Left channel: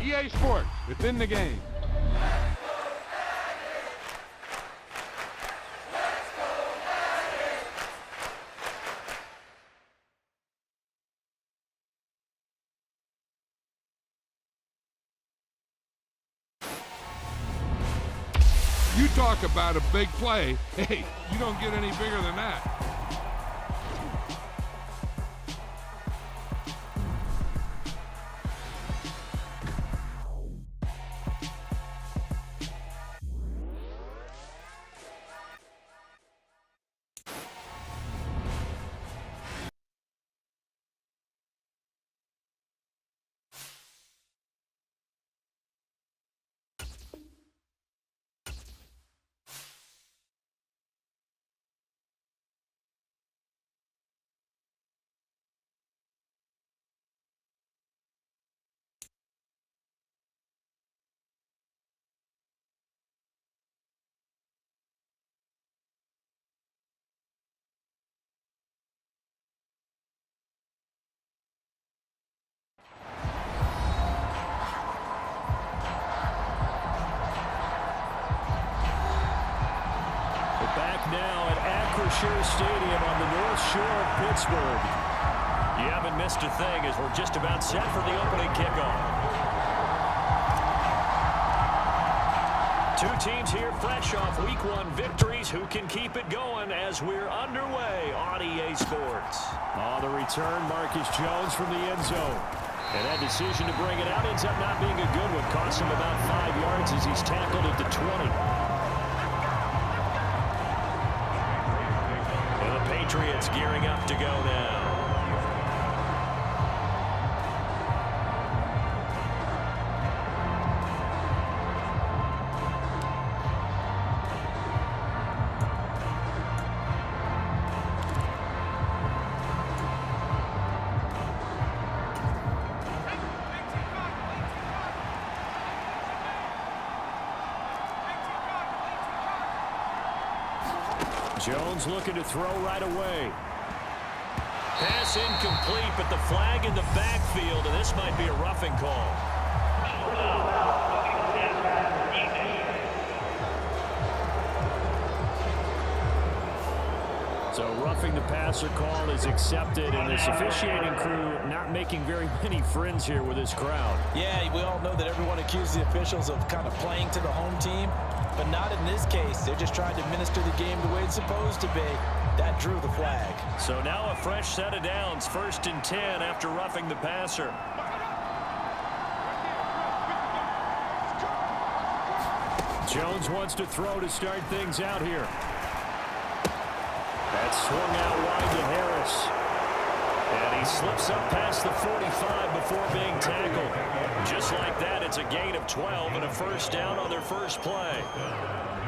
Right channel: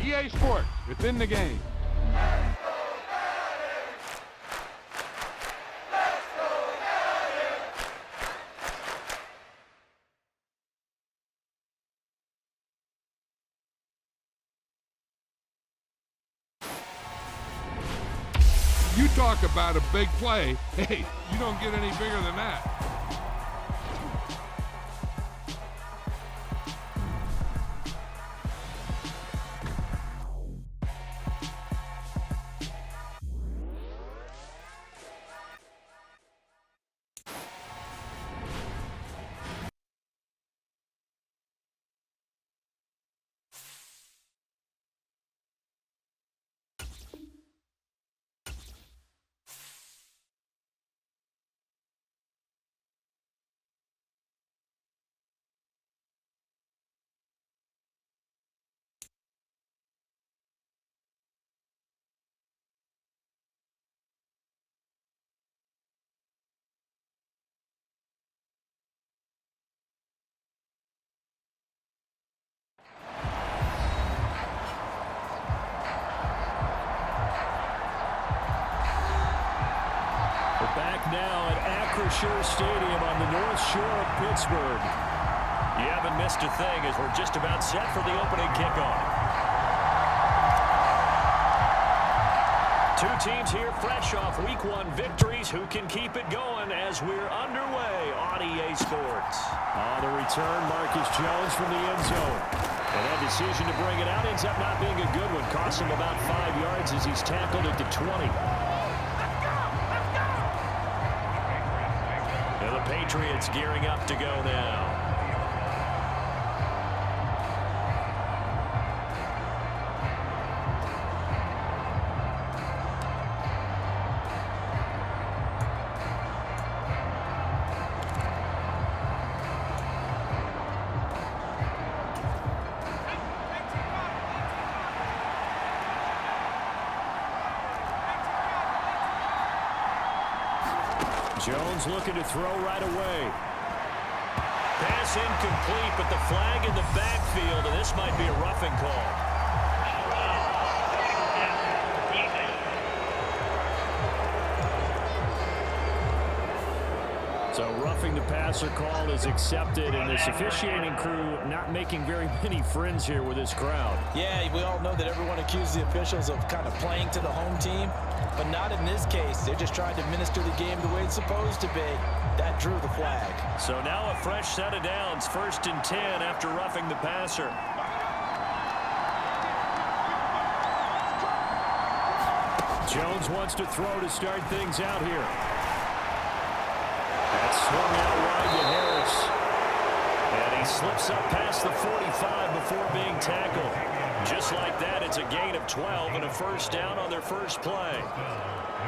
EA Sports, it's in the game. You talk about a big play. Hey, you don't get any bigger than that. Back now at Acrisure Stadium on the North Shore of Pittsburgh. You haven't missed a thing as we're just about set for the opening kickoff. Two teams here fresh off Week 1 victories. Who can keep it going as we're underway on EA Sports? On the return, Marcus Jones from the end zone. And that decision to bring it out ends up not being a good one. Cost him about 5 yards as he's tackled at the 20. The Patriots gearing up to go now. Jones looking to throw right away. Pass incomplete, but the flag in the backfield, and this might be a roughing call. So roughing the passer call is accepted, and this officiating crew not making very many friends here with this crowd. Yeah, we all know that everyone accuses the officials of kind of playing to the home team, but not in this case. They're just trying to administer the game the way it's supposed to be. That drew the flag. So now a fresh set of downs, 1st and 10 after roughing the passer. Jones wants to throw to start things out here. That swung out wide to Harris. And he slips up past the 45 before being tackled. Just like that, it's a gain of 12 and a first down on their first play.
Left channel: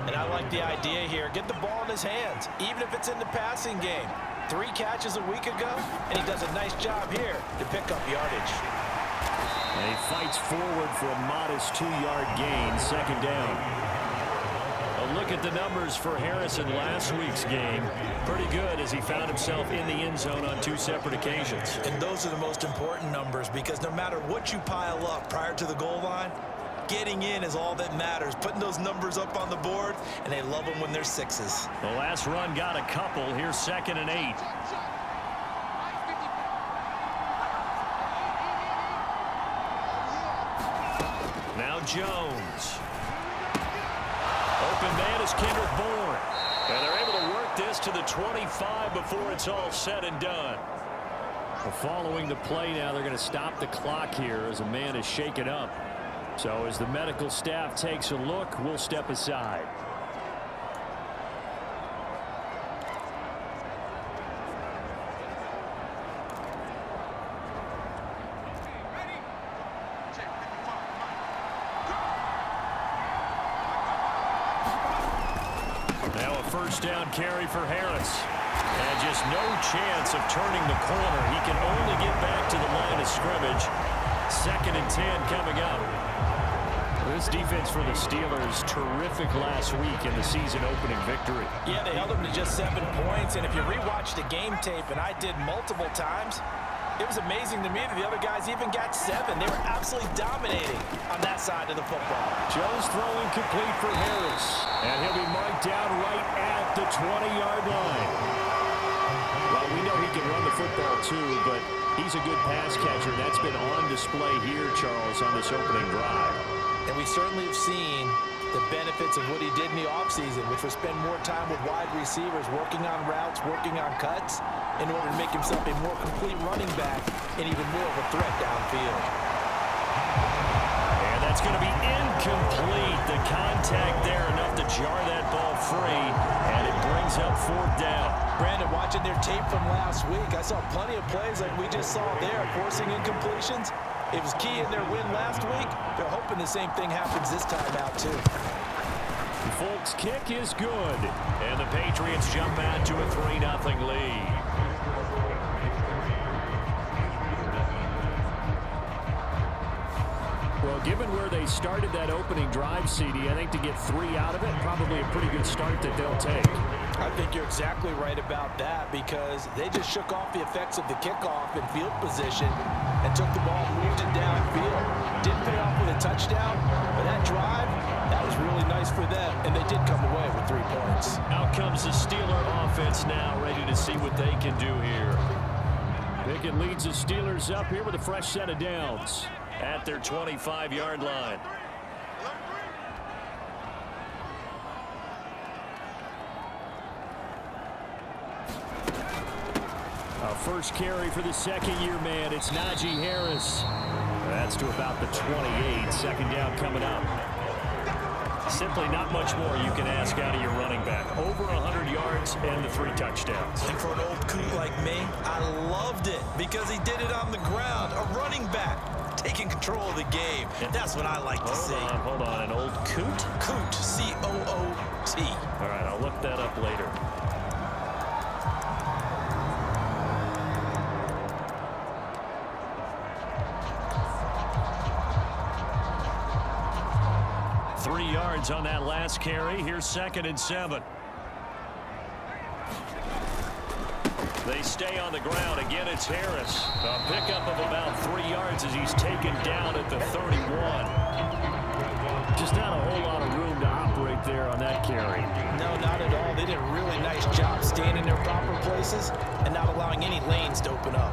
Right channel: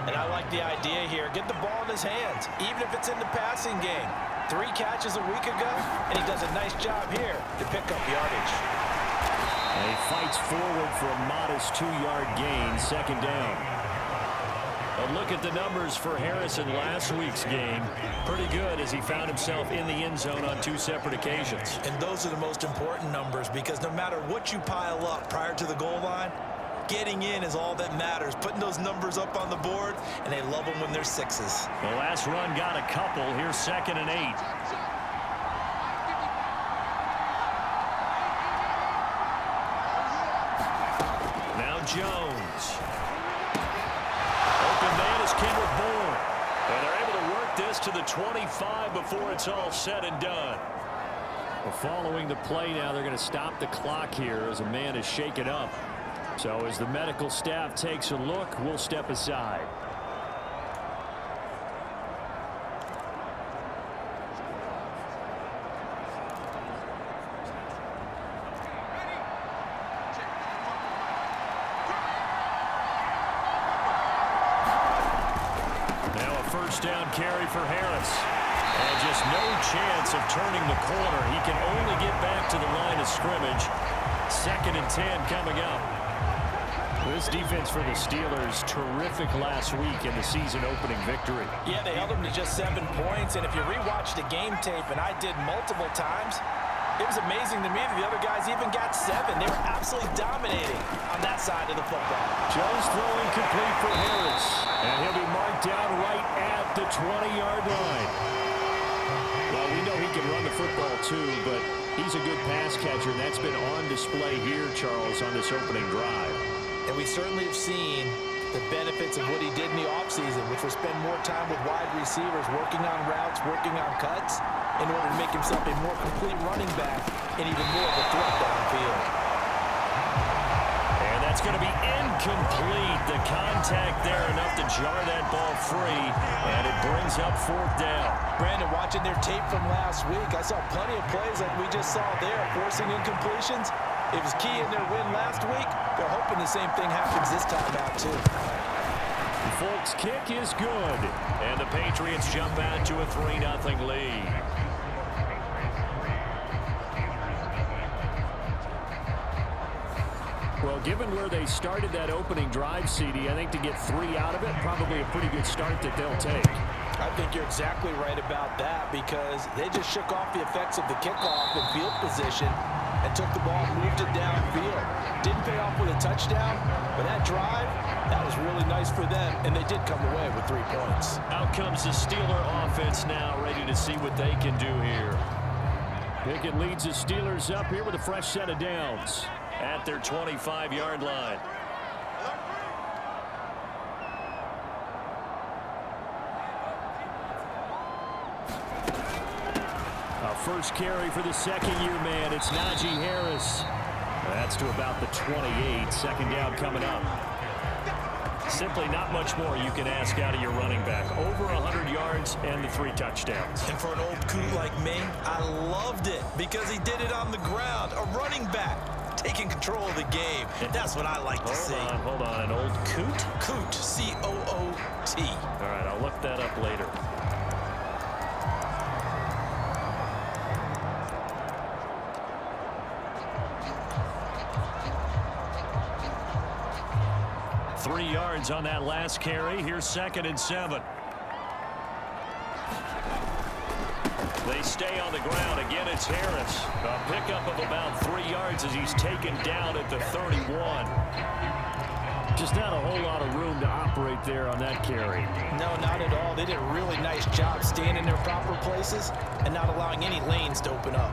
And I like the idea here. Get the ball in his hands, even if it's in the passing game. 3 catches a week ago, and he does a nice job here to pick up yardage. And he fights forward for a modest 2-yard gain, 2nd down. A look at the numbers for Harris in last week's game. Pretty good as he found himself in the end zone on 2 separate occasions. And those are the most important numbers because no matter what you pile up prior to the goal line, getting in is all that matters. Putting those numbers up on the board, and they love them when they're 6s. The last run got a couple. Here's 2nd and 8. Now Jones. Open man is Kendrick Bourne. And they're able to work this to the 25 before it's all said and done. Well, following the play now, they're going to stop the clock here as a man is shaken up. So as the medical staff takes a look, we'll step aside. Now a first down carry for Harris. And just no chance of turning the corner. He can only get back to the line of scrimmage. 2nd and 10 coming up. This defense for the Steelers, terrific last week in the season-opening victory. Yeah, they held them to just 7 points, and if you rewatch the game tape, and I did multiple times, It was amazing to me that the other guys even got 7. They were absolutely dominating on that side of the football. Jones throwing complete for Harris. And he'll be marked down right at the 20-yard line. Well, we know he can run the football too, but he's a good pass catcher, and that's been on display here, Charles, on this opening drive. And we certainly have seen the benefits of what he did in the offseason, which was spend more time with wide receivers, working on routes, working on cuts, in order to make himself a more complete running back and even more of a threat downfield. And that's going to be incomplete. The contact there enough to jar that ball free, and it brings up 4th down. Brandon, watching their tape from last week, I saw plenty of plays like we just saw there, forcing incompletions. It was key in their win last week. They're hoping the same thing happens this time out, too. Folks' kick is good, and the Patriots jump out to a 3-0 lead. Well, given where they started that opening drive, CD, I think to get 3 out of it, probably a pretty good start that they'll take. I think you're exactly right about that, because they just shook off the effects of the kickoff in field position and took the ball and moved it downfield. Didn't pay off with a touchdown, but that drive, that was really nice for them, and they did come away with 3 points. Out comes the Steeler offense now, ready to see what they can do here. Pickett leads the Steelers up here with a fresh set of downs at their 25-yard line. A first carry for the second-year man. It's Najee Harris. That's to about the 28. 2nd down coming up. Simply not much more you can ask out of your running back. Over 100 yards and the 3 touchdowns. And for an old coot like me, I loved it because he did it on the ground. A running back taking control of the game. That's what I like to see. Hold on. An old coot? Coot, C-O-O-T. All right, I'll look that up later. Three yards on that last carry. Here's 2nd and 7. They stay on the ground. Again, it's Harris. A pickup of about 3 yards as he's taken down at the 31. Just not a whole lot of room to operate there on that carry. No, not at all. They did a really nice job staying in their proper places and not allowing any lanes to open up.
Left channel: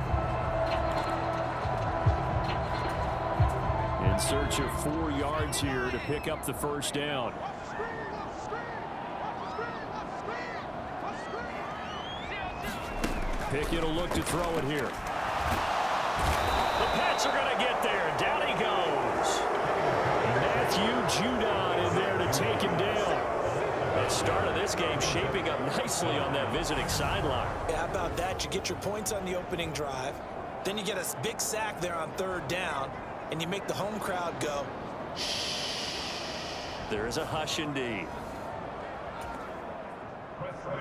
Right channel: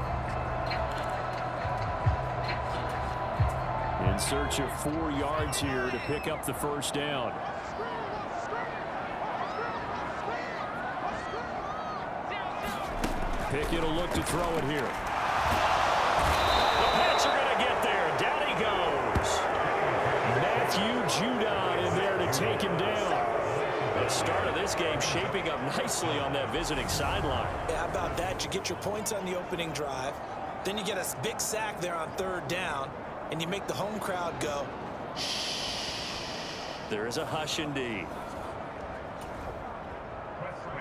In search of 4 yards here to pick up the 1st down. Pickett will look to throw it here. The Pats are going to get there. Down he goes. Matthew Judon in there to take him down. The start of this game shaping up nicely on that visiting sideline. Yeah, how about that? You get your points on the opening drive. Then you get a big sack there on 3rd down. And you make the home crowd go, shh. There is a hush indeed.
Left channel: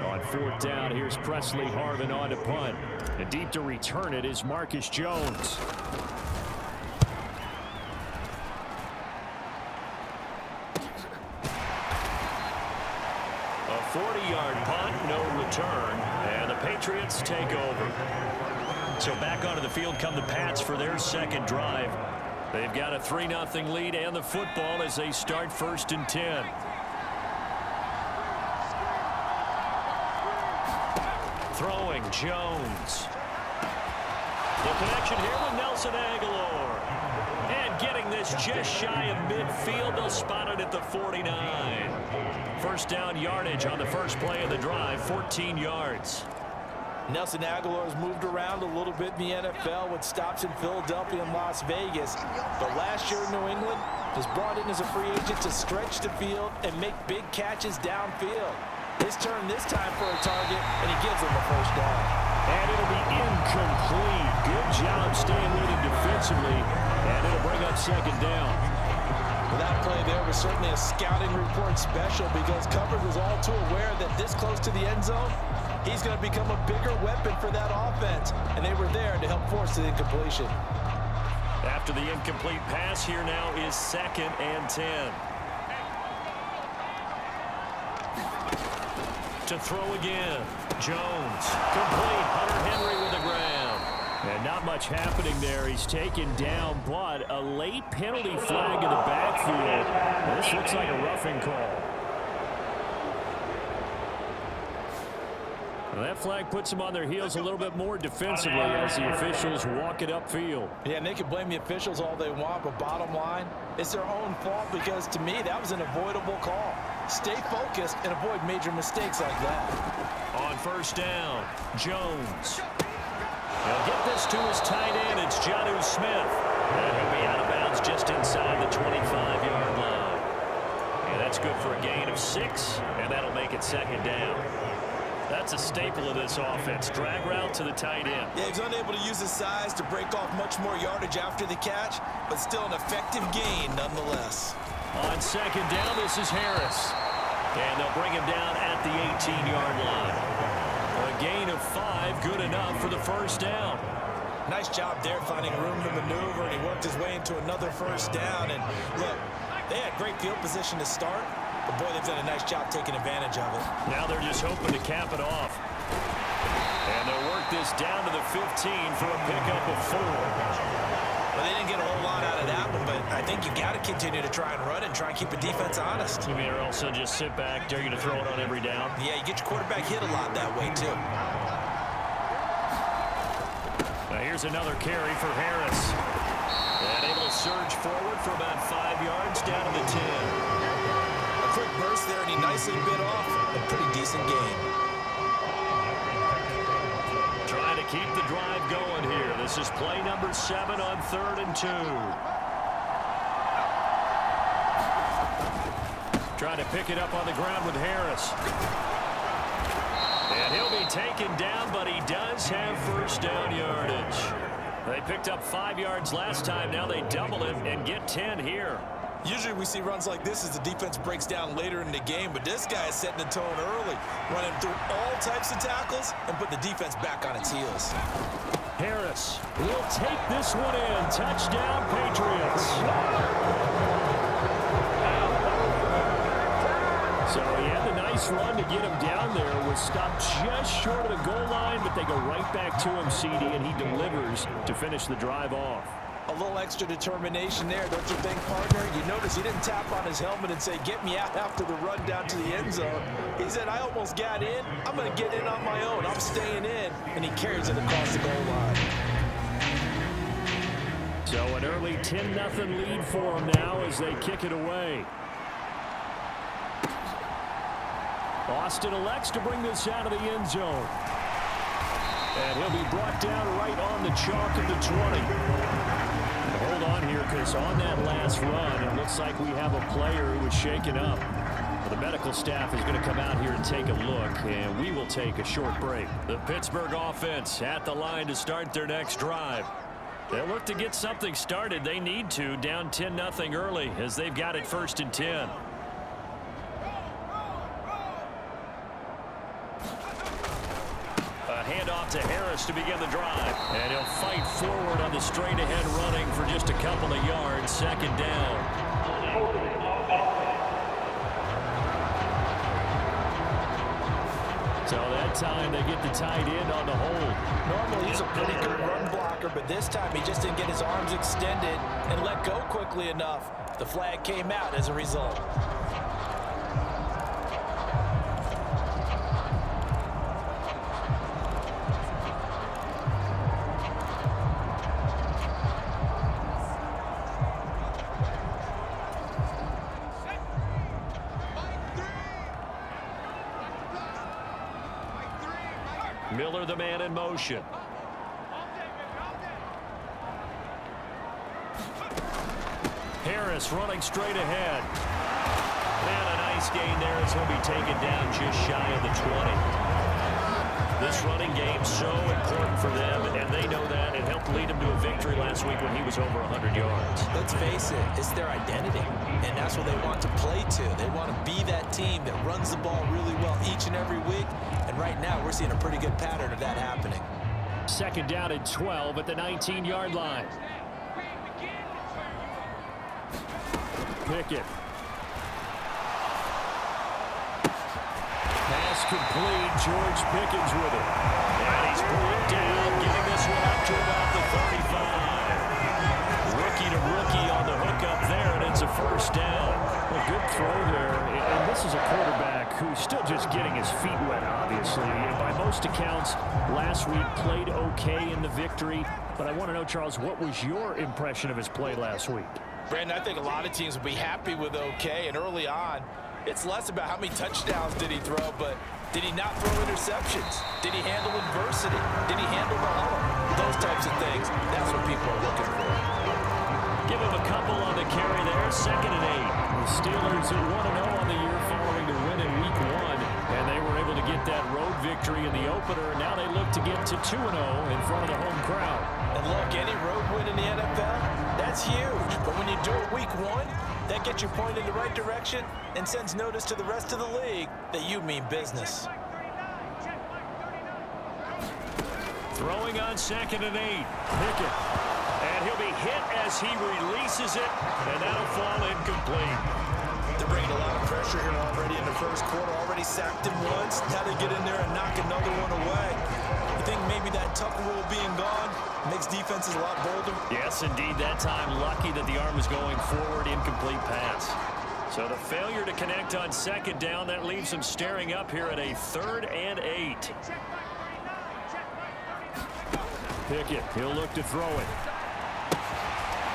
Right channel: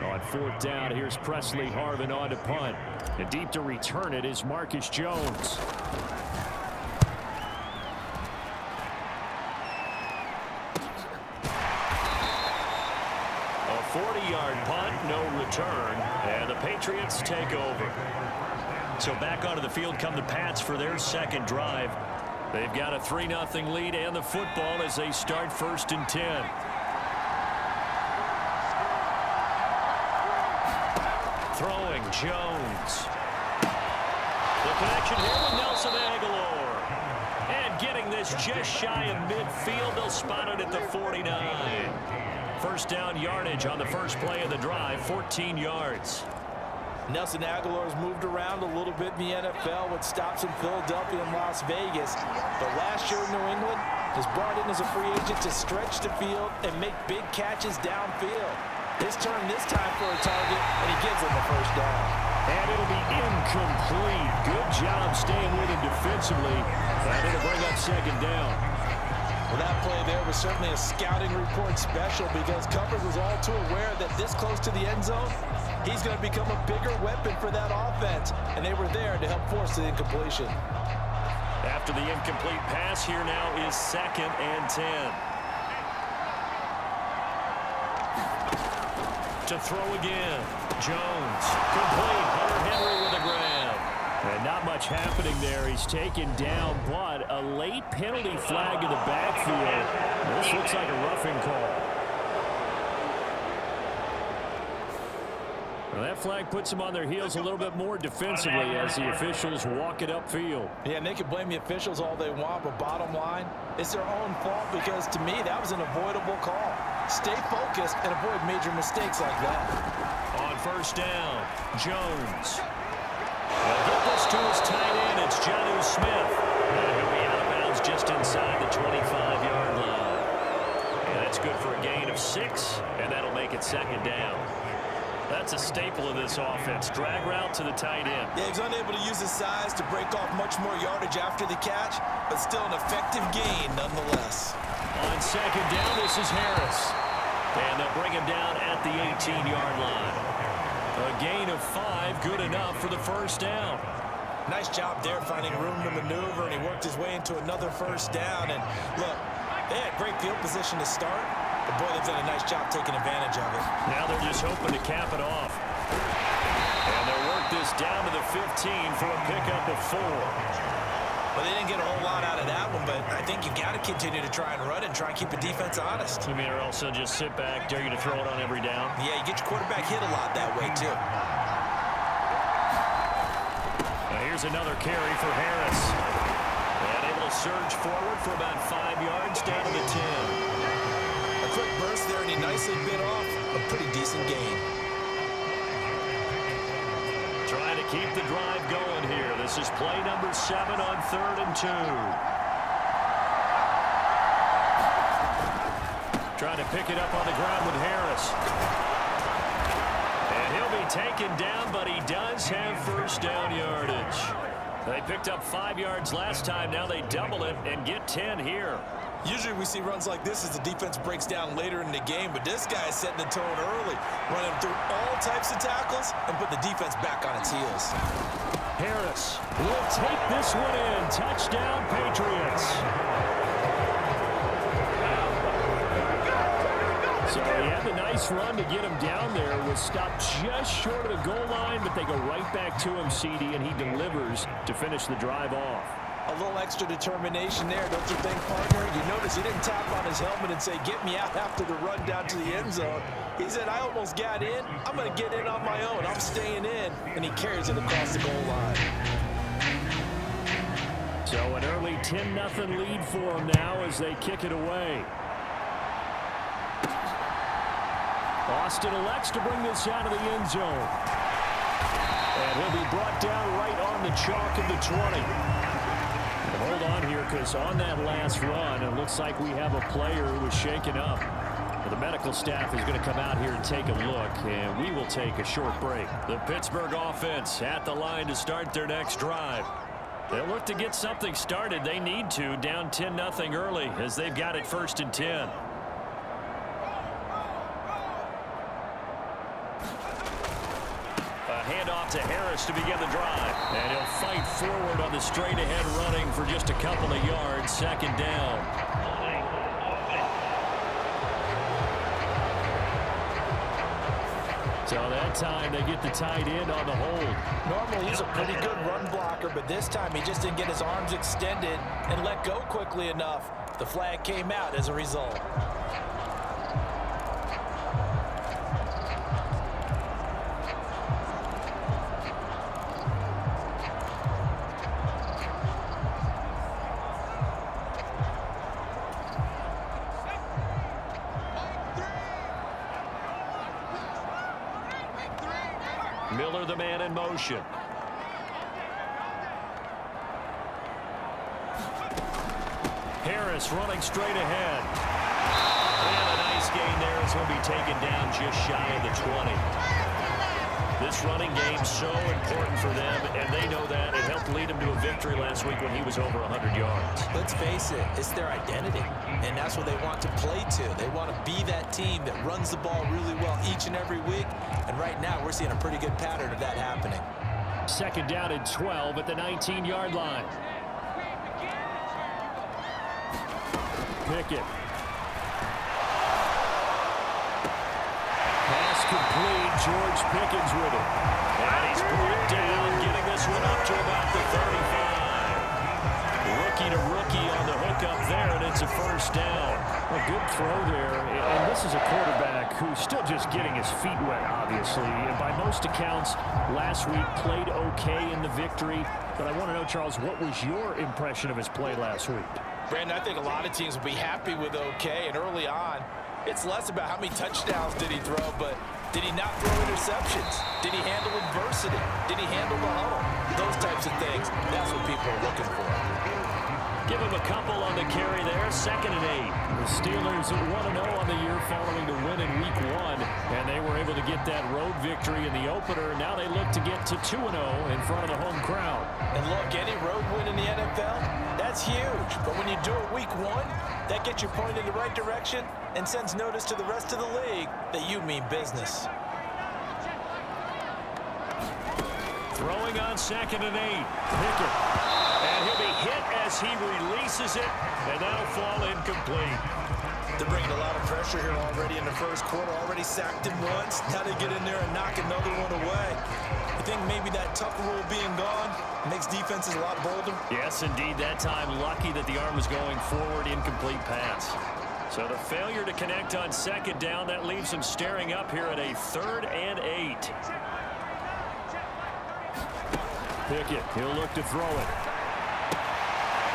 On 4th down, here's Presley Harvin on to punt. And deep to return it is Marcus Jones. A 40-yard punt, no return, and the Patriots take over. So back onto the field come the Pats for their 2nd drive. They've got a 3-0 lead and the football as they start 1st and 10. Throwing Jones. The connection here with Nelson Aguilar. And getting this just shy of midfield. They'll spot it at the 49. 1st down yardage on the first play of the drive, 14 yards. Nelson Aguilar's moved around a little bit in the NFL with stops in Philadelphia and Las Vegas. But last year in New England was brought in as a free agent to stretch the field and make big catches downfield. His turn this time for a target, and he gives them the 1st down. And it'll be incomplete. Good job staying with him defensively. And it'll bring up 2nd down. Well, that play there was certainly a scouting report special because coverage was all too aware that this close to the end zone, he's going to become a bigger weapon for that offense. And they were there to help force the incompletion. After the incomplete pass, here now is 2nd and 10. To throw again. Jones. Complete. Hunter Henry with a grab. And not much happening there. He's taken down, but a late penalty flag in the backfield. This looks like a roughing call. Well, that flag puts them on their heels a little bit more defensively as the officials walk it upfield. Yeah, and they can blame the officials all they want, but bottom line, it's their own fault because, to me, that was an avoidable call. Stay focused and avoid major mistakes like that. On first down, Jones. He'll get this to his tight end. It's Jonnu Smith. And he'll be out of bounds just inside the 25-yard line. And that's good for a gain of 6, and that'll make it second down. That's a staple of this offense. Drag route to the tight end. Yeah, he's unable to use his size to break off much more yardage after the catch, but still an effective gain nonetheless. On second down, this is Harris. And they'll bring him down at the 18-yard line. A gain of 5, good enough for the first down. Nice job there finding room to maneuver, and he worked his way into another first down. And look, they had great field position to start, but boy, they've done a nice job taking advantage of it. Now they're just hoping to cap it off. And they'll work this down to the 15 for a pickup of 4. Well, they didn't get a whole lot out of that one, but I think you've got to continue to try and run and try and keep the defense honest. You mean or else they'll just sit back, dare you to throw it on every down? Yeah, you get your quarterback hit a lot that way, too. Now here's another carry for Harris. And able to surge forward for about 5 yards down to the 10. A quick burst there, and he nicely bit off a pretty decent gain. Trying to keep the drive going here. This is play number 7 on 3rd and 2. Trying to pick it up on the ground with Harris. And he'll be taken down, but he does have first down yardage. They picked up 5 yards last time. Now they double it and get 10 here. Usually we see runs like this as the defense breaks down later in the game, but this guy is setting the tone early, running through all types of tackles and put the defense back on its heels. Harris will take this one in. Touchdown, Patriots. So he had the nice run to get him down there. Was stopped just short of the goal line, but they go right back to him, CD, and he delivers to finish the drive off. A little extra determination there, don't you think, partner? You notice he didn't tap on his helmet and say, get me out after the run down to the end zone. He said, I almost got in. I'm going to get in on my own. I'm staying in. And he carries it across the goal line. So an early 10-0 lead for him now as they kick it away. Austin elects to bring this out of the end zone. And he'll be brought down right on the chalk of the 20. And hold on here, because on that last run, it looks like we have a player who was shaken up. Well, the medical staff is going to come out here and take a look, and we will take a short break. The Pittsburgh offense at the line to start their next drive. They'll look to get something started. They need to, down 10-0 early, as they've got it 1st and 10. Handoff to Harris to begin the drive. And he'll fight forward on the straight-ahead running for just a couple of yards. Second down. So that time they get the tight end on the hold. Normally he's a pretty good run blocker, but this time he just didn't get his arms extended and let go quickly enough. The flag came out as a result. Miller, the man in motion. Harris running straight ahead. And a nice gain there as he'll be taken down just shy of the 20. This running game so important for them, and they know that. It helped lead them to a victory last week when he was over 100 yards. Let's face it, it's their identity, and that's what they want to play to. They want to be that team that runs the ball really well each and every week, and right now we're seeing a pretty good pattern of that happening. Second down and 12 at the 19-yard line. Pickett. Pass complete. George Pickens with it. And he's brought down, getting this one up to about the 35. Rookie to rookie on the hook up there, and it's a first down. A good throw there, and this is a quarterback who's still just getting his feet wet, obviously. And by most accounts, last week played okay in the victory. But I want to know, Charles, what was your impression of his play last week? Brandon, I think a lot of teams will be happy with okay, and early on, it's less about how many touchdowns did he throw, but did he not throw interceptions? Did he handle adversity? Did he handle the huddle? Those types of things, that's what people are looking for. Give him a couple on the carry there, 2nd and 8. The Steelers 1-0 on the year following the win in Week 1, and they were able to get that road victory in the opener. Now they look to get to 2-0 in front of the home crowd. And look, any road win in the NFL, that's huge. But when you do it Week 1, that gets you pointed in the right direction and sends notice to the rest of the league that you mean business. Throwing on 2nd and 8. Pickett. And he'll be hit as he releases it, and that'll fall incomplete. They're bringing a lot of pressure here already in the first quarter. Already sacked him once. Now they get in there and knock another one away. You think maybe that Tucker rule being gone makes defenses a lot bolder? Yes, indeed. That time, lucky that the arm was going forward. Incomplete pass. So the failure to connect on 2nd down, that leaves him staring up here at a 3rd and 8. Pickett, he'll look to throw it.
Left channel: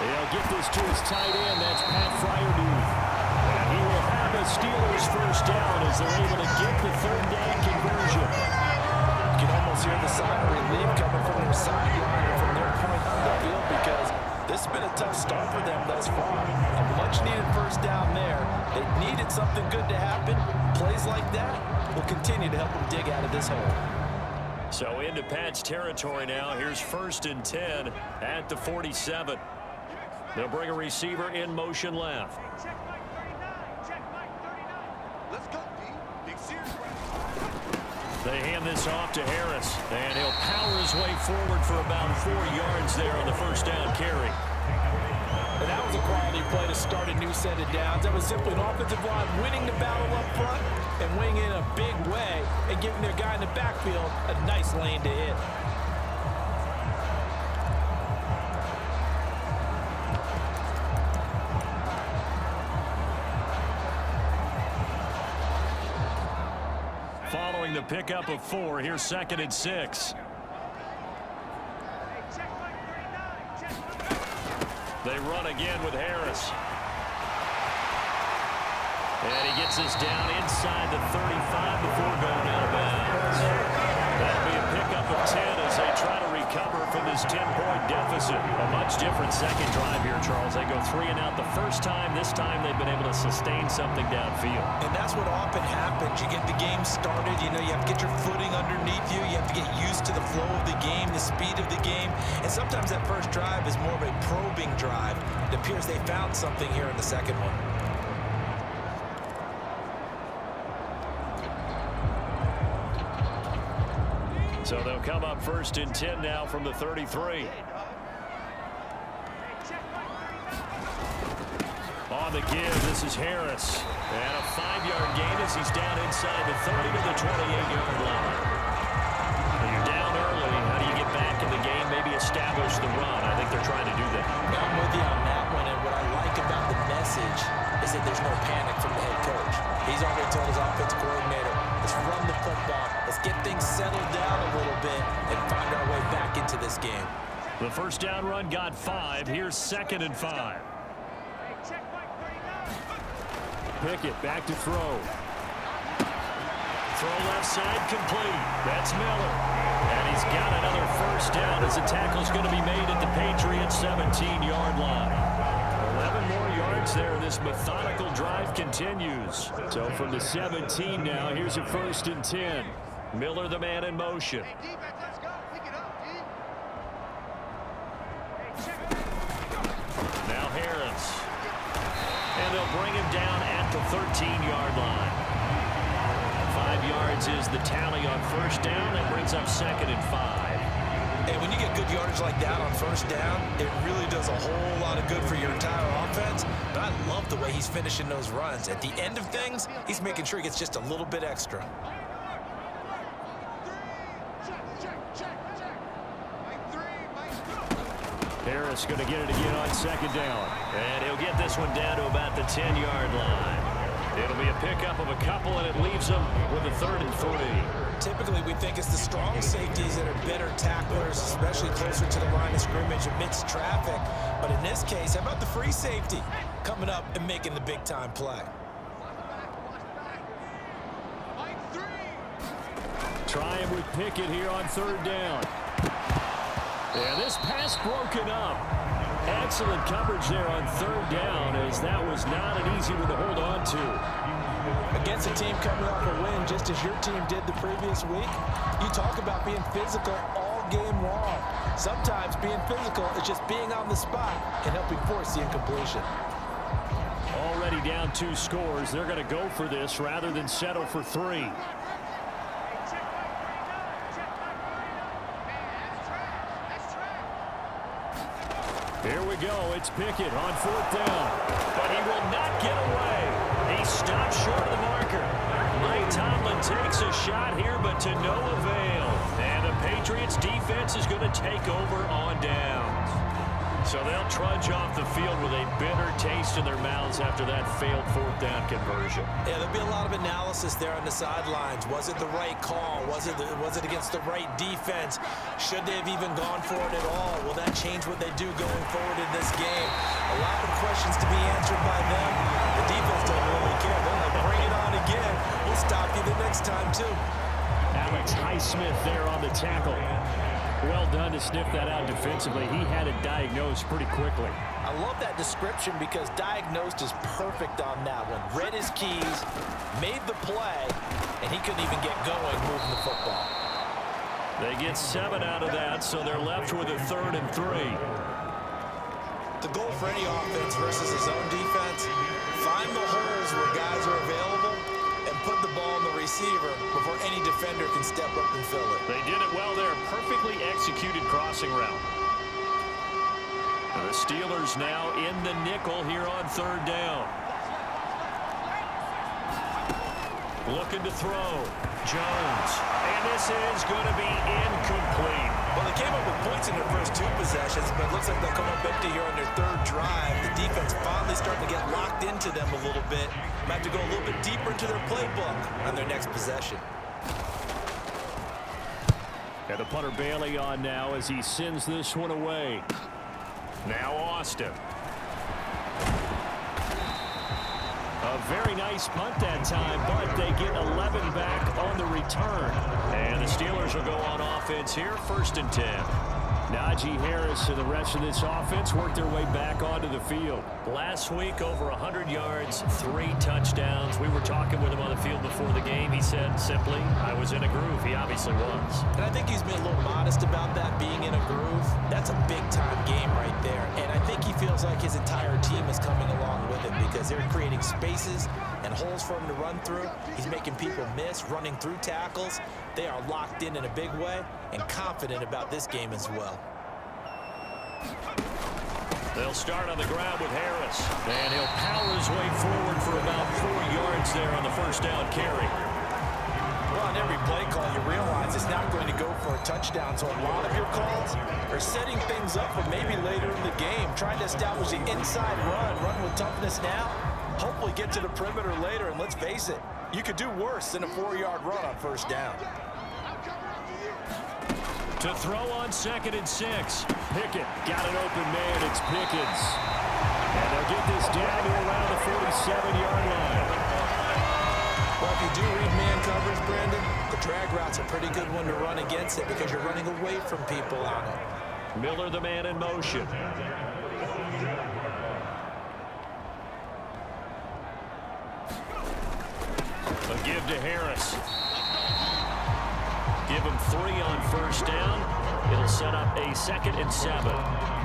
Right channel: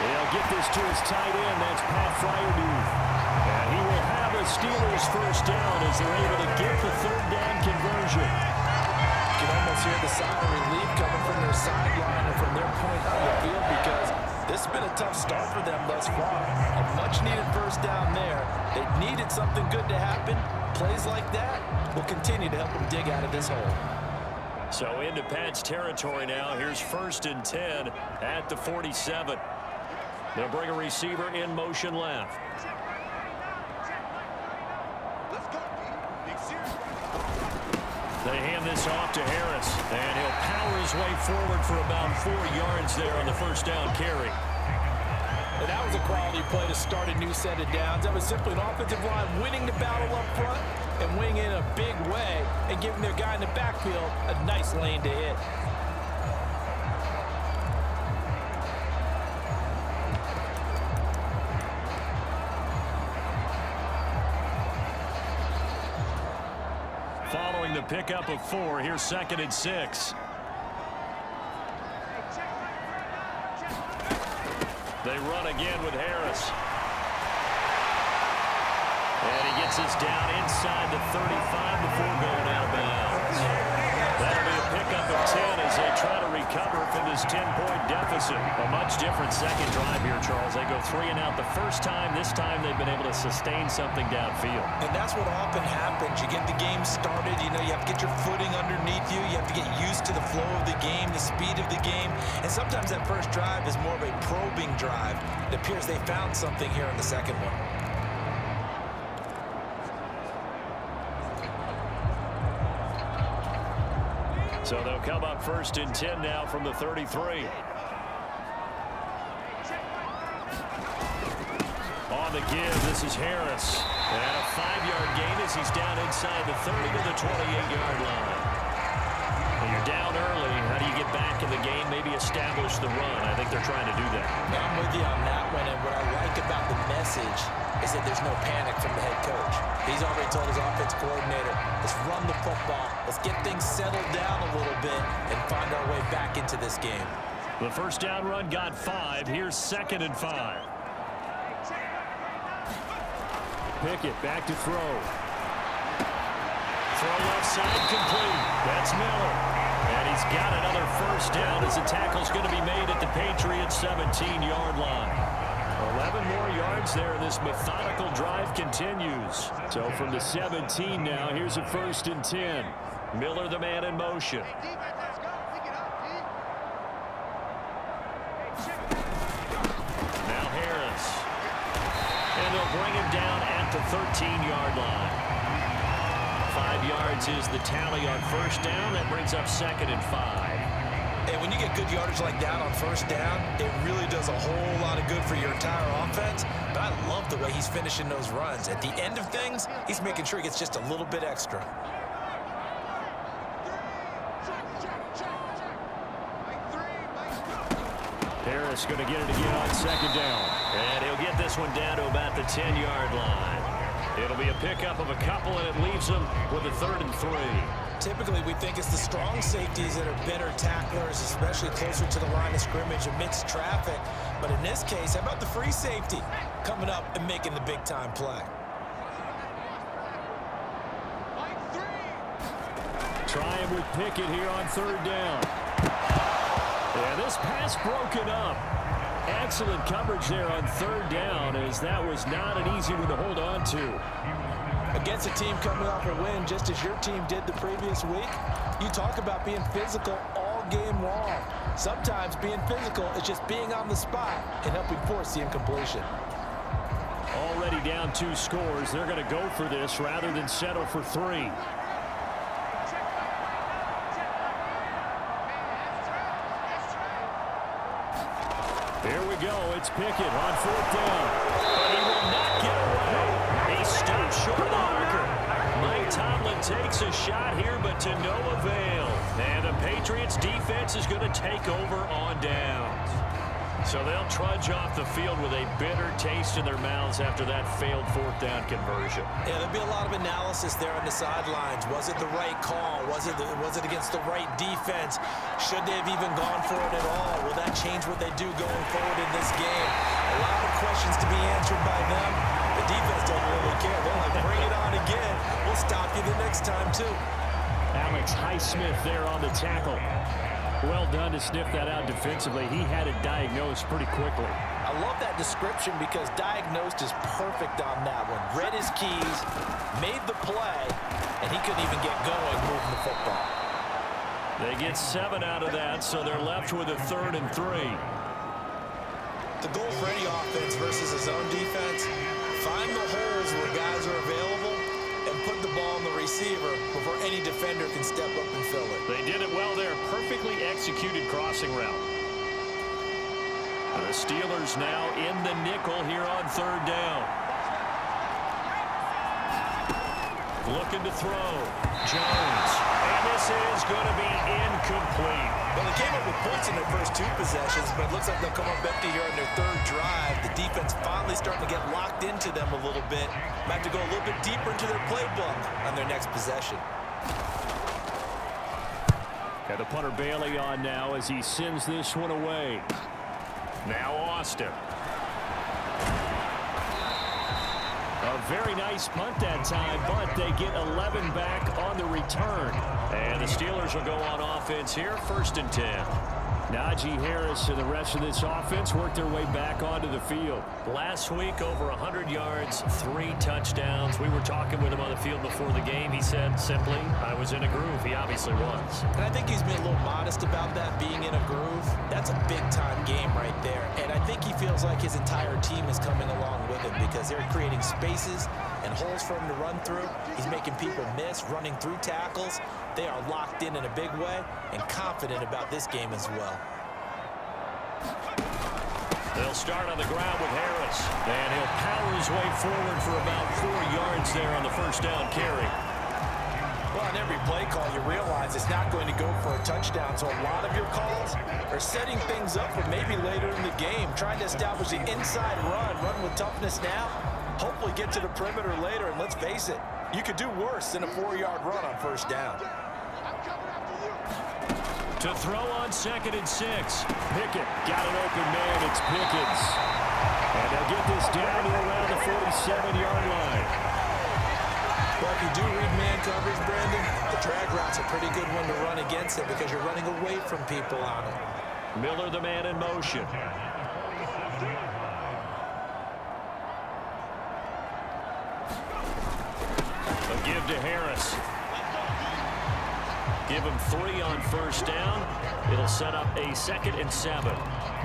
He'll get this to his tight end. That's Pat Fryermuth. And he will have a Steelers first down as they're able to get the 3rd down conversion. You can almost hear the sigh of relief coming from their sideline and from their point on the field because this has been a tough start for them thus far. A much-needed first down there. They needed something good to happen. Plays like that will continue to help them dig out of this hole. So into Pat's territory now. Here's 1st and 10 at the 47. They'll bring a receiver in motion left. They hand this off to Harris, and he'll power his way forward for about 4 yards there on the first down carry. And that was a quality play to start a new set of downs. That was simply an offensive line winning the battle up front and winning in a big way and giving their guy in the backfield a nice lane to hit. Following the pickup of 4, here's 2nd and 6. They run again with Harris. And he gets us down inside the 35 before going out of bounds. That'll be a pickup of 10 as they try to recover from this 10-point deficit. A much different second drive here, Charles. They go 3 and out the first time. This time they've been able to sustain something downfield. And that's what often happens. You get the game started. You know, you have to get your footing underneath you. You have to get used to the flow of the game, the speed of the game. And sometimes that first drive is more of a probing drive. It appears they found something here in the second one. So they'll come up 1st and 10 now from the 33. On the give, this is Harris. And a 5-yard gain as he's down inside the 30 to the 28-yard line. When you're down early, how do you get back in the game, maybe establish the run? I think they're trying to do that. I'm with you on that one, and what I like about the message is that there's no panic from the head coach. He's already told his offensive coordinator, let's run the football, let's get things settled down a little bit and find our way back into this game. The first down run got 5. Here's 2nd and 5. Pickett back to throw. Throw left side complete. That's Miller. And he's got another first down as the tackle's going to be made at the Patriots' 17-yard line. 11 more yards there. This methodical drive continues. So from the 17 now, here's a 1st and 10. Miller, the man in motion. Now Harris. And they'll bring him down at the 13-yard line. 5 yards is the tally on first down. That brings up 2nd and 5. And when you get good yardage like that on first down, it really does a whole lot of good for your entire offense. But I love the way he's finishing those runs. At the end of things, he's making sure he gets just a little bit extra. Harris going to get it again on second down. And he'll get this one down to about the 10-yard line. It'll be a pickup of a couple, and it leaves them with a 3rd and 3. Typically, we think it's the strong safeties that are better tacklers, especially closer to the line of scrimmage amidst traffic. But in this case, how about the free safety coming up and making the big-time play? Trying with Pickett here on 3rd down. And this pass broken up. Excellent coverage there on 3rd down, as that was not an easy one to hold on to. Against a team coming off a win, just as your team did the previous week, you talk about being physical all game long. Sometimes being physical is just being on the spot and helping force the incompletion. Already down 2 scores. They're going to go for this rather than settle for 3. Here we go. It's Pickett on 4th down. But he will not get away. He stops short of the marker. Mike Tomlin takes a shot here, but to no avail. And the Patriots defense is going to take over on downs. So they'll trudge off the field with a bitter taste in their mouths after that failed 4th down conversion. Yeah, there'll be a lot of analysis there on the sidelines. Was it the right call? Was it against the right defense? Should they have even gone for it at all? Will that change what they do going forward in this game? A lot of questions to be answered by them. The defense doesn't really care. They're like, bring it on again. We'll stop you the next time, too. Alex Highsmith there on the tackle. Well done to sniff that out defensively. He had it diagnosed pretty quickly. I love that description because diagnosed is perfect on that one. Read his keys, made the play, and he couldn't even get going moving the football. They get 7 out of that, so they're left with a 3rd and 3. The goal for any offense versus a zone defense, find the holes where guys are available and put the ball in the receiver before any defender can step up and fill it. They did it well there. Perfectly executed crossing route. The Steelers now in the nickel here on 3rd down. Looking to throw. Jones. And this is going to be incomplete. Well, they came up with points in their first 2 possessions, but it looks like they'll come up empty here on their 3rd drive. The defense finally starting to get locked into them a little bit. Might have to go a little bit deeper into their playbook on their next possession. Got the punter Bailey on now as he sends this one away. Now Austin. A very nice punt that time, but they get 11 back on the return. And the Steelers will go on offense here, 1st and 10. Najee Harris and the rest of this offense work their way back onto the field. Last week, over 100 yards, 3 touchdowns. We were talking with him on the field before the game. He said simply, I was in a groove. He obviously was. And I think he's been a little modest about that, being in a groove. That's a big-time game right there. And I think he feels like his entire team is coming along with him because they're creating spaces and holes for him to run through. He's making people miss, running through tackles. They are locked in a big way and confident about this game as well. They'll start on the ground with Harris. And he'll power his way forward for about 4 yards there on the 1st down carry. Well, on every play call, you realize it's not going to go for a touchdown. So a lot of your calls are setting things up for maybe later in the game, trying to establish the inside run with toughness now, hopefully get to the perimeter later. And let's face it, you could do worse than a 4-yard run on 1st down. To throw on 2nd and 6. Pickett got an open man. It's Pickens. And they'll get this down to around the 47-yard line. Well, if you do read man coverage, Brandon, the drag route's a pretty good one to run against it because you're running away from people on it. Miller, the man in motion. A give to Harris. Give him 3 on 1st down. It'll set up a 2nd and 7.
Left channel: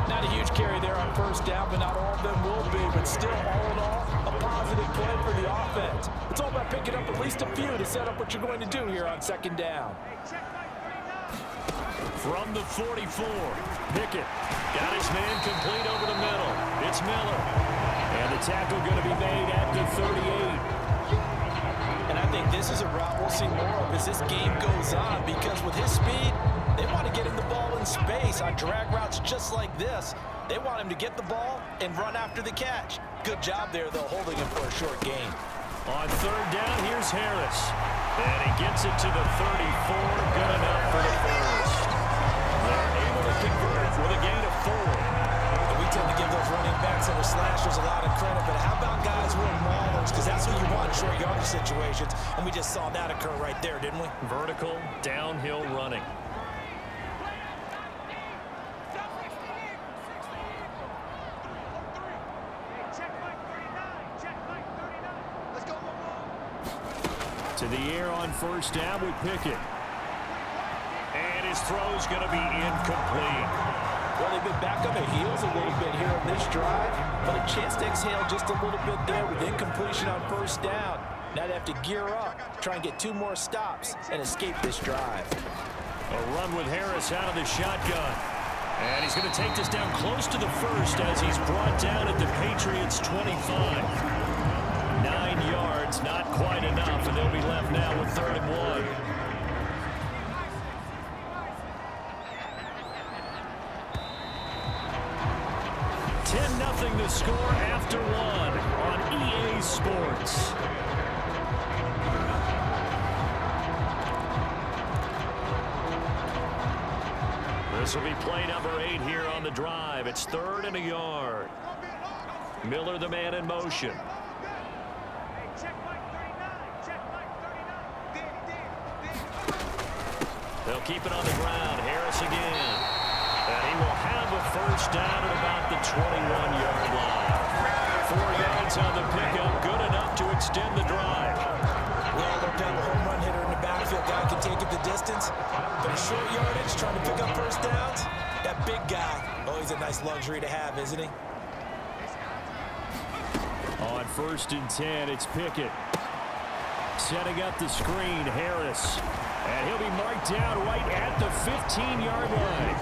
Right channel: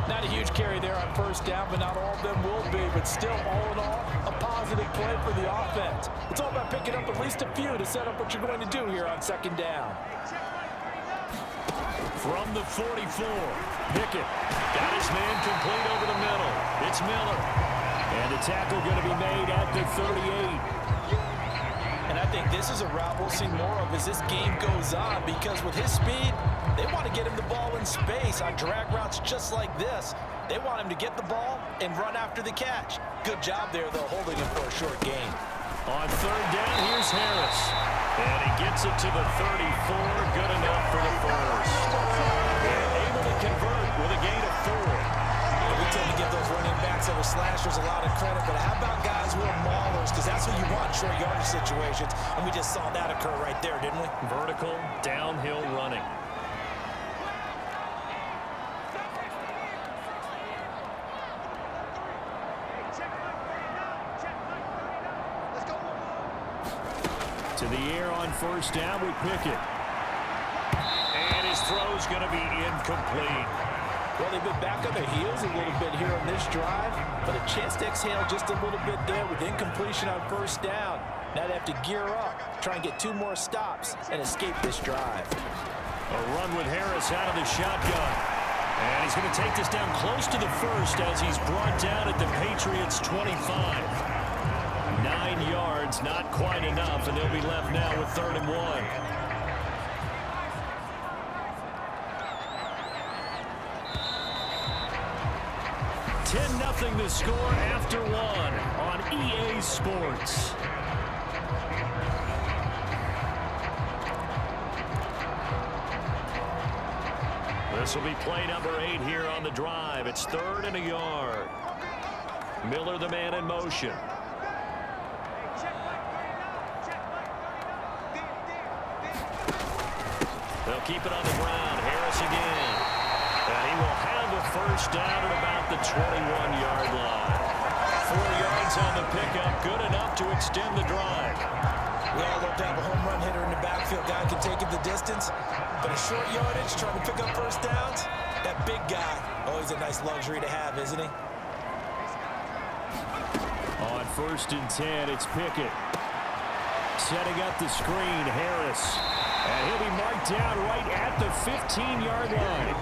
Not a huge carry there on 1st down, but not all of them will be. But still, all in all, a positive play for the offense. It's all about picking up at least a few to set up what you're going to do here on 2nd down. From the 44, Pickett got his man complete over the middle. It's Miller. And the tackle going to be made at the 38. And I think this is a route we'll see more of as this game goes on because with his speed, They want to get him the ball in space on drag routes just like this. They want him to get the ball and run after the catch. Good job there, though, holding him for a short gain. On third down, here's Harris. And he gets it to the 34. Good enough for the first. They're able to convert with a gain of 4. And we tend to give those running backs that are slashers a lot of credit, but how about guys who are maulers? Because that's what you want in short yardage situations, and we just saw that occur right there, didn't we? Vertical, downhill running. To the air on first down with Pickett. And his throw's going to be incomplete. Well, they've been back on their heels a little bit here on this drive, but a chance to exhale just a little bit there with incompletion on first down. Now they have to gear up, try and get 2 more stops, and escape this drive. A run with Harris out of the shotgun. And he's going to take this down close to the first as he's brought down at the Patriots' 25. 9 yards, not quite enough, and they'll be left now with 3rd and 1. $10-0 the score after 1 on EA Sports. This will be play number 8 here on the drive. It's 3rd and a yard. Miller, the man in motion. They'll keep it on the ground. Harris again. And he will have a first down at about the 21-yard line. 4 yards on the pickup. Good enough to extend the drive. We all love to have a home run hitter in the backfield. Guy can take it the distance. But a short yardage, trying to pick up first downs, that big guy, oh, he's a nice luxury to have, isn't he? On 1st and 10, it's Pickett. Setting up the screen, Harris. And he'll be marked down right at the 15-yard line.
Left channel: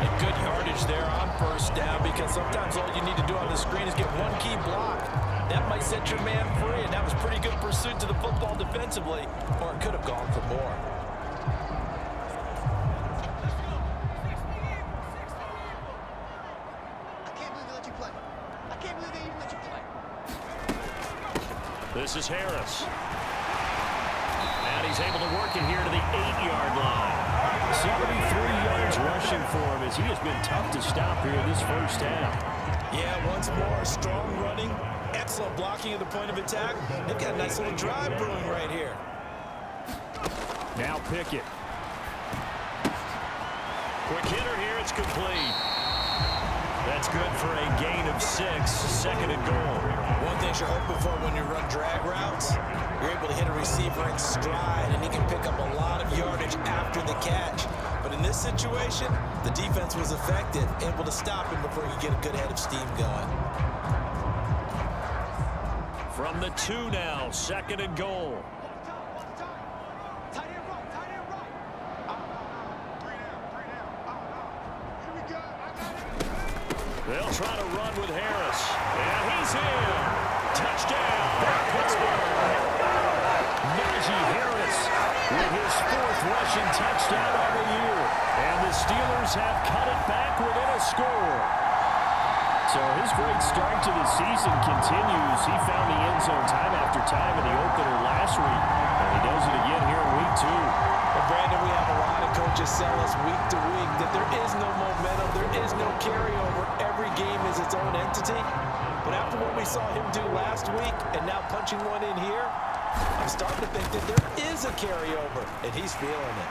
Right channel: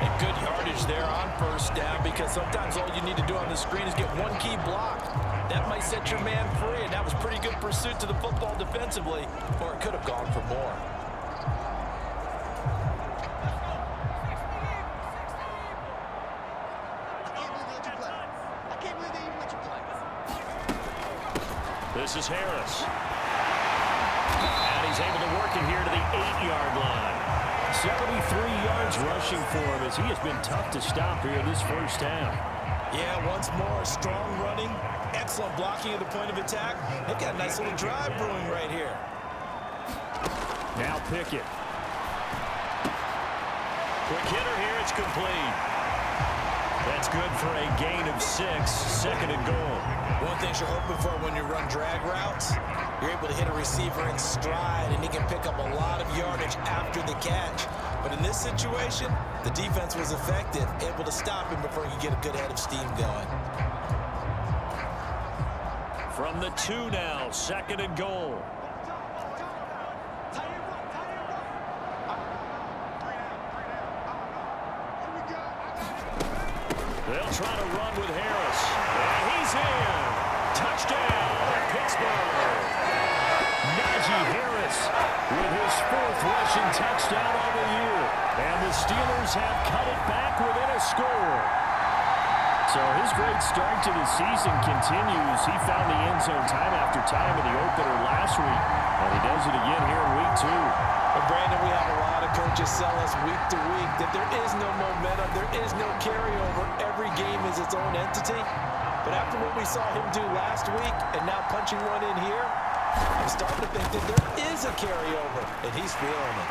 And good yardage there on first down, because sometimes all you need to do on the screen is get 1 key block. That might set your man free, and that was pretty good pursuit to the football defensively, or it could have gone for more. This is Harris. And he's able to work it here to the 8-yard line. 73 yards rushing for him as he has been tough to stop here this first half. Yeah, once more, strong running, excellent blocking at the point of attack. They've got a nice little drive brewing right here. Now Pickett. Quick hitter here, it's complete. That's good for a gain of 6, 2nd and goal. One thing you're hoping for when you run drag routes, you're able to hit a receiver in stride, and he can pick up a lot of yardage after the catch. But in this situation, the defense was effective, able to stop him before he could get a good head of steam going. From the 2 now, 2nd and goal. They'll try to run with Harris. And he's in. Touchdown, Pittsburgh. Najee Harris with his 4th rushing touchdown on the year. And the Steelers have cut it back within a score. So his great start to the season continues. He found the end zone time after time in the opener last week. And he does it again here in week 2. And Brandon, we have a lot of coaches sell us week to week that there is no momentum, there is no carryover. Every game is its own entity. But after what we saw him do last week and now punching one in here, I'm starting to think that there is a carryover, and he's feeling it.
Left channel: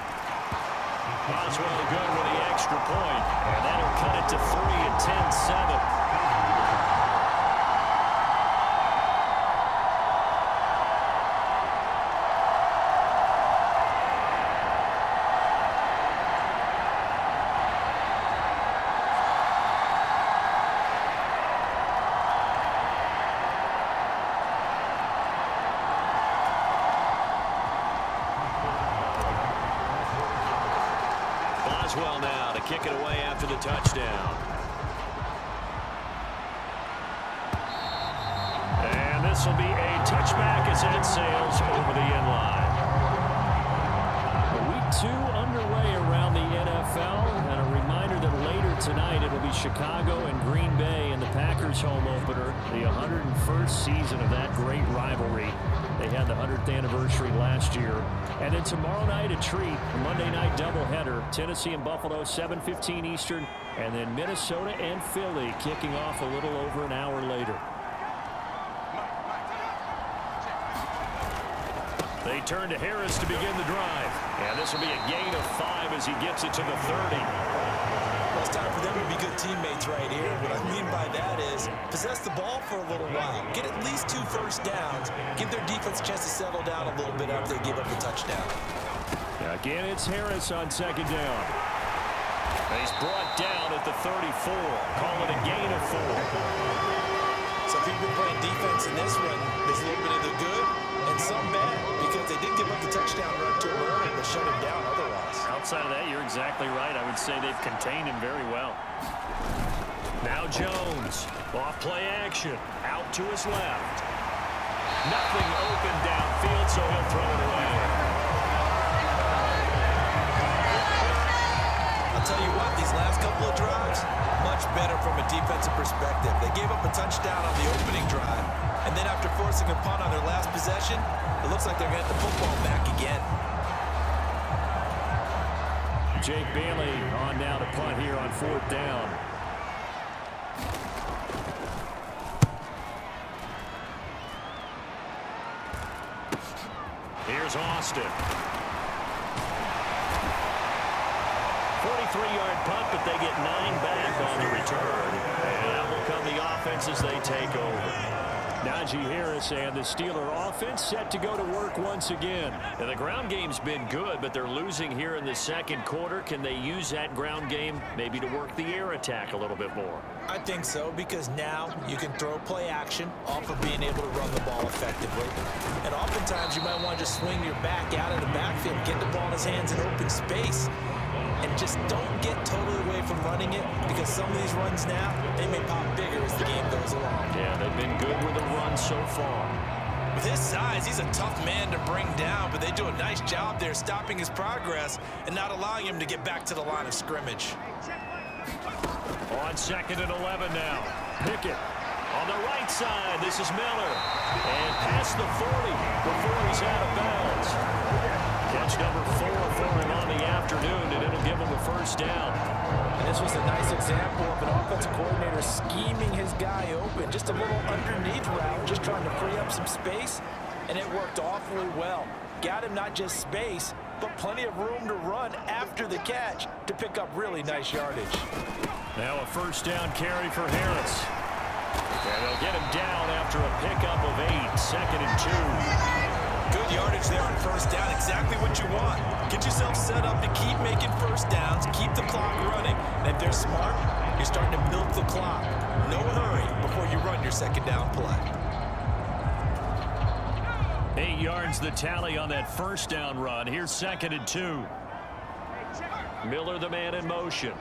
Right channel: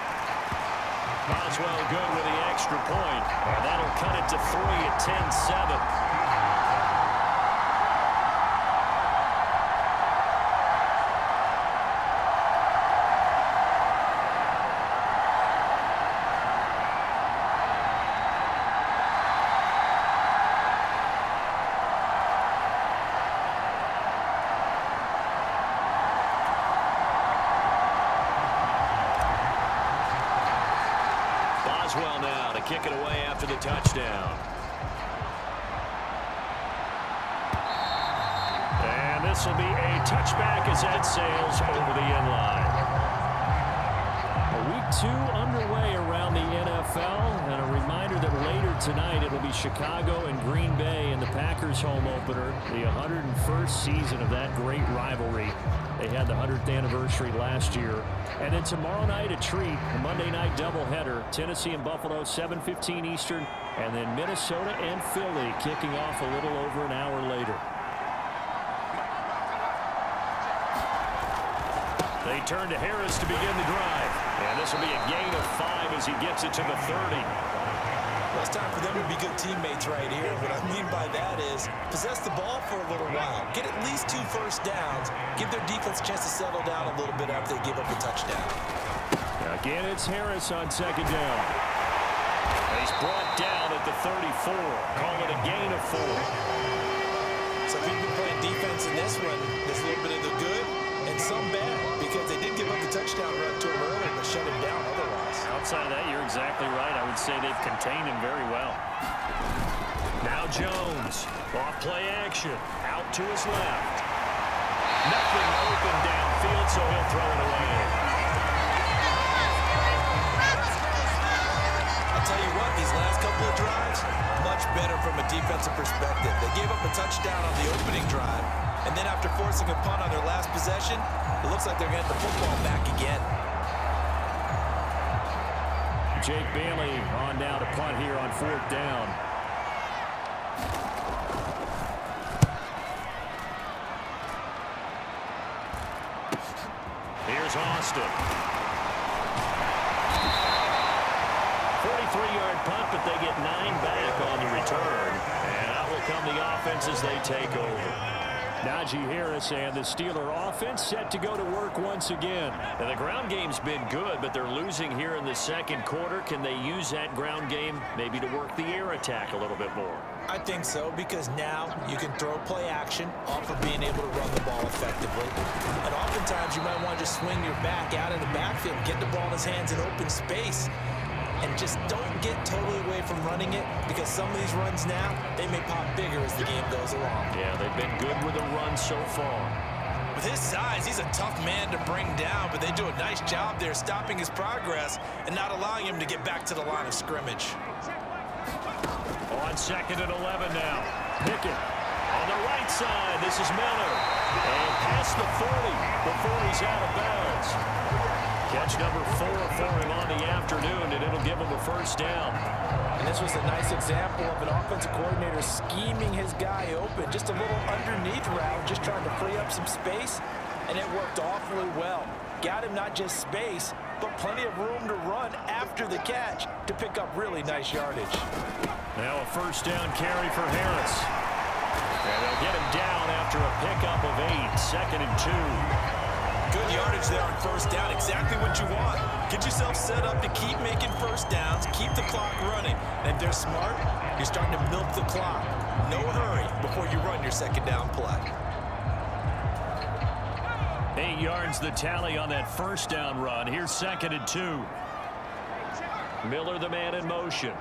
Boswell good with the extra point, and that'll cut it to 3 at 10-7. Boswell now to kick it away after the touchdown. And this will be a touchback as that sails over the end line. Well, week 2 underway around the NFL, and a reminder that later tonight it'll be Chicago and Green Bay in the Packers home opener, the 101st season of that great rivalry. They had the 100th anniversary last year. And then tomorrow night a treat, a Monday night doubleheader, Tennessee and Buffalo, 7:15 Eastern, and then Minnesota and Philly kicking off a little over an hour later. They turn to Harris to begin the drive. And this will be a gain of 5 as he gets it to the 30. Well, it's time for them to be good teammates right here. What I mean by that is possess the ball for a little while. Get at least 2 first downs. Give their defense a chance to settle down a little bit after they give up a touchdown. Again, it's Harris on second down. He's brought down at the 34. Call it a gain of 4. So if you've been playing defense in this one, there's a little bit of the good and some bad, because they did give up the touchdown run to him early, but shut him down otherwise. Outside of that, you're exactly right. I would say they've contained him very well. Now Jones, off play action, out to his left. Nothing open downfield, so he'll throw it away. I'll tell you what, these last couple of drives, much better from a defensive perspective. They gave up a touchdown on the opening drive, and then after forcing a punt on their last possession, it looks like they're going to get the football back again. Jake Bailey on now to punt here on 4th down. Here's Austin. 43-yard punt, but they get 9 back on the return. And out will come the offense as they take over. Najee Harris and the Steeler offense set to go to work once again. And the ground game's been good, but they're losing here in the second quarter. Can they use that ground game maybe to work the air attack a little bit more? I think so, because now you can throw play action off of being able to run the ball effectively. And oftentimes you might want to just swing your back out of the backfield, get the ball in his hands in open space, and just don't get totally away from running it, because some of these runs now, they may pop bigger as the game goes along. Yeah, they've been good with the run so far. With his size, he's a tough man to bring down, but they do a nice job there stopping his progress and not allowing him to get back to the line of scrimmage. On 2nd and 11 now. Pickett on the right side. This is Miller. And past the 40 before he's out of bounds. Catch number 4 for him on the afternoon, and it'll give him a first down. And this was a nice example of an offensive coordinator scheming his guy open. Just a little underneath route, just trying to free up some space, and it worked awfully well. Got him not just space, but plenty of room to run after the catch to pick up really nice yardage. Now a first down carry for Harris. And they'll get him down after a pickup of 8, 2nd and 2. Good yardage there on first down, exactly what you want. Get yourself set up to keep making first downs, keep the clock running. And if they're smart, you're starting to milk the clock. No hurry before you run your second down play. 8 yards the tally on that first down run. Here's 2nd and 2. Miller the man in motion.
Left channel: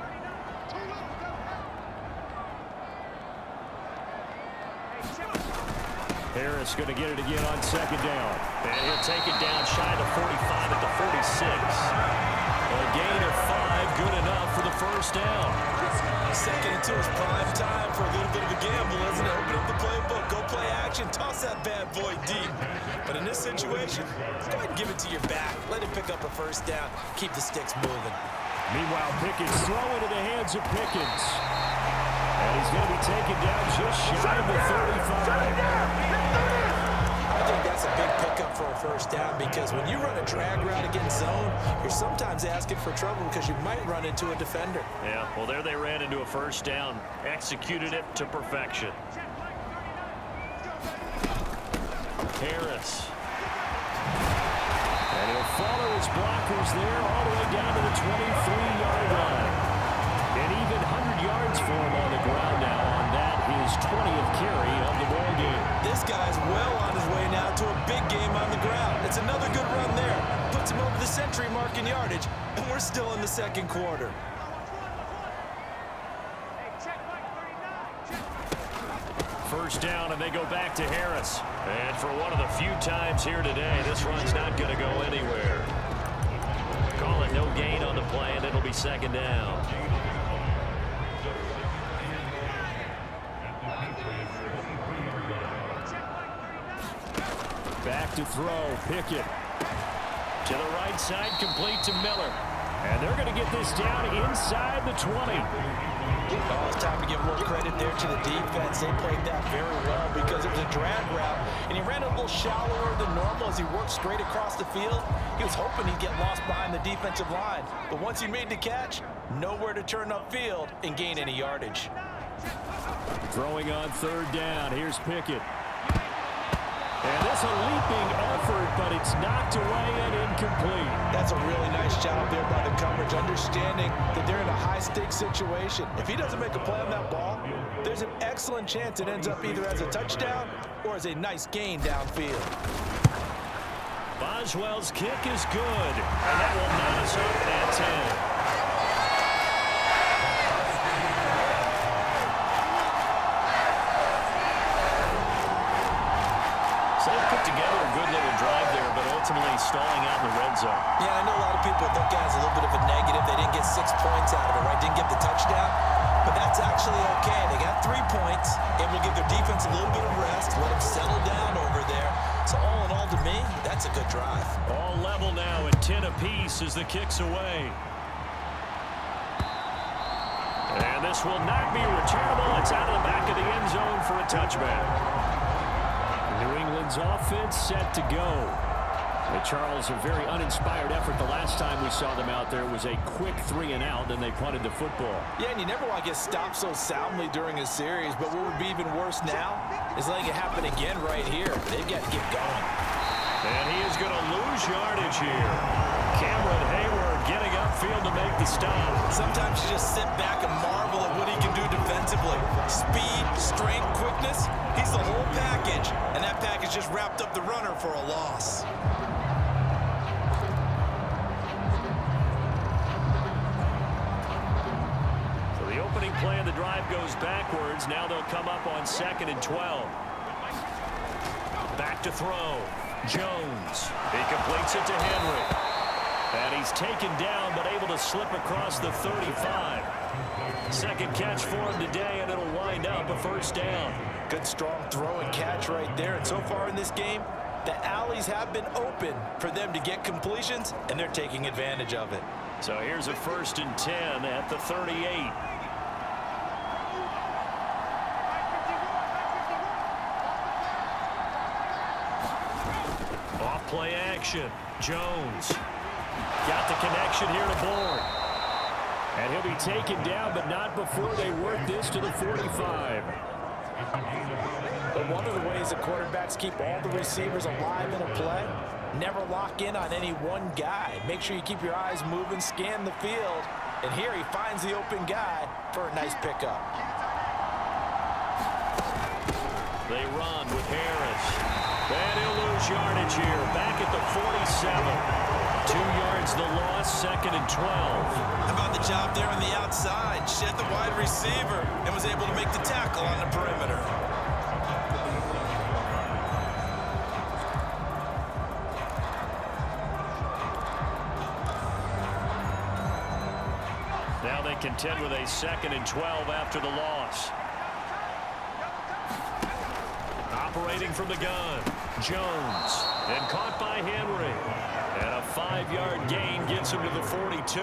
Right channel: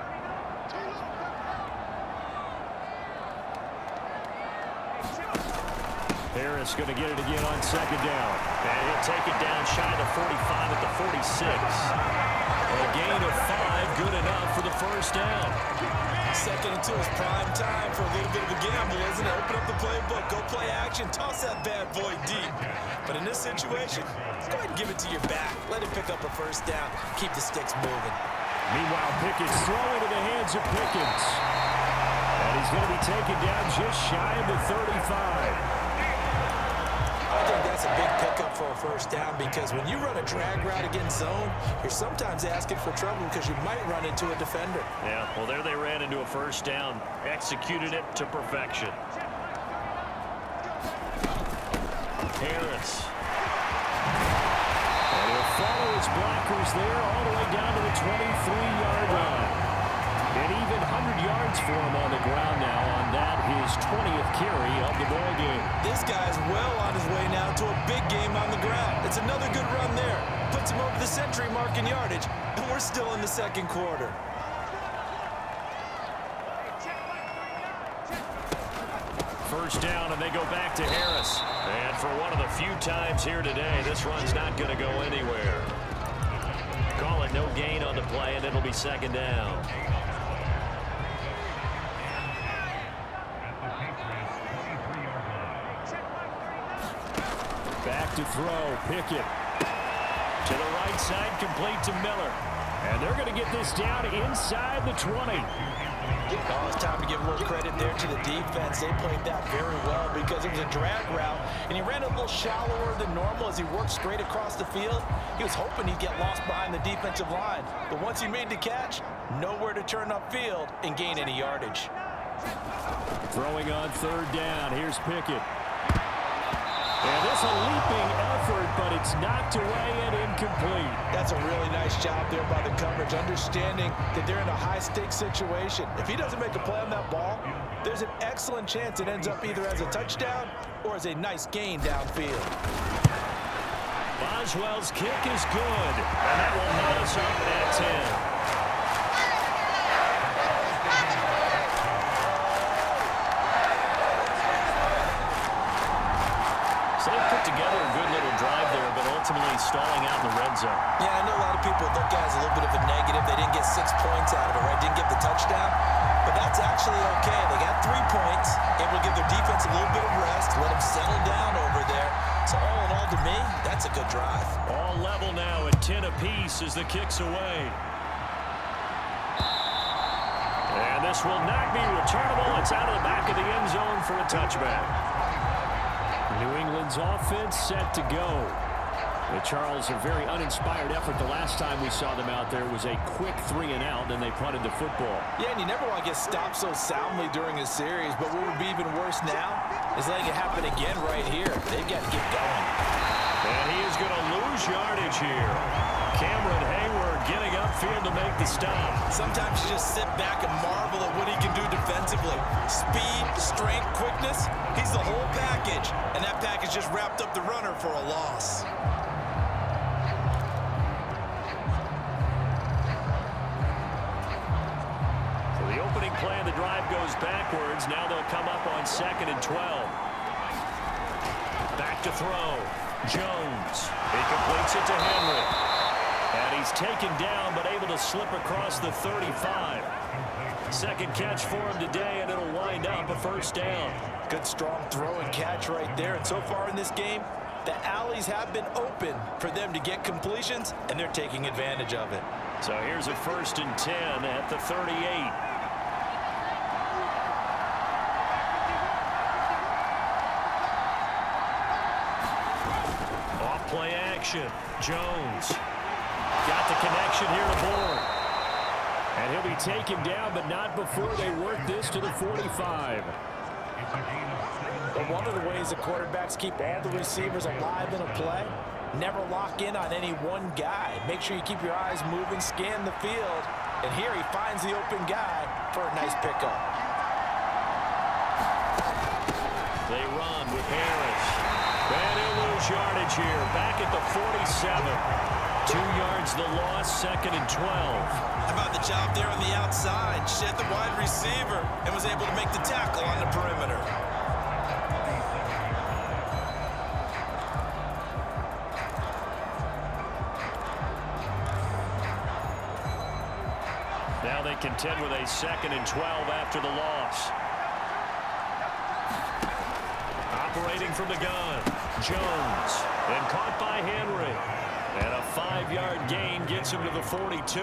Harris going to get it again on 2nd down. And he'll take it down shy of the 45 at the 46. A gain of 5, good enough for the first down. 2nd and 2 is prime time for a little bit of a gamble, isn't it? Open up the playbook, go play action, toss that bad boy deep. But in this situation, go ahead and give it to your back. Let him pick up a first down. Keep the sticks moving. Meanwhile, Pickett's throw into the hands of Pickens. And he's going to be taken down just shy of the 35. I think that's a big pickup for a first down, because when you run a drag route against zone, you're sometimes asking for trouble because you might run into a defender. Yeah, well, there they ran into a first down, executed it to perfection. Harris. And he'll follow his blockers there all the way down to the 23-yard line. An even 100 yards for him on the ground now on that, his 20th carry of the ball game. This guy's well on his way now to a big game on the ground. It's another good run there. Puts him over the century mark in yardage, and we're still in the second quarter. First down, and they go back to Harris. And for one of the few times here today, this run's not going to go anywhere. Call it no gain on the play, and it'll be second down. Back to throw. Pickett. To the right side, complete to Miller. And they're going to get this down inside the 20. Oh, it's time to give a little credit there to the defense. They played that very well because it was a drag route, and he ran a little shallower than normal as he worked straight across the field. He was hoping he'd get lost behind the defensive line, but once he made the catch, nowhere to turn upfield and gain any yardage. Throwing on third down. Here's Pickett. And this a leaping effort, but it's knocked away and incomplete. That's a really nice job there by the coverage, understanding that they're in a high-stakes situation. If he doesn't make a play on that ball, there's an excellent chance it ends up either as a touchdown or as a nice gain downfield. Boswell's kick is good, and that will knot us up at 10. So they put together a good little drive there, but ultimately stalling out in the red zone. Yeah, I know a lot of people look at it as a little bit of a negative. They didn't get 6 points out of it, right? Didn't get the touchdown. But that's actually okay. They got 3 points, able to give their defense a little bit of rest, let them settle down over there. So all in all, to me, that's a good drive. All level now at 10 apiece as the kick's away. And this will not be returnable. It's out of the back of the end zone for a touchback. New England's offense set to go. Charles, a very uninspired effort. The last time we saw them out there was a quick 3-and-out, then they punted the football. Yeah, and you never want to get stopped so soundly during a series, but what would be even worse now is letting it happen again right here. They've got to get going. And he is going to lose yardage here. Cameron Hayward getting upfield to make the stop. Sometimes you just sit back and marvel at what he can do defensively. Speed, strength, quickness, he's the whole package. And that package just wrapped up the runner for a loss. So the opening play of the drive goes backwards. Now they'll come up on 2nd and 12. Back to throw. Jones. He completes it to Henry. And he's taken down, but able to slip across the 35. Second catch for him today, and it'll wind up a first down. Good strong throw and catch right there. And so far in this game, the alleys have been open for them to get completions, and they're taking advantage of it. So here's a 1st and 10 at the 38. Off play action. Jones. Got the connection here to Bourne. And he'll be taken down, but not before they work this to the 45. But one of the ways the quarterbacks keep all the receivers alive in a play, never lock in on any one guy. Make sure you keep your eyes moving, scan the field. And here he finds the open guy for a nice pickup. They run with Harris. And he'll lose yardage here. Back at the 47. 2 yards the loss, 2nd and 12. How about the job there on the outside? Shed the wide receiver and was able to make the tackle on the perimeter. Now they contend with a 2nd and 12 after the loss. Operating from the gun, Jones. And caught by Henry. And a 5-yard gain gets him to the 42.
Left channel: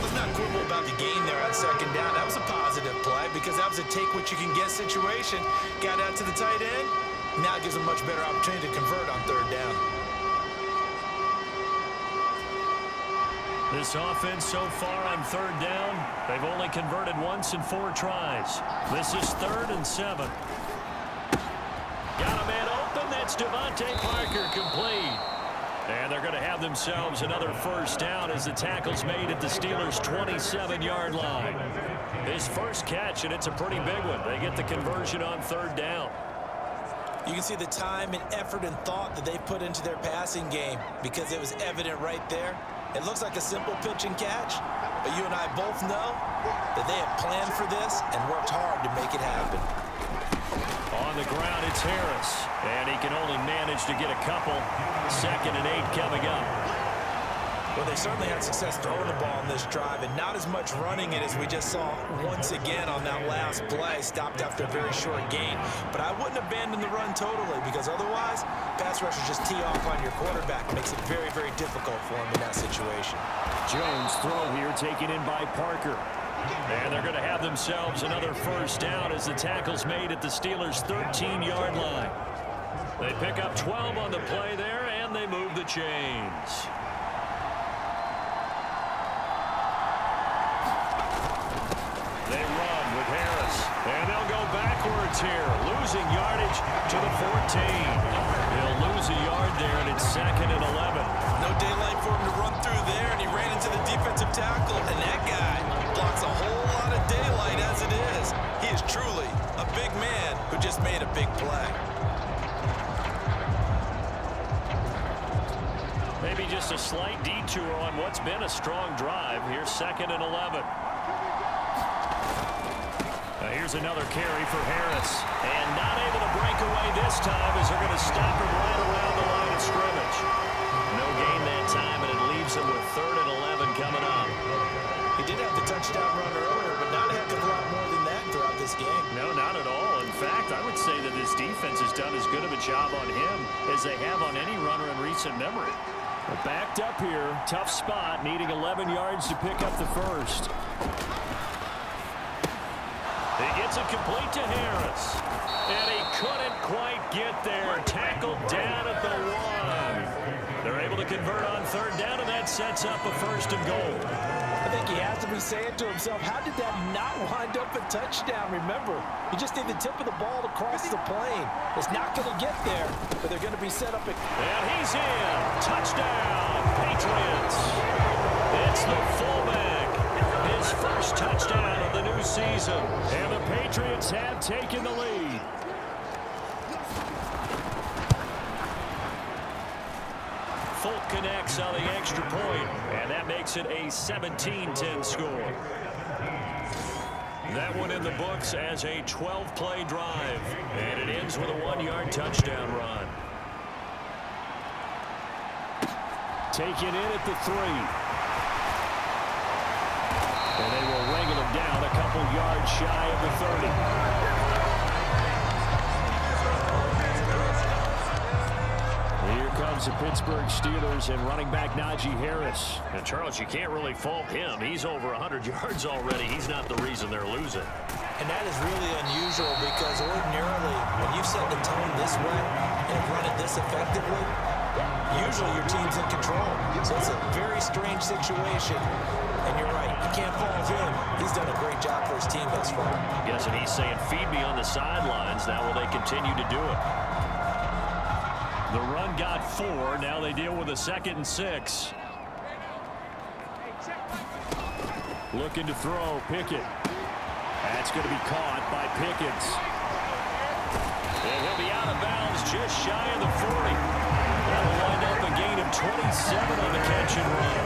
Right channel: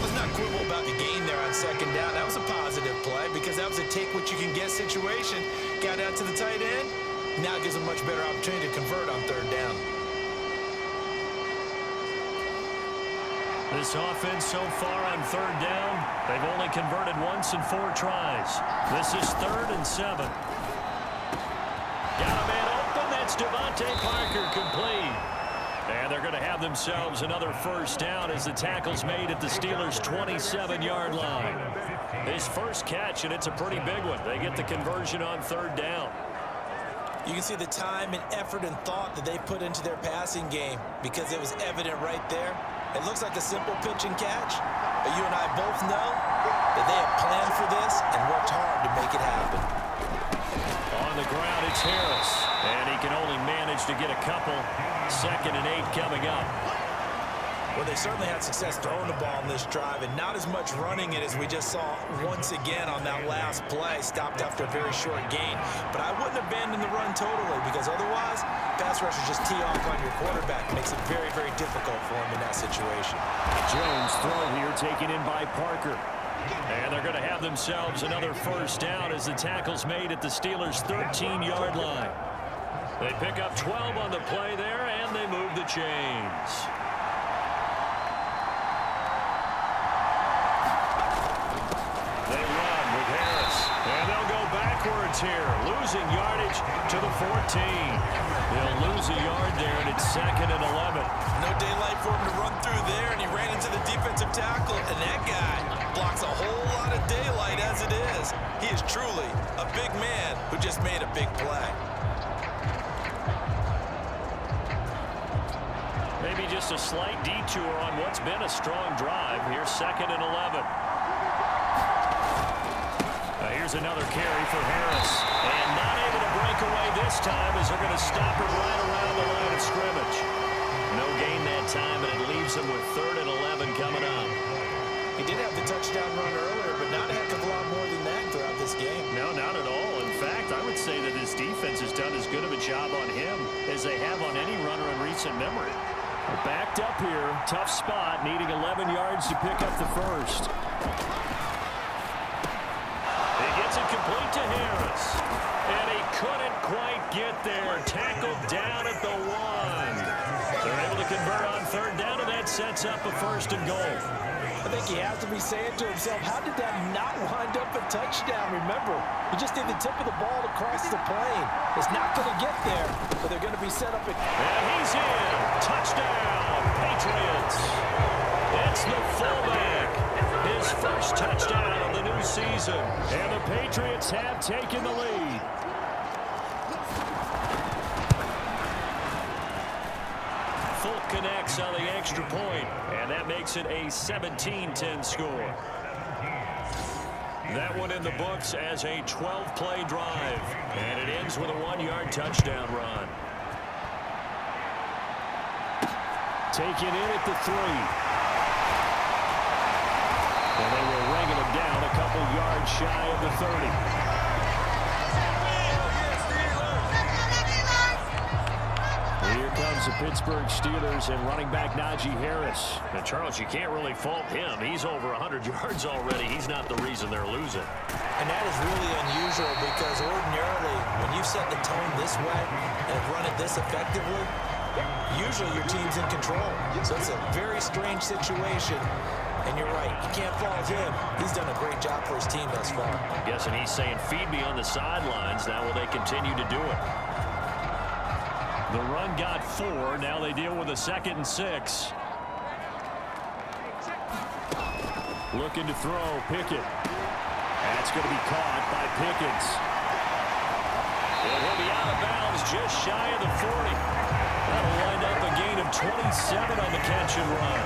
Let's not quibble about the gain there on 2nd down. That was a positive play because that was a take-what-you-can-get situation. Got out to the tight end. Now it gives them a much better opportunity to convert on 3rd down. This offense so far on 3rd down, they've only converted once in 4 tries. This is 3rd and 7. Got a man open. That's Devontae Parker complete. And they're going to have themselves another first down as the tackle's made at the Steelers' 27-yard line. His first catch, and it's a pretty big one. They get the conversion on 3rd down. You can see the time and effort and thought that they put into their passing game because it was evident right there. It looks like a simple pitch and catch, but you and I both know that they have planned for this and worked hard to make it happen. On the ground, it's Harris. And he can only manage to get a couple. 2nd and 8 coming up. Well, they certainly had success throwing the ball in this drive, and not as much running it as we just saw once again on that last play. Stopped after a very short gain. But I wouldn't abandon the run totally, because otherwise, pass rushers just tee off on your quarterback. It makes it very, very difficult for him in that situation. Jones throw here taken in by Parker. And they're going to have themselves another first down as the tackle's made at the Steelers' 13-yard line. They pick up 12 on the play there, and they move the chains. They run with Harris, and they'll go backwards here, losing yardage to the 14. He'll lose a yard there, and it's 2nd and 11. No daylight for him to run through there, and he ran into the defensive tackle, and that guy blocks a whole lot of daylight as it is. He is truly a big man who just made a big play. Maybe just a slight detour on what's been a strong drive. Here's 2nd and 11. Here's another carry for Harris. And not able to break away this time as they're going to stop him right around the line of scrimmage. No gain that time, and it leaves him with 3rd and 11 coming up. He did have the touchdown run earlier, but not a heck of a lot more than that throughout this game. No, not at all. In fact, I would say that this defense has done as good of a job on him as they have on any runner in recent memory. Well, backed up here. Tough spot, needing 11 yards to pick up the first. He gets it complete to Harris. And he couldn't quite get there. Tackled down at the 1. They're able to convert on 3rd down, and that sets up a 1st and goal. I think he has to be saying to himself, how did that not wind up a touchdown? Remember, you just need the tip of the ball to cross the plane. It's not going to get there, but they're going to be set up. And he's in. Touchdown, Patriots. It's the fullback. His first touchdown of the new season. And the Patriots have taken the lead. Folk connects on the extra point, and that makes it a 17-10 score. That one in the books as a 12-play drive, and it ends with a 1-yard touchdown run. Taken in at the 3. And they will wrangle him down a couple yards shy of the 30. Here comes the Pittsburgh Steelers and running back Najee Harris. And Charles, you can't really fault him. He's over 100 yards already. He's not the reason they're losing. And that is really unusual because ordinarily when you set the tone this way and have run it this effectively, usually your team's in control. So it's a very strange situation. And you're right, you can't fault him. He's done a great job for his team thus far. I'm guessing he's saying, feed me on the sidelines. Now will they continue to do it? The run got 4. Now they deal with a 2nd and 6. Looking to throw, Pickett. That's going to be caught by Pickens. And he'll be out of bounds just shy of the 40. That'll wind up a gain of 27 on the catch and run.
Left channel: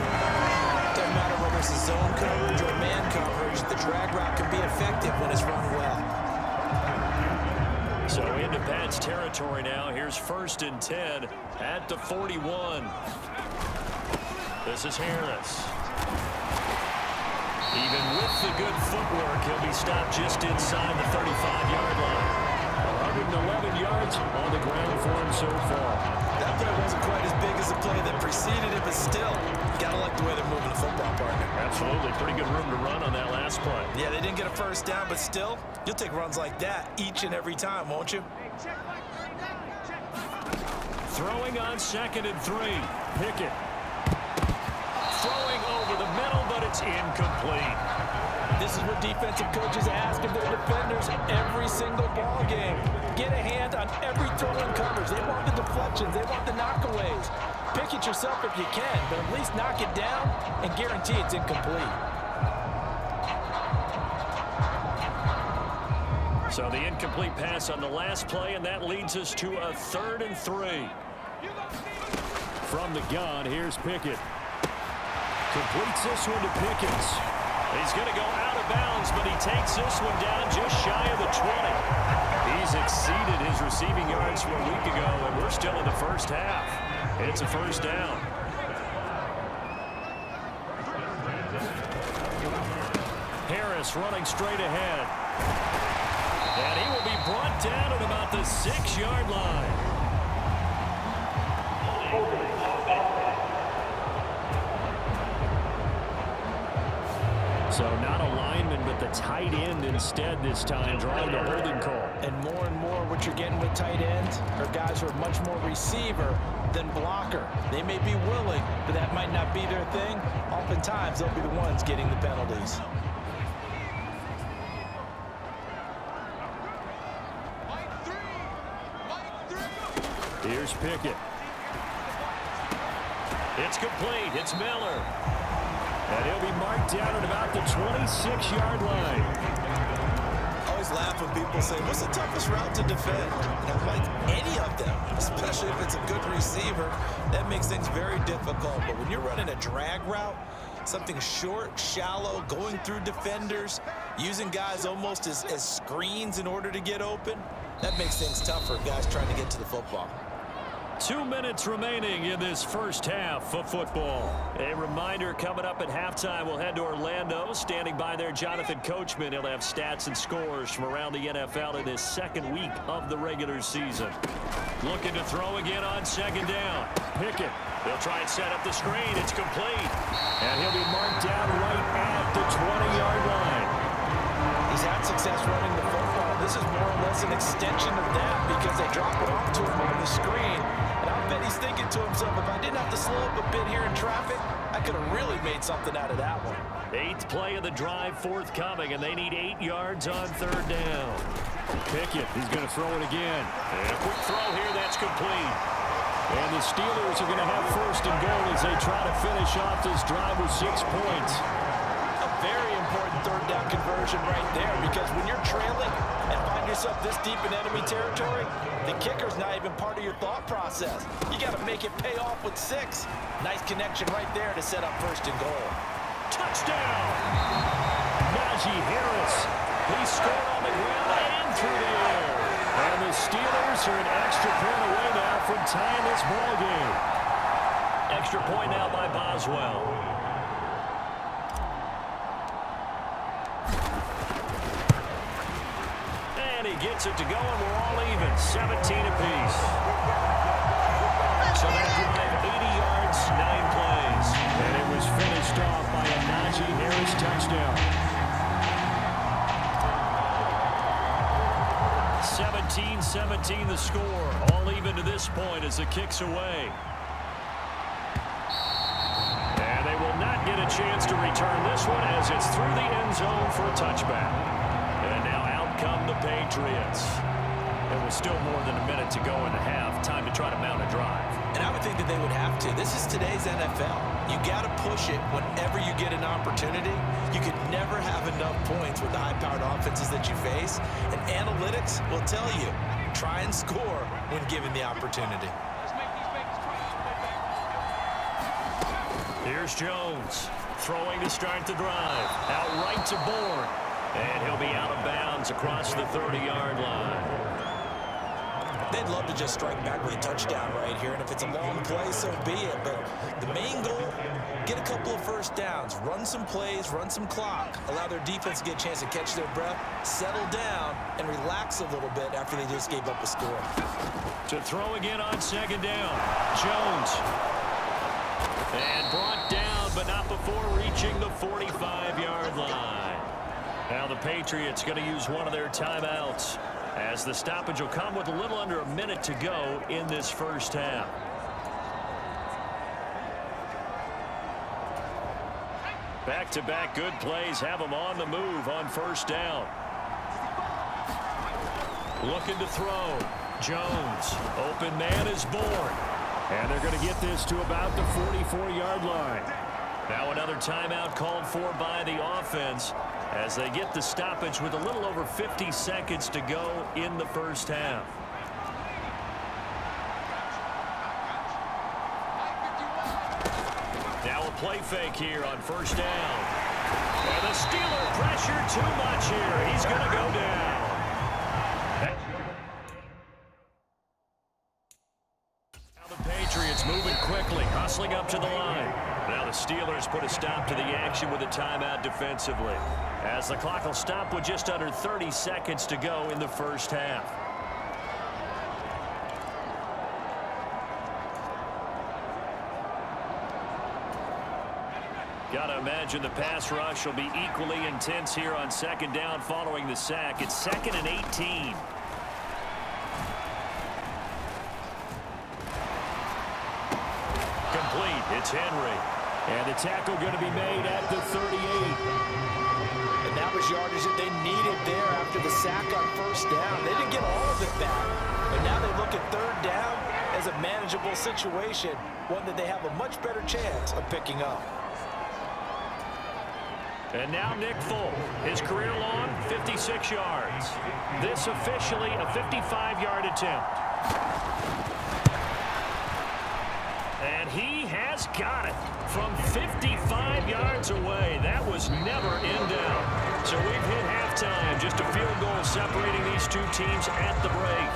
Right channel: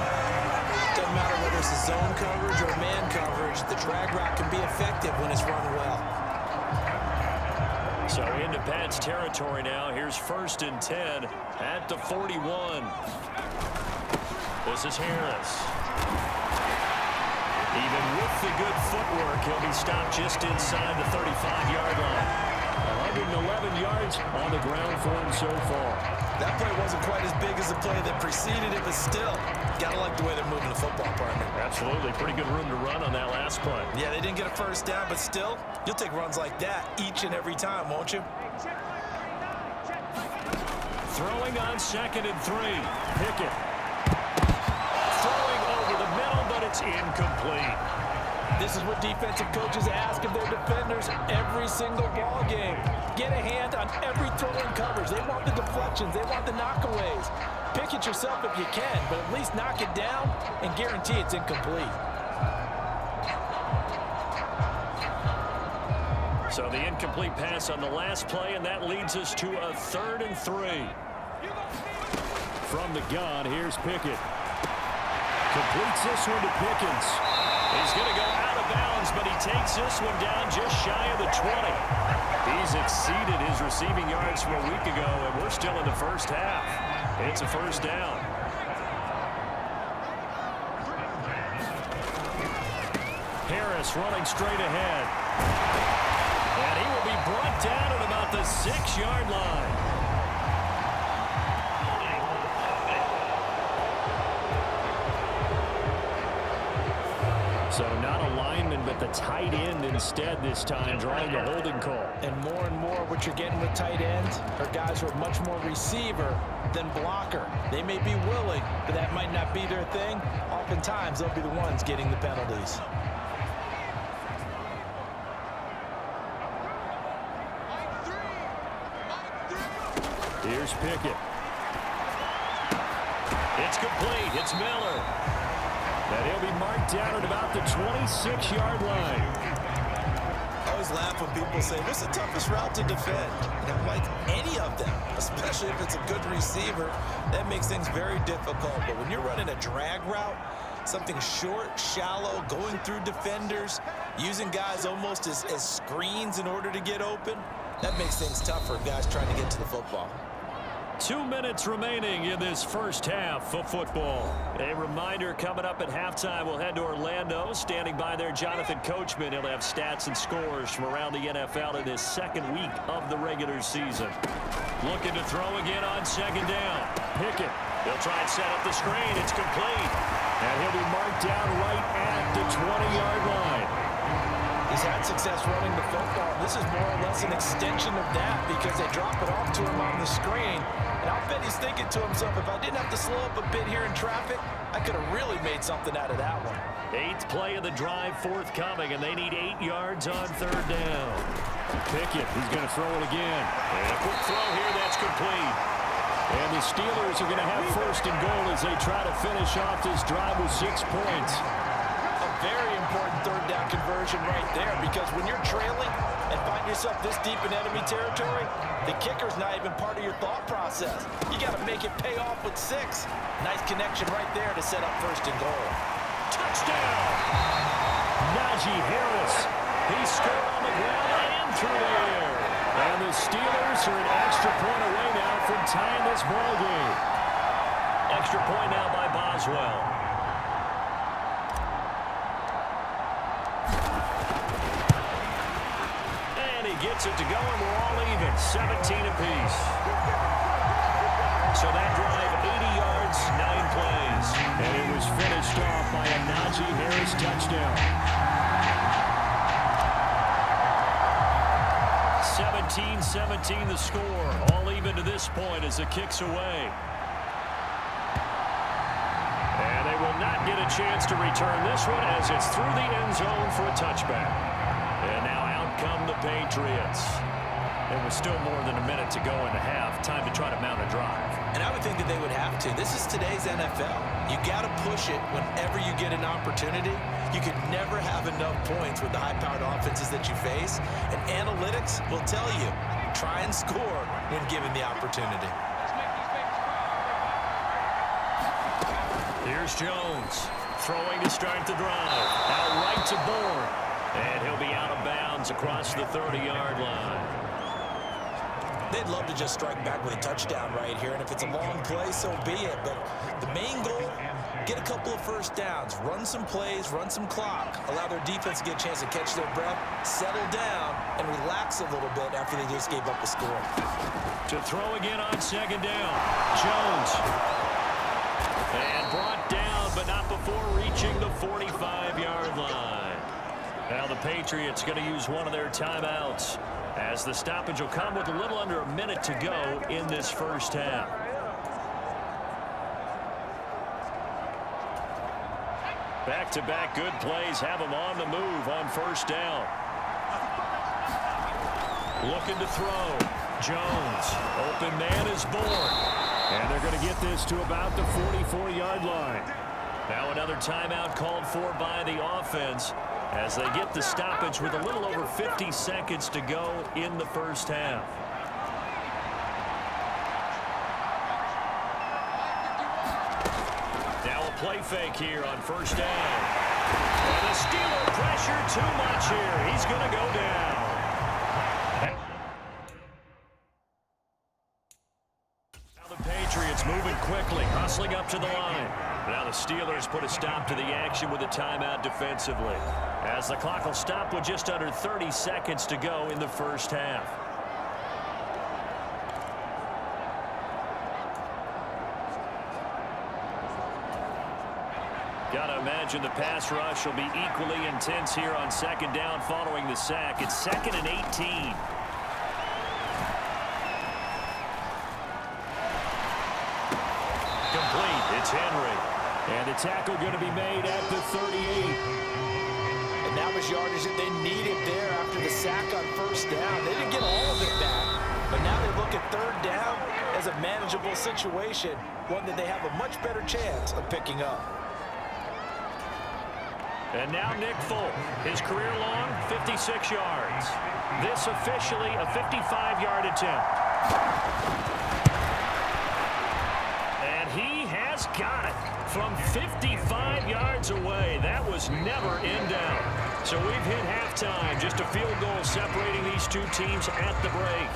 Doesn't matter whether it's a zone coverage or man coverage, the drag route can be effective when it's run well. So into Pat's territory now. Here's 1st and 10 at the 41. This is Harris. Even with the good footwork, he'll be stopped just inside the 35-yard line. 111 yards on the ground for him so far. That play wasn't quite as big as the play that preceded it, but still, gotta like the way they're moving the football, partner. Absolutely. Pretty good room to run on that last play. Yeah, they didn't get a first down, but still, you'll take runs like that each and every time, won't you? Throwing on 2nd and 3. Pickett. Throwing over the middle, but it's incomplete. This is what defensive coaches ask of their defenders every single ball game. Get a hand on every throw in coverage. They want the deflections. They want the knockaways. Pick it yourself if you can, but at least knock it down and guarantee it's incomplete. So the incomplete pass on the last play, and that leads us to a 3rd and 3. From the gun, here's Pickett. Completes this one to Pickens. He's going to go out of bounds, but he takes this one down just shy of the 20. He's exceeded his receiving yards from a week ago, and we're still in the first half. It's a first down. Harris running straight ahead. And he will be brought down at about the 6-yard line. So not a lineman, but the tight end instead this time, drawing the holding call. And more what you're getting with tight ends are guys who are much more receiver than blocker. They may be willing, but that might not be their thing. Oftentimes, they'll be the ones getting the penalties. Here's Pickett. It's complete. It's Miller. And he'll be marked down at about the 26-yard line. I always laugh when people say, what's the toughest route to defend? And I'm like, any of them, especially if it's a good receiver. That makes things very difficult. But when you're running a drag route, something short, shallow, going through defenders, using guys almost as screens in order to get open, that makes things tough for guys trying to get to the football. 2 minutes remaining in this first half of football. A reminder, coming up at halftime, we'll head to Orlando. Standing by there, Jonathan Coachman. He'll have stats and scores from around the NFL in his second week of the regular season. Looking to throw again on second down. Pickett. They'll try and set up the screen. It's complete. And he'll be marked down right at the 20-yard line. He's had success running the football. This is more or less an extension of that because they drop it off to him on the screen. And I'll bet he's thinking to himself, if I didn't have to slow up a bit here in traffic, I could have really made something out of that one. 8th play of the drive forthcoming, and they need 8 yards on third down. Pickett, he's going to throw it again. And a quick throw here, that's complete. And the Steelers are going to have first and goal as they try to finish off this drive with 6 points. A very important third down conversion right there, because when you're trailing and find yourself this deep in enemy territory, the kicker's not even part of your thought process. You got to make it pay off with 6. Nice connection right there to set up first and goal. Touchdown! Najee Harris. He scored on the ground and through the air. And the Steelers are an extra point away now from tying this ball game. Extra point now by Boswell. And he gets it to go, and we're all even, 17 apiece. So that drive, 80 yards, 9 plays. And it was finished off by a Najee Harris touchdown. 17-17 the score. All even to this point as the kick's away. And they will not get a chance to return this one as it's through the end zone for a touchback. And now out come the Patriots. It was still more than a minute to go in the half. Time to try to mount a drive. And I would think that they would have to. This is today's NFL. You got to push it whenever you get an opportunity. You could never have enough points with the high-powered offenses that you face. And analytics will tell you, try and score when given the opportunity. Here's Jones throwing to start the drive. Out right to Bourne. And he'll be out of bounds across the 30-yard line. They'd love to just strike back with a touchdown right here, and if it's a long play, so be it. But the main goal, get a couple of first downs, run some plays, run some clock, allow their defense to get a chance to catch their breath, settle down, and relax a little bit after they just gave up a score. To throw again on second down, Jones. And brought down, but not before reaching the 45-yard line. Now the Patriots going to use one of their timeouts, as the stoppage will come with a little under a minute to go in this first half. Back-to-back good plays have them on the move on first down. Looking to throw. Jones. Open man is Bourne. And they're going to get this to about the 44-yard line. Now another timeout called for by the offense as they get the stoppage with a little over 50 seconds to go in the first half. Now a play fake here on first down. And the Steeler pressure too much here. He's going to go down. The Patriots moving quickly, hustling up to the line. Now the Steelers put a stop to the action with a timeout defensively, as the clock will stop with just under 30 seconds to go in the first half. Got to imagine the pass rush will be equally intense here on second down following the sack. It's 2nd and 18. Complete. It's Henry. And the tackle going to be made at the 38. And that was yardage that they needed there after the sack on first down. They didn't get all of it back, but now they look at third down as a manageable situation, one that they have a much better chance of picking up. And now Nick Folk, his career long 56 yards. This officially a 55-yard attempt. And he has got it from 55 yards away. That was never in doubt. So we've hit halftime. Just a field goal separating these two teams at the break.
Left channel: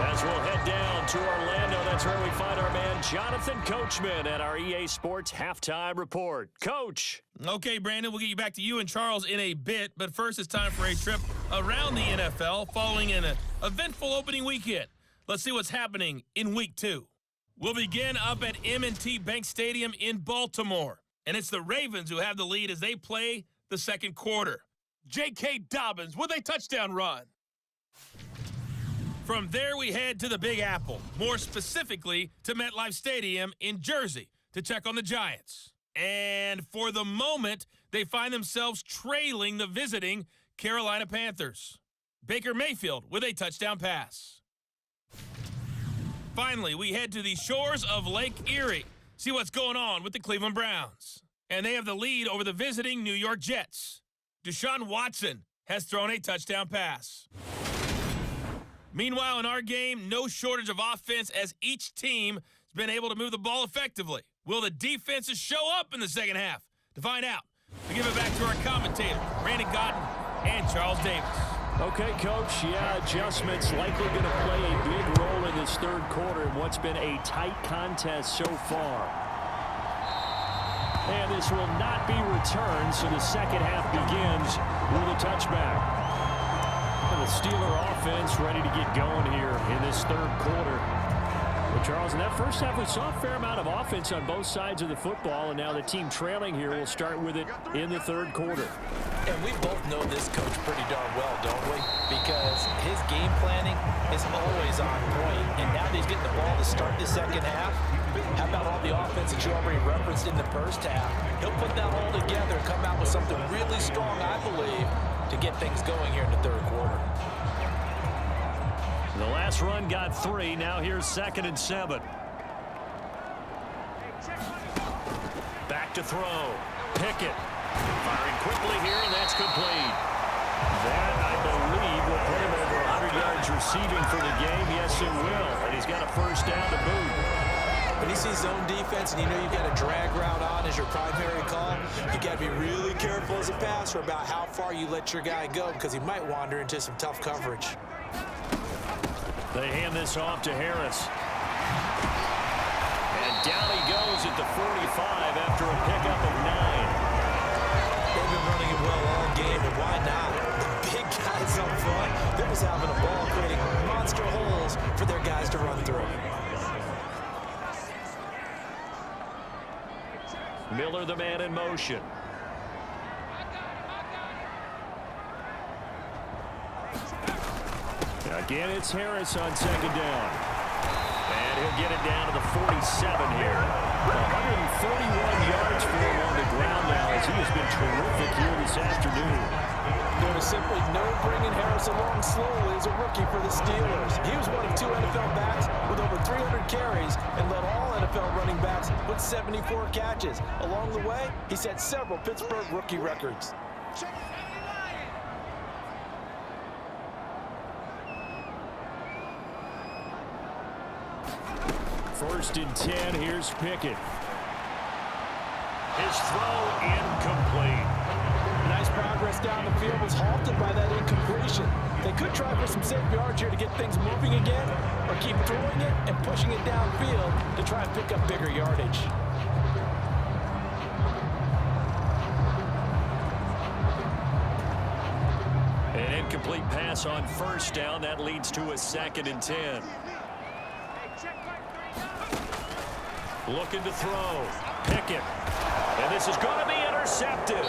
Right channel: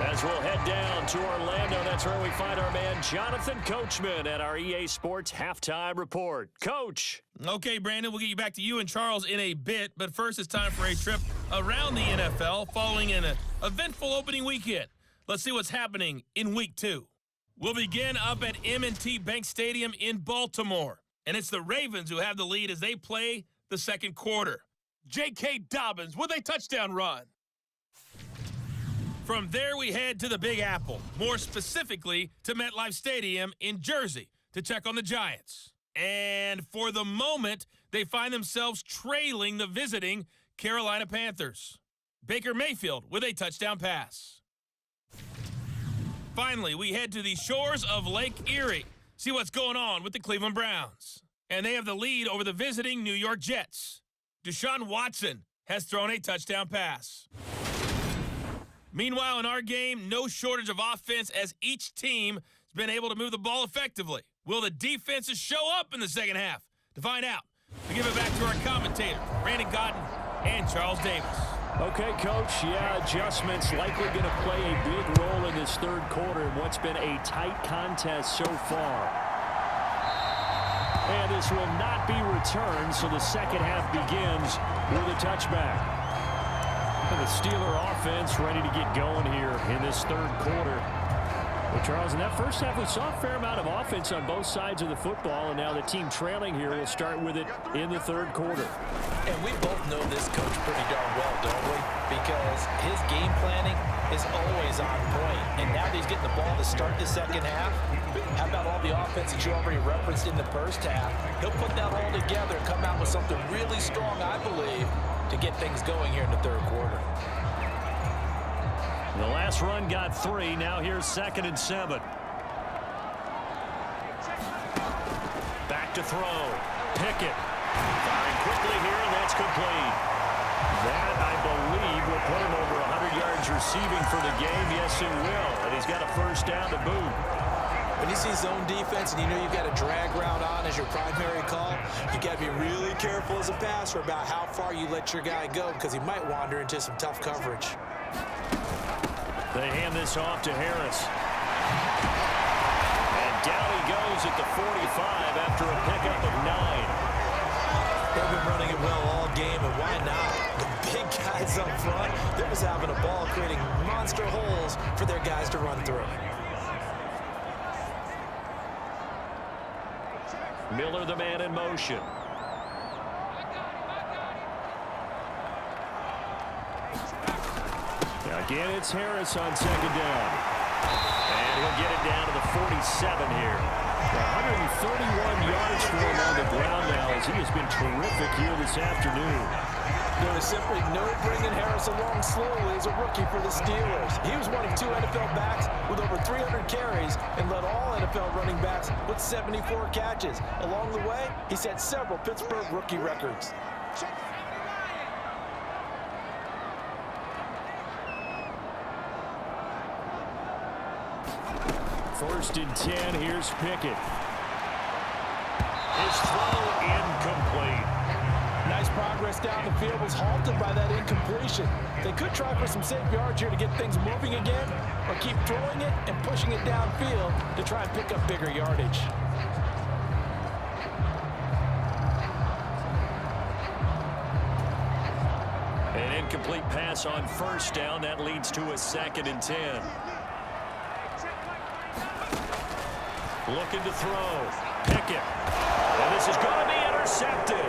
As we'll head down to Orlando, that's where we find our man Jonathan Coachman at our EA Sports Halftime Report. Coach. Okay, Brandon, we'll get you back to you and Charles in a bit, but first it's time for a trip around the NFL following an eventful opening weekend. Let's see what's happening in Week 2. We'll begin up at M&T Bank Stadium in Baltimore, and it's the Ravens who have the lead as they play the second quarter. J.K. Dobbins with a touchdown run. From there, we head to the Big Apple, more specifically to MetLife Stadium in Jersey to check on the Giants. And for the moment, they find themselves trailing the visiting Carolina Panthers. Baker Mayfield with a touchdown pass. Finally, we head to the shores of Lake Erie, see what's going on with the Cleveland Browns. And they have the lead over the visiting New York Jets. Deshaun Watson has thrown a touchdown pass. Meanwhile, in our game, no shortage of offense as each team has been able to move the ball effectively. Will the defenses show up in the second half? To find out, we give it back to our commentator, Brandon Godden and Charles Davis. Okay, Coach, adjustments likely going to play a big role in this third quarter in what's been a tight contest so far. And this will not be returned, so the second half begins with a touchback. And the Steeler offense ready to get going here in this third quarter. Well, Charles, in that first half, we saw a fair amount of offense on both sides of the football, and now the team trailing here will start with it in the third quarter. And we both know this coach pretty darn well, don't we? Because his game planning is always on point. And now that he's getting the ball to start the second half, how about all the offense that you already referenced in the first half? He'll put that all together and come out with something really strong, I believe, to get things going here in the third quarter. The last run got 3. Now here's 2nd and 7. Back to throw. Pickett firing quickly here, and that's complete. That, I believe, will put him over 100 yards receiving for the game. Yes, it will. And he's got a first down to boot. When you see zone defense and you know you've got a drag route on as your primary call, you got to be really careful as a passer about how far you let your guy go because he might wander into some tough coverage. They hand this off to Harris. And down he goes at the 45 after a pickup of 9. They've been running it well all game, and why not? The big guys up front, they're just having a ball creating monster holes for their guys to run through. Miller, the man in motion. Again, it's Harris on second down. And he'll get it down to the 47 here. 131 yards for him on the ground now as he has been terrific here this afternoon. There was simply no bringing Harris along slowly as a rookie for the Steelers. He was one of 2 NFL backs with over 300 carries and led all NFL running backs with 74 catches. Along the way, he set several Pittsburgh rookie records. First and 10, here's Pickett. His throw incomplete. Nice progress down the field was halted by that incompletion. They could try for some safe yards here to get things moving again, or keep throwing it and pushing it downfield to try and pick up bigger yardage. An incomplete pass on first down. That leads to a 2nd and 10. Looking to throw. Pickett. And this is going to be intercepted.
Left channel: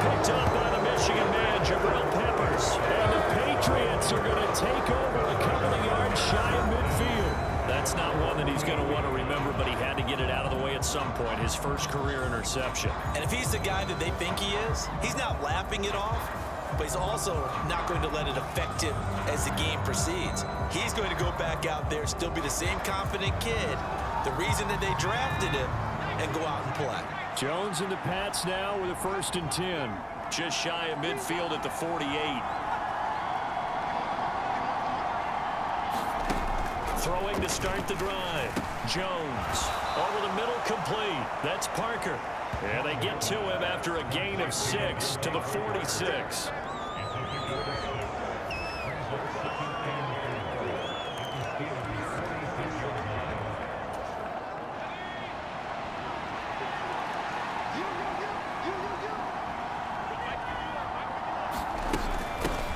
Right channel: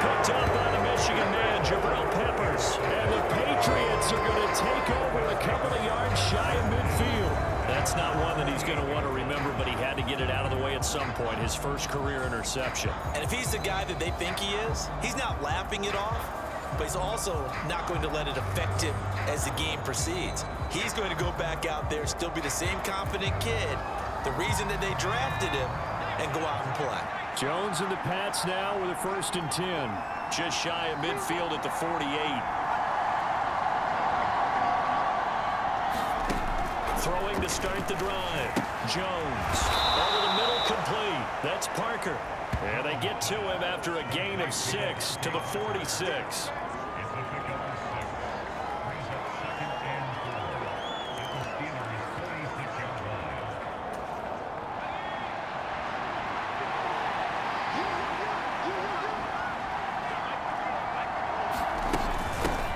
Picked up by the Michigan man, Jabril Peppers. And the Patriots are going to take over a couple of yards shy of midfield. That's not one that he's going to want to remember, but he had to get it out of the way at some point. His first career interception. And if he's the guy that they think he is, he's not laughing it off, but he's also not going to let it affect him as the game proceeds. He's going to go back out there, still be the same confident kid, the reason that they drafted him, and go out and play. Jones and the Pats now with a 1st and 10. Just shy of midfield at the 48. Throwing to start the drive. Jones over the middle, complete. That's Parker. And they get to him after a gain of 6 to the 46.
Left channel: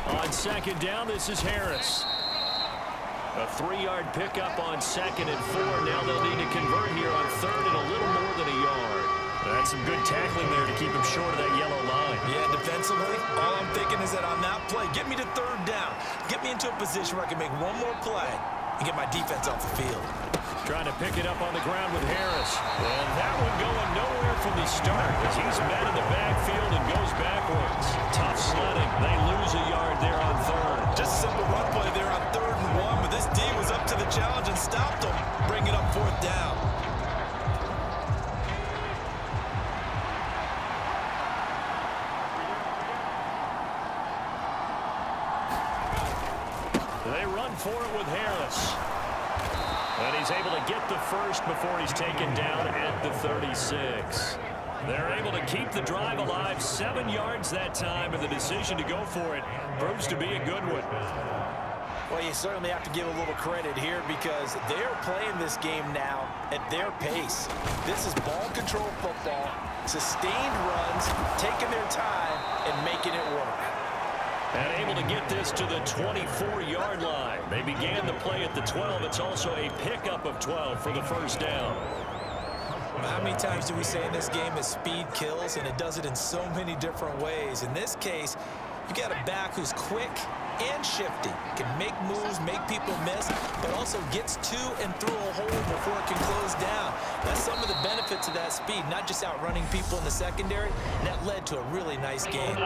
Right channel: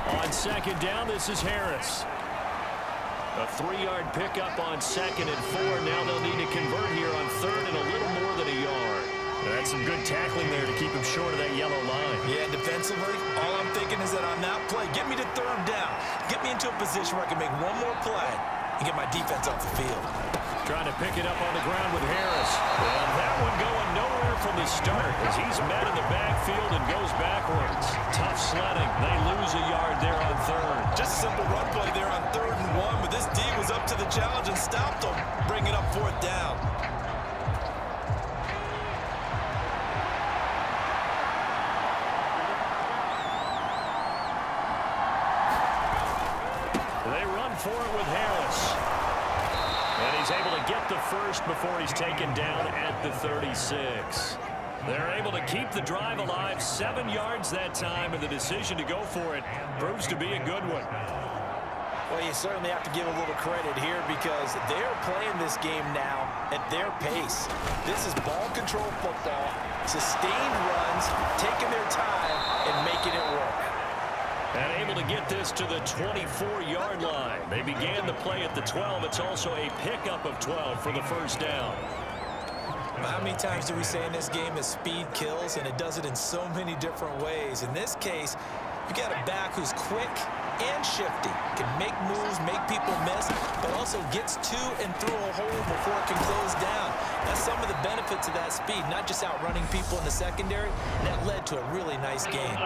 On 2nd down, this is Harris. A 3-yard pickup on 2nd and 4. Now they'll need to convert here on 3rd and a little more than a yard. That's some good tackling there to keep him short of that yellow line. Yeah, defensively, all I'm thinking is that on that play, get me to 3rd down. Get me into a position where I can make one more play and get my defense off the field. Trying to pick it up on the ground with Harris. And that one going nowhere from the start as he's met in the backfield and goes backwards. Tough sledding. They lose a yard there on 3rd. Just a simple run play there on 3rd and 1, but this D was up to the challenge and stopped him. Bring it up 4th down. They run for it with Harris. And he's able to get the first before he's taken down at the 36. They're able to keep the drive alive, 7 yards that time, and the decision to go for it proves to be a good one. Well, you certainly have to give a little credit here because they're playing this game now at their pace. This is ball control football, sustained runs, taking their time and making it work. And able to get this to the 24-yard line. They began the play at the 12. It's also a pickup of 12 for the first down. How many times do we say in this game that speed kills, and it does it in so many different ways? In this case, you got a back who's quick and shifty, can make moves, make people miss, but also gets to and through a hole before it can close down. That's some of the benefits of that speed, not just outrunning people in the secondary, and that led to a really nice game.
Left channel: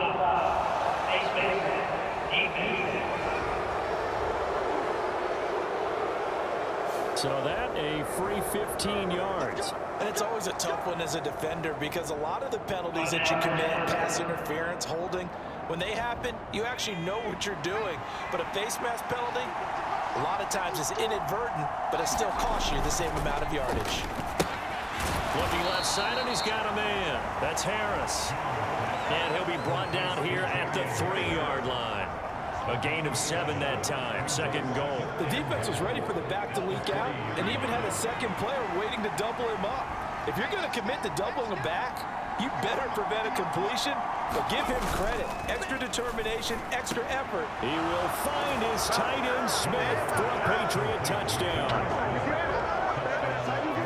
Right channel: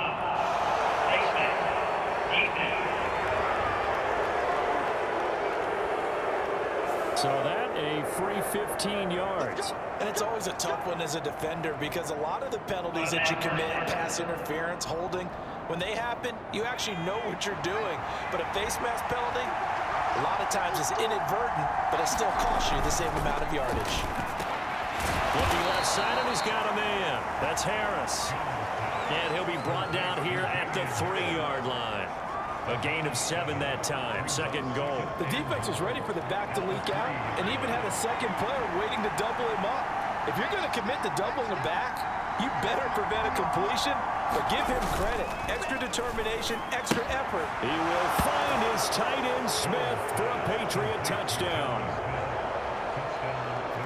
So that a free 15 yards. And it's always a tough one as a defender because a lot of the penalties that you commit, pass interference, holding, when they happen, you actually know what you're doing. But a face mask penalty, a lot of times it's inadvertent, but it still costs you the same amount of yardage. Looking left side, and he's got a man. That's Harris. And he'll be brought down here at the 3-yard line. A gain of 7 that time. 2nd and goal. The defense was ready for the back to leak out and even had a second player waiting to double him up. If you're going to commit to doubling a back, you better prevent a completion, but give him credit. Extra determination, extra effort. He will find his tight end Smith for a Patriot touchdown.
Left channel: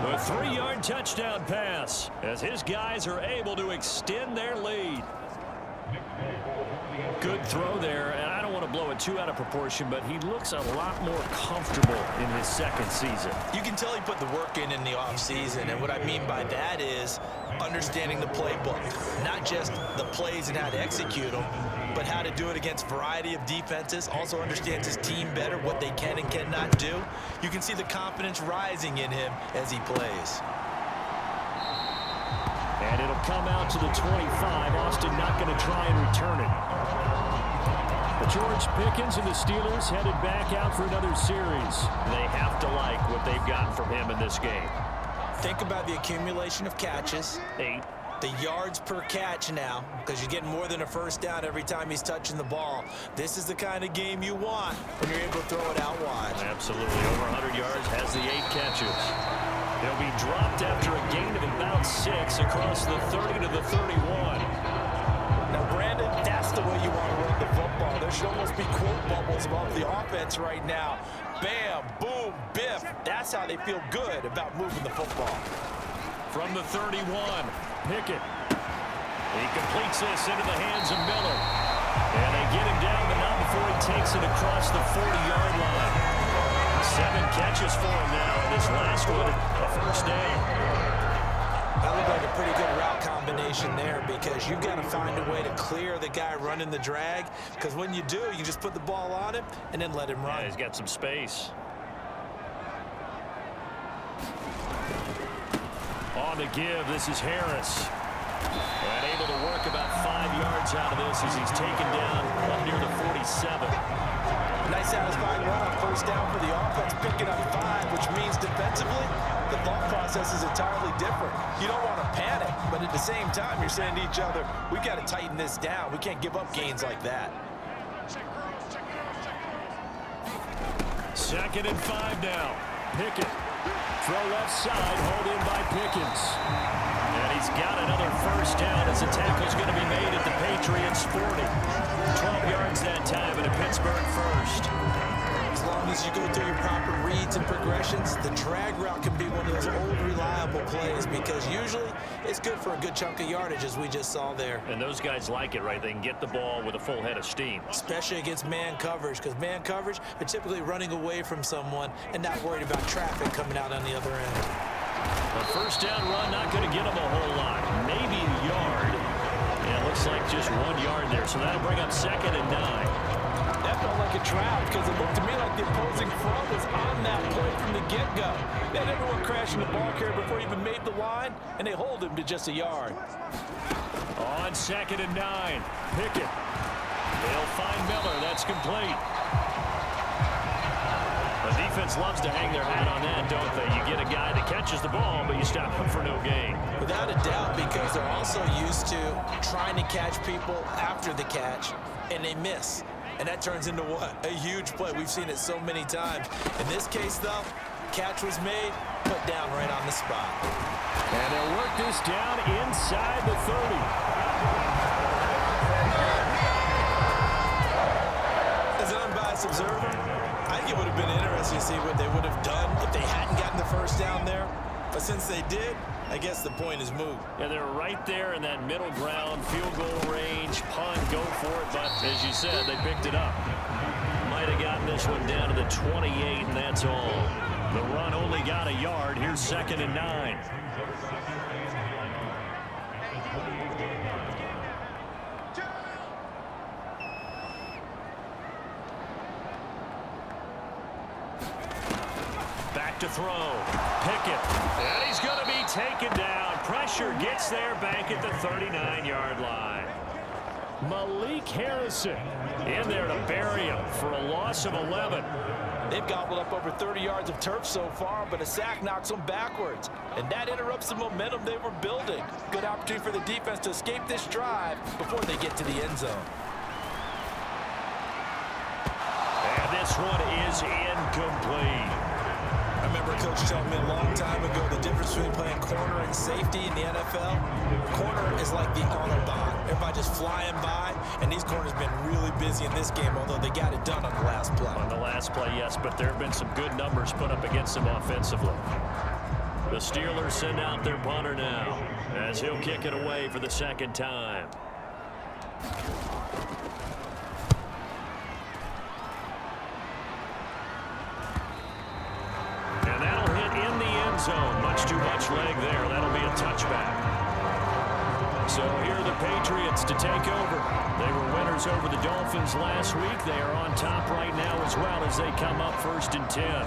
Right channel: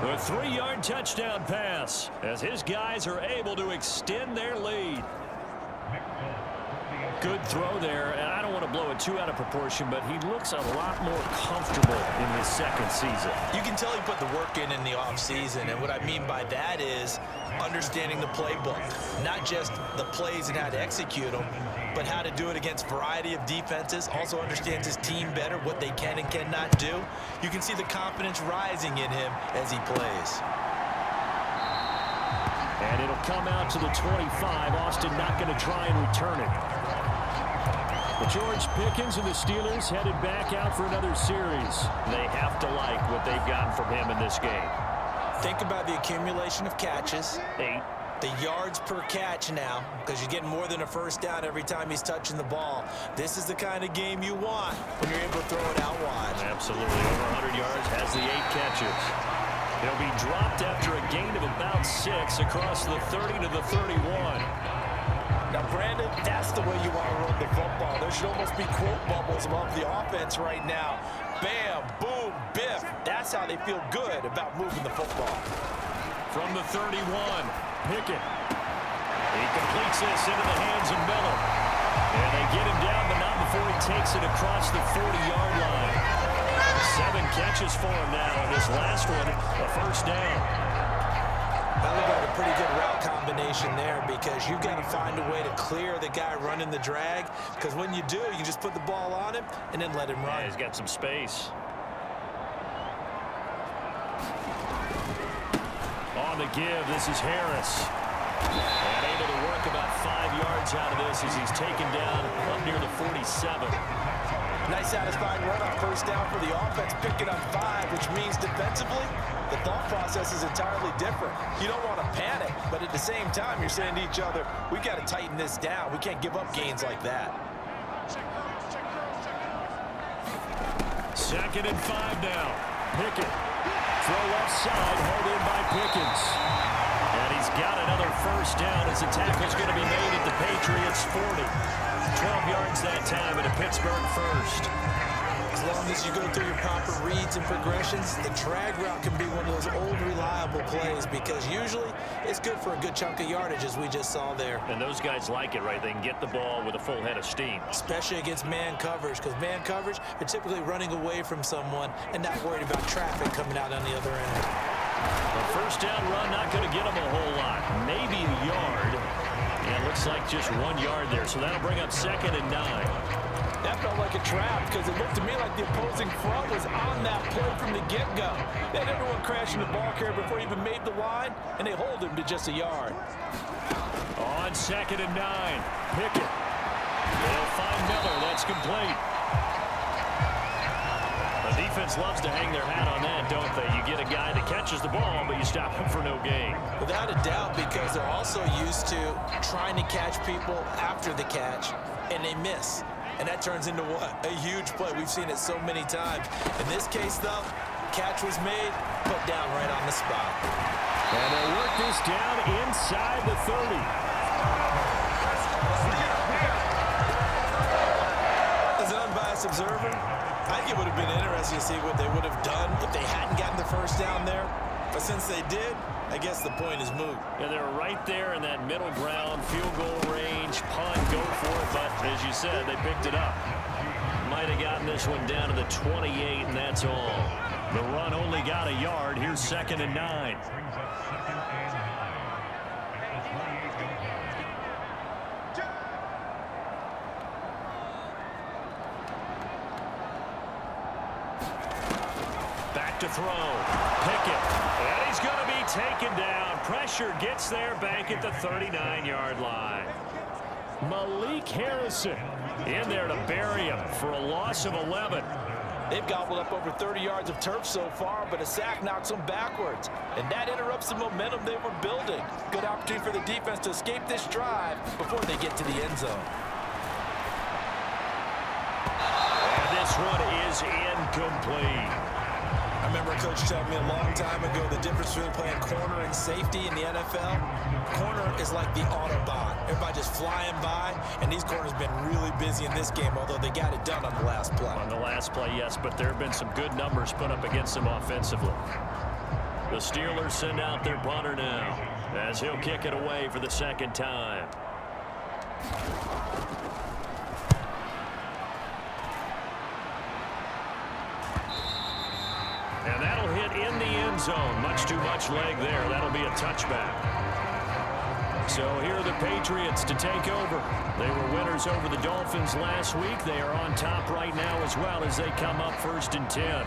A 3-yard touchdown pass as his guys are able to extend their lead. Good throw there, and I don't want to blow it too out of proportion, but he looks a lot more comfortable in his 2nd season. You can tell he put the work in the offseason, and what I mean by that is understanding the playbook. Not just the plays and how to execute them, but how to do it against a variety of defenses. Also understands his team better, what they can and cannot do. You can see the confidence rising in him as he plays. And it'll come out to the 25. Austin not going to try and return it. But George Pickens and the Steelers headed back out for another series. They have to like what they've gotten from him in this game. Think about the accumulation of catches. 8. The yards per catch now, because you're getting more than a first down every time he's touching the ball. This is the kind of game you want when you're able to throw it out wide. Absolutely. Over 100 yards, has the 8 catches. He'll be dropped after a gain of about 6 across the 30 to the 31. Now, Brandon, that's the way you want to run the football. There should almost be quote bubbles above the offense right now. Bam, boom, biff. That's how they feel good about moving the football. From the 31, Pickett. He completes this into the hands of Miller. And they get him down, but not before he takes it across the 40-yard line. 7 catches for him now, and this last one, a first down. That looked like a pretty good route combination there, because you've got to find a way to clear the guy running the drag, because when you do, you just put the ball on him and then let him run. Yeah, he's got some space. On the give, this is Harris. And able to work about 5 yards out of this as he's taken down up near the 47. Nice satisfying run on first down for the offense, picking up 5, which means defensively, the thought process is entirely different. You don't want to panic, but at the same time, you're saying to each other, we've got to tighten this down. We can't give up gains like that. 2nd and 5 now. Pickett. Throw left side, hauled in by Pickens. And he's got another first down as the tackle's going to be made at the Patriots' 40. 12 yards that time and a Pittsburgh first. As long as you go through your proper reads and progressions, the drag route can be one of those old reliable plays, because usually it's good for a good chunk of yardage, as we just saw there. And those guys like it, right? They can get the ball with a full head of steam. Especially against man coverage, because man coverage, they're typically running away from someone and not worried about traffic coming out on the other end. A first down run, not going to get them a whole lot. Maybe a yard. And it looks like just 1 yard there. So that'll bring up 2nd and 9. That felt like a trap, because it looked to me like the opposing front was on that play from the get-go. They had everyone crashing the ball carrier before he even made the line, and they hold him to just a yard. On 2nd and 9, Pickett. They'll find Miller. That's complete. The defense loves to hang their hat on that, don't they? You get a guy that catches the ball, but you stop him for no gain. Without a doubt, because they're also used to trying to catch people after the catch, and they miss. And that turns into what? A huge play. We've seen it so many times. In this case, though, catch was made, put down right on the spot. And they'll work this down inside the 30. As an unbiased observer, I think it would have been interesting to see what they would have done if they hadn't gotten the first down there. But since they did, I guess the point is moot. Yeah, they were right there in that middle ground, field goal range, punt, go for it. But as you said, they picked it up. Might have gotten this one down to the 28, and that's all. The run only got a yard. Here's 2nd and 9. Back to throw. Pickett. And he's going to be taken down. Pressure gets there back at the 39-yard line. Malik Harrison in there to bury him for a loss of 11. They've gobbled up over 30 yards of turf so far, but a sack knocks them backwards. And that interrupts the momentum they were building. Good opportunity for the defense to escape this drive before they get to the end zone. And this one is incomplete. I remember a coach telling me a long time ago the difference between playing corner and safety in the NFL. Corner is like the Autobahn. Everybody just flying by, and these corners have been really busy in this game, although they got it done on the last play. On the last play, yes, but there have been some good numbers put up against them offensively. The Steelers send out their punter now as he'll kick it away for the 2nd time. And that'll hit in the end zone. Much too much leg there. That'll be a touchback. So here are the Patriots to take over. They were winners over the Dolphins last week. They are on top right now as well as they come up 1st and 10.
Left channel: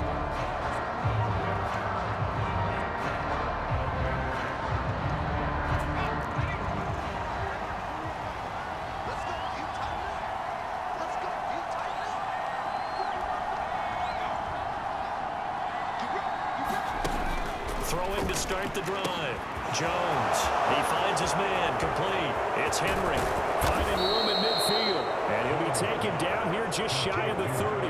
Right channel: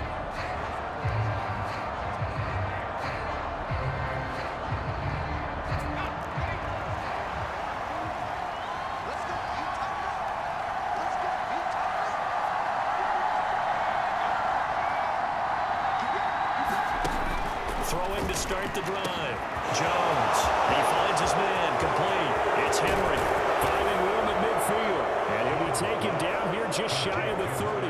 Throwing to start the drive. Jones. He finds his man. Complete. It's Henry. Finding room at midfield. And he'll be taken down here just shy of the 30.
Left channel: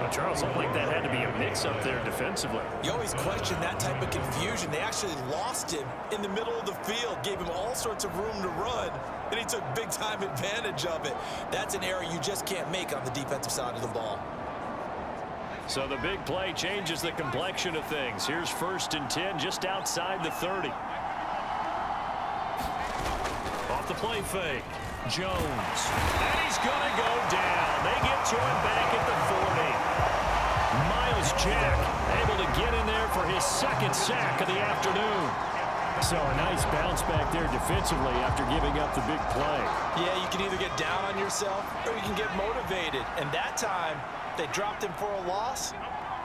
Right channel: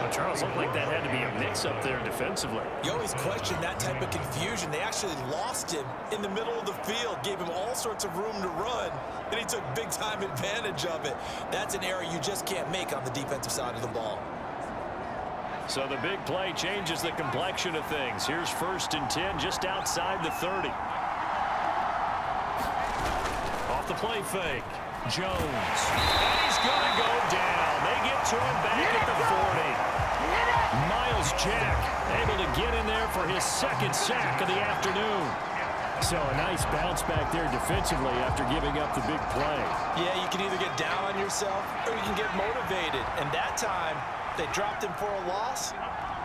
Well, Charles, looked like that had to be a mix-up there defensively. You always question that type of confusion. They actually lost him in the middle of the field, gave him all sorts of room to run, and he took big-time advantage of it. That's an error you just can't make on the defensive side of the ball. So the big play changes the complexion of things. Here's 1st and 10 just outside the 30. Off the play fake. Jones. And he's going to go down. They get to him back at the 40. Miles Jack able to get in there for his 2nd sack of the afternoon. So a nice bounce back there defensively after giving up the big play. Yeah, you can either get down on yourself or you can get motivated. And that time, they dropped him for a loss.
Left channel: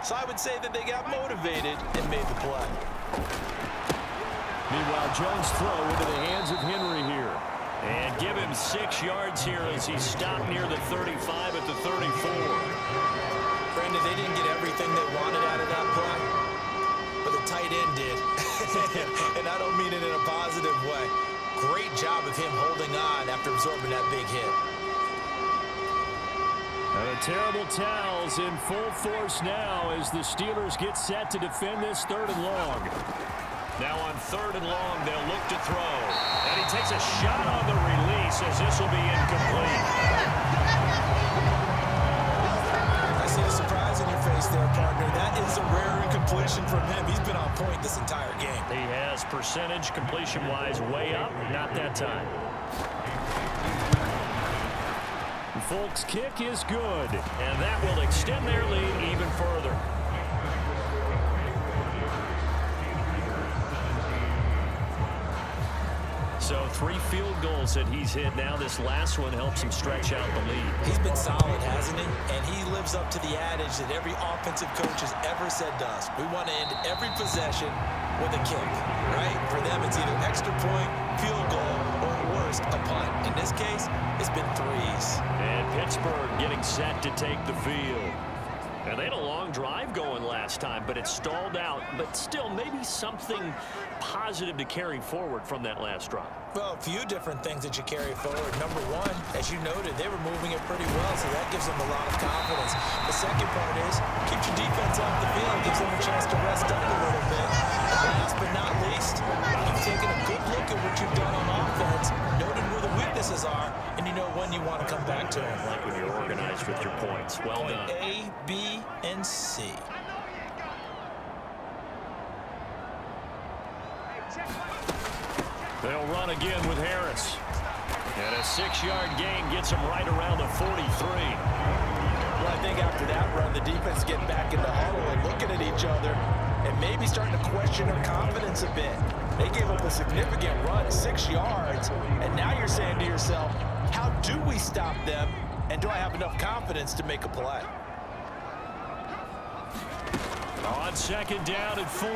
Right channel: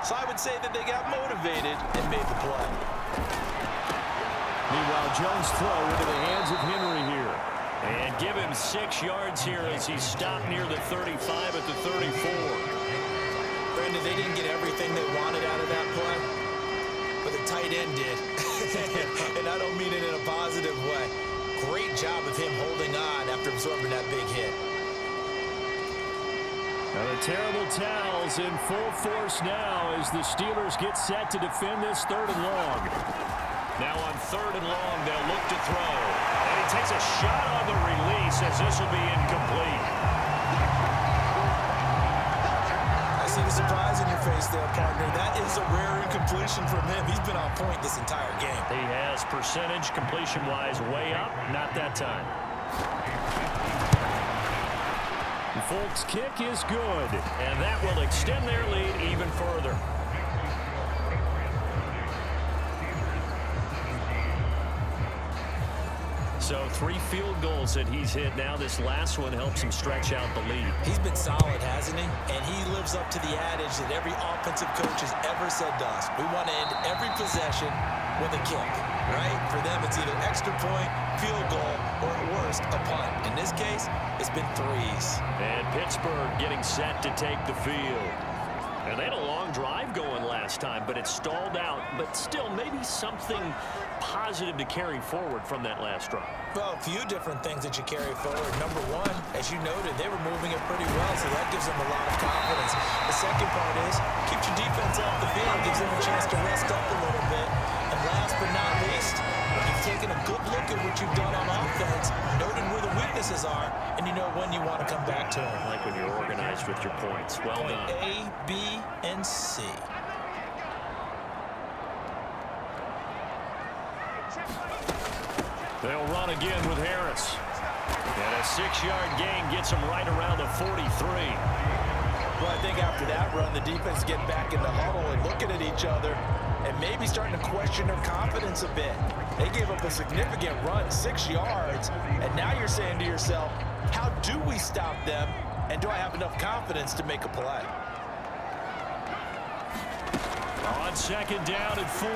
So I would say that they got motivated and made the play. Meanwhile, Jones' throw into the hands of Henry here. And give him 6 yards here as he stopped near the 35 at the 34. Brandon, they didn't get everything they wanted out of that play, but the tight end did. And I don't mean it in a positive way. Great job of him holding on after absorbing that big hit. Now the terrible towels in full force now as the Steelers get set to defend this 3rd and long. Now on 3rd and long, they'll look to throw. And he takes a shot on the release as this will be incomplete. I see the surprise in your face there, partner. That is a rare incompletion from him. He's been on point this entire game. He has percentage completion-wise way up. Not that time. Folk's kick is good. And that will extend their lead even further. So 3 field goals that he's hit now. This last one helps him stretch out the lead. He's been solid, hasn't he? And he lives up to the adage that every offensive coach has ever said to us. We want to end every possession with a kick, right? For them, it's either extra point, field goal, or at worst, a punt. In this case, it's been 3s. And Pittsburgh getting set to take the field. And they had a long drive going last time, but it stalled out. But still, maybe something positive to carry forward from that last drive. Well, a few different things that you carry forward. Number one, as you noted, they were moving it pretty well, so that gives them a lot of confidence. The second part is, keeps your defense off the field, gives them a chance to rest up a little bit. And last but not least, you've taken a good look at what you've done on offense, noted where the weaknesses are, and you know when you want to come back to them. Like when you're organized with your points. Well done. A, B, and C. They'll run again with Harris. And a 6-yard gain gets him right around the 43. Well, I think after that run, the defense getting back in the huddle and looking at each other and maybe starting to question their confidence a bit. They gave up a significant run, 6 yards, and now you're saying to yourself, how do we stop them, and do I have enough confidence to make a play? On 2nd down and 4.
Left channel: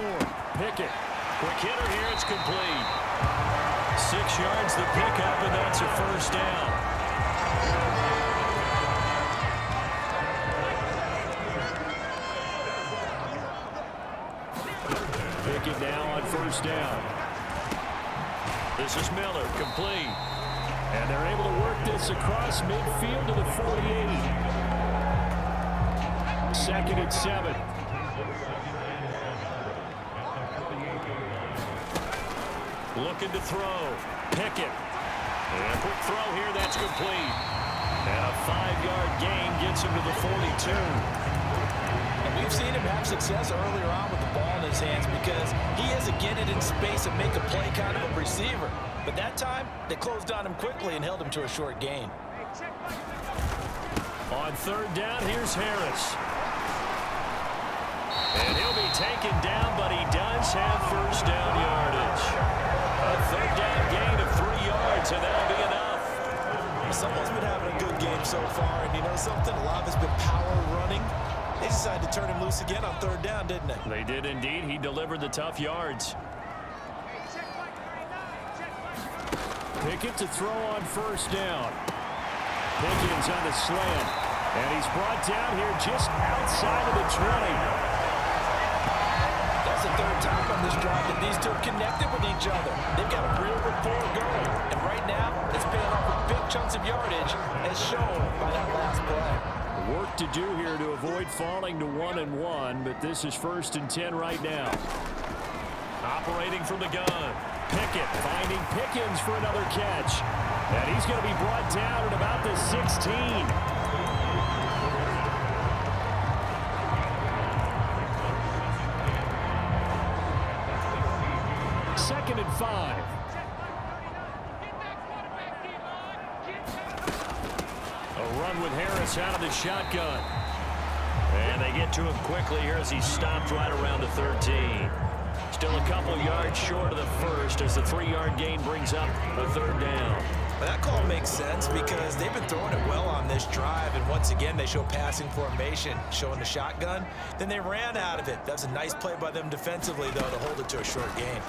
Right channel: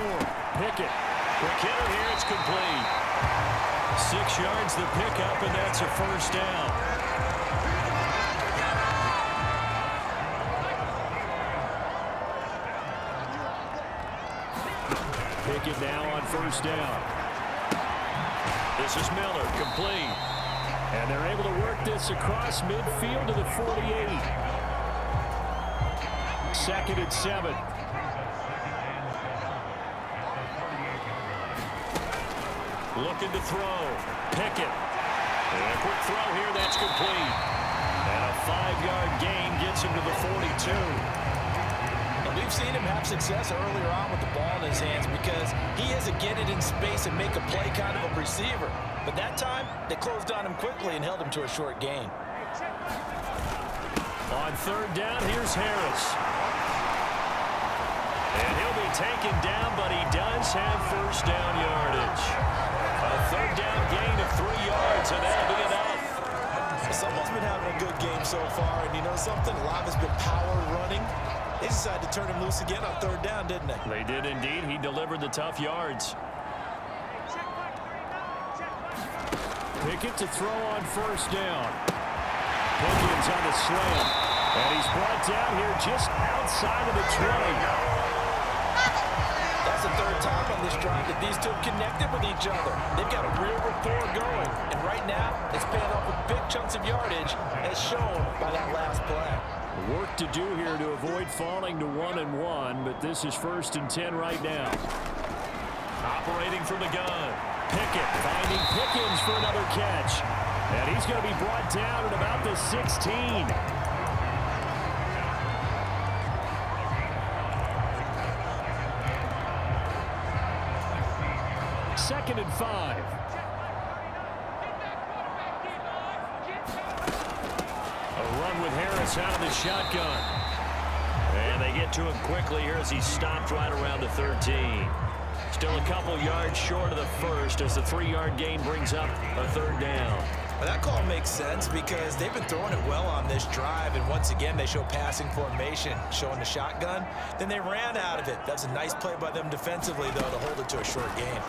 Pickett. Quick hitter here, it's complete. 6 yards the pickup, and that's a 1st down. Pickett now on 1st down. This is Miller, complete. And they're able to work this across midfield to the 48. 2nd and 7. Looking to throw. Pickett. And a quick throw here, that's complete. And a 5-yard gain gets him to the 42. And we've seen him have success earlier on with the ball in his hands because he is a get it in space and make a play kind of a receiver. But that time, they closed on him quickly and held him to a short gain. On 3rd down, here's Harris. And he'll be taken down, but he does have 1st down yardage. A 3rd down gain of 3 yards, and that'll be enough. Someone's been having a good game so far, and you know something? A lot has been power running. They decided to turn him loose again on 3rd down, didn't they? They did indeed. He delivered the tough yards. Pickett to throw on 1st down. Pickens on the slam. And he's brought down here just outside of the 20. That's that's the third time on this drive that these two have connected with each other. They've got a real rapport going, and right now it's paying off with big chunks of yardage, as shown by that last play. Work to do here to avoid falling to 1-1, but this is 1st and 10 right now. Operating from the gun. Pickett finding Pickens for another catch. And he's going to be brought down at about the 16. Second and 5. A run with Harris out of the shotgun. And they get to him quickly here as he stopped right around the 13. Still a couple yards short of the first as the 3-yard gain brings up a 3rd down. Well, that call makes sense because they've been throwing it well on this drive, and once again they show passing formation, showing the shotgun. Then they ran out of it. That's a nice play by them defensively, though, to hold it to a short gain.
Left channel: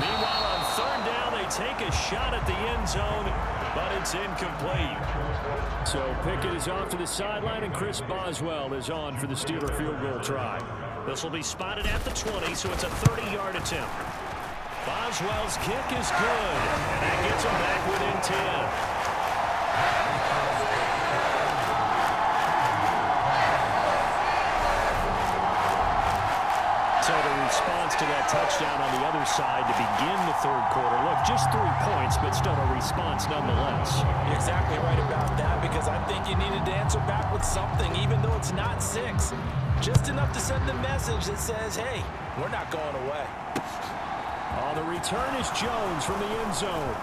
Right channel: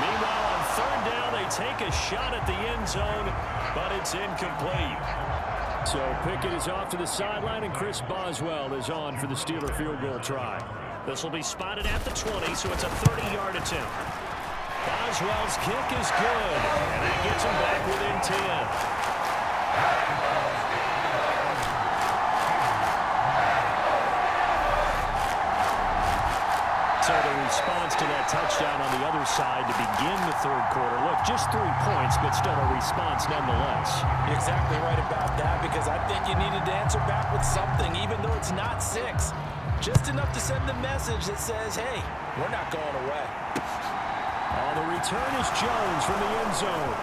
Meanwhile, on 3rd down, they take a shot at the end zone, but it's incomplete. So Pickett is off to the sideline, and Chris Boswell is on for the Steeler field goal try. This will be spotted at the 20, so it's a 30-yard attempt. Boswell's kick is good, and that gets him back within 10. So the response to that touchdown on the other side to begin the 3rd quarter. Look, just 3 points, but still a response nonetheless. You're exactly right about that, because I think you needed to answer back with something, even though it's not 6. Just enough to send the message that says, hey, we're not going away. Oh, the return is Jones from the end zone.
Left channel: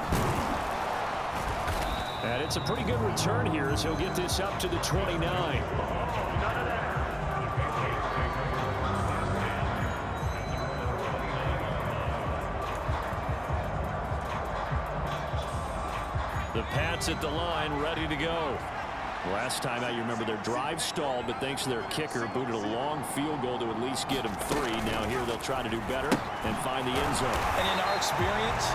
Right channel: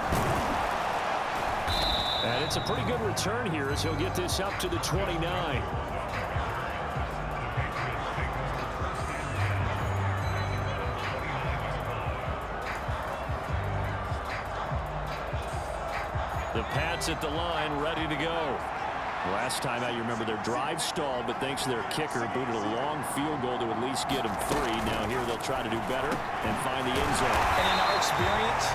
And it's a pretty good return here as he'll get this up to the 29. The Pats at the line, ready to go. Last time out, you remember their drive stalled, but thanks to their kicker, booted a long field goal to at least get them 3. Now here they'll try to do better and find the end zone. And in our experience,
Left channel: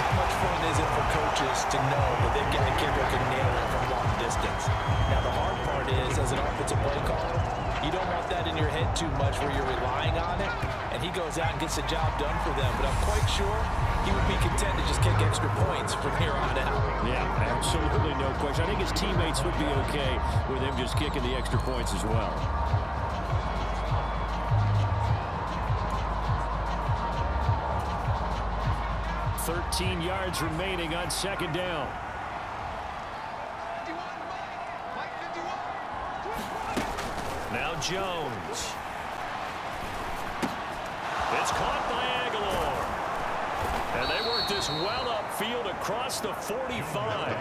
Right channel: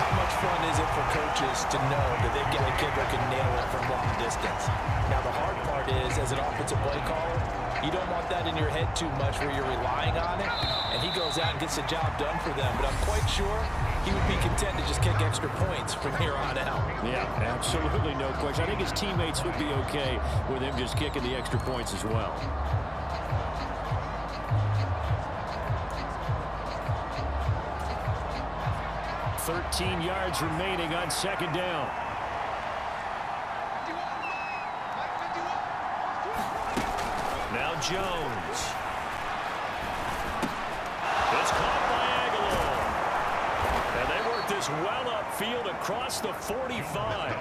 how much fun is it for coaches to know that they've got a kicker who can nail it from long distance? Now, the hard part is, as an offensive play caller, you don't want that in your head too much where you're relying on it, and he goes out and gets the job done for them. But I'm quite sure he would be content to just kick extra points from here on out. Yeah, absolutely no question. I think his teammates would be okay with him just kicking the extra points as well. "13 yards remaining on 2nd down. Now Jones. It's caught by Aguilar. And they work this well upfield across the 45.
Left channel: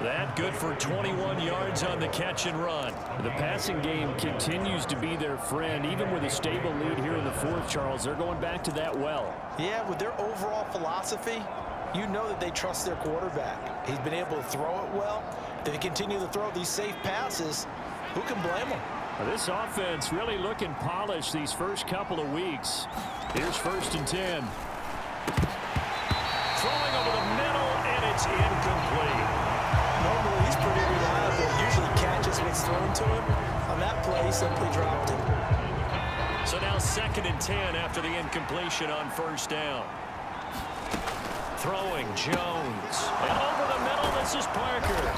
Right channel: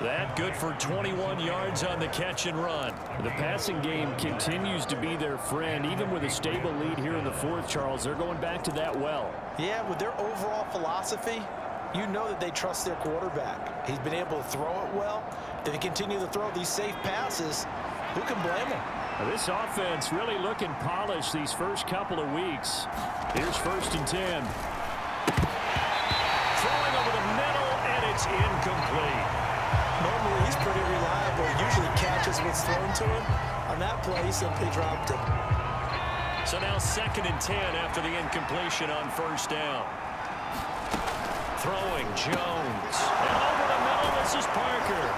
That good for 21 yards on the catch and run. The passing game continues to be their friend. Even with a stable lead here in the 4th, Charles, they're going back to that well. Yeah, with their overall philosophy, you know that they trust their quarterback. He's been able to throw it well. If they continue to throw these safe passes, who can blame them? This offense really looking polished these first couple of weeks. Here's 1st and 10. Throwing over the middle, and it's incomplete. Normally, he's pretty reliable. Usually catches what's thrown to him. On that play, he simply dropped it. So now 2nd and 10 after the incompletion on 1st down. Throwing Jones. And over the middle, this is Parker.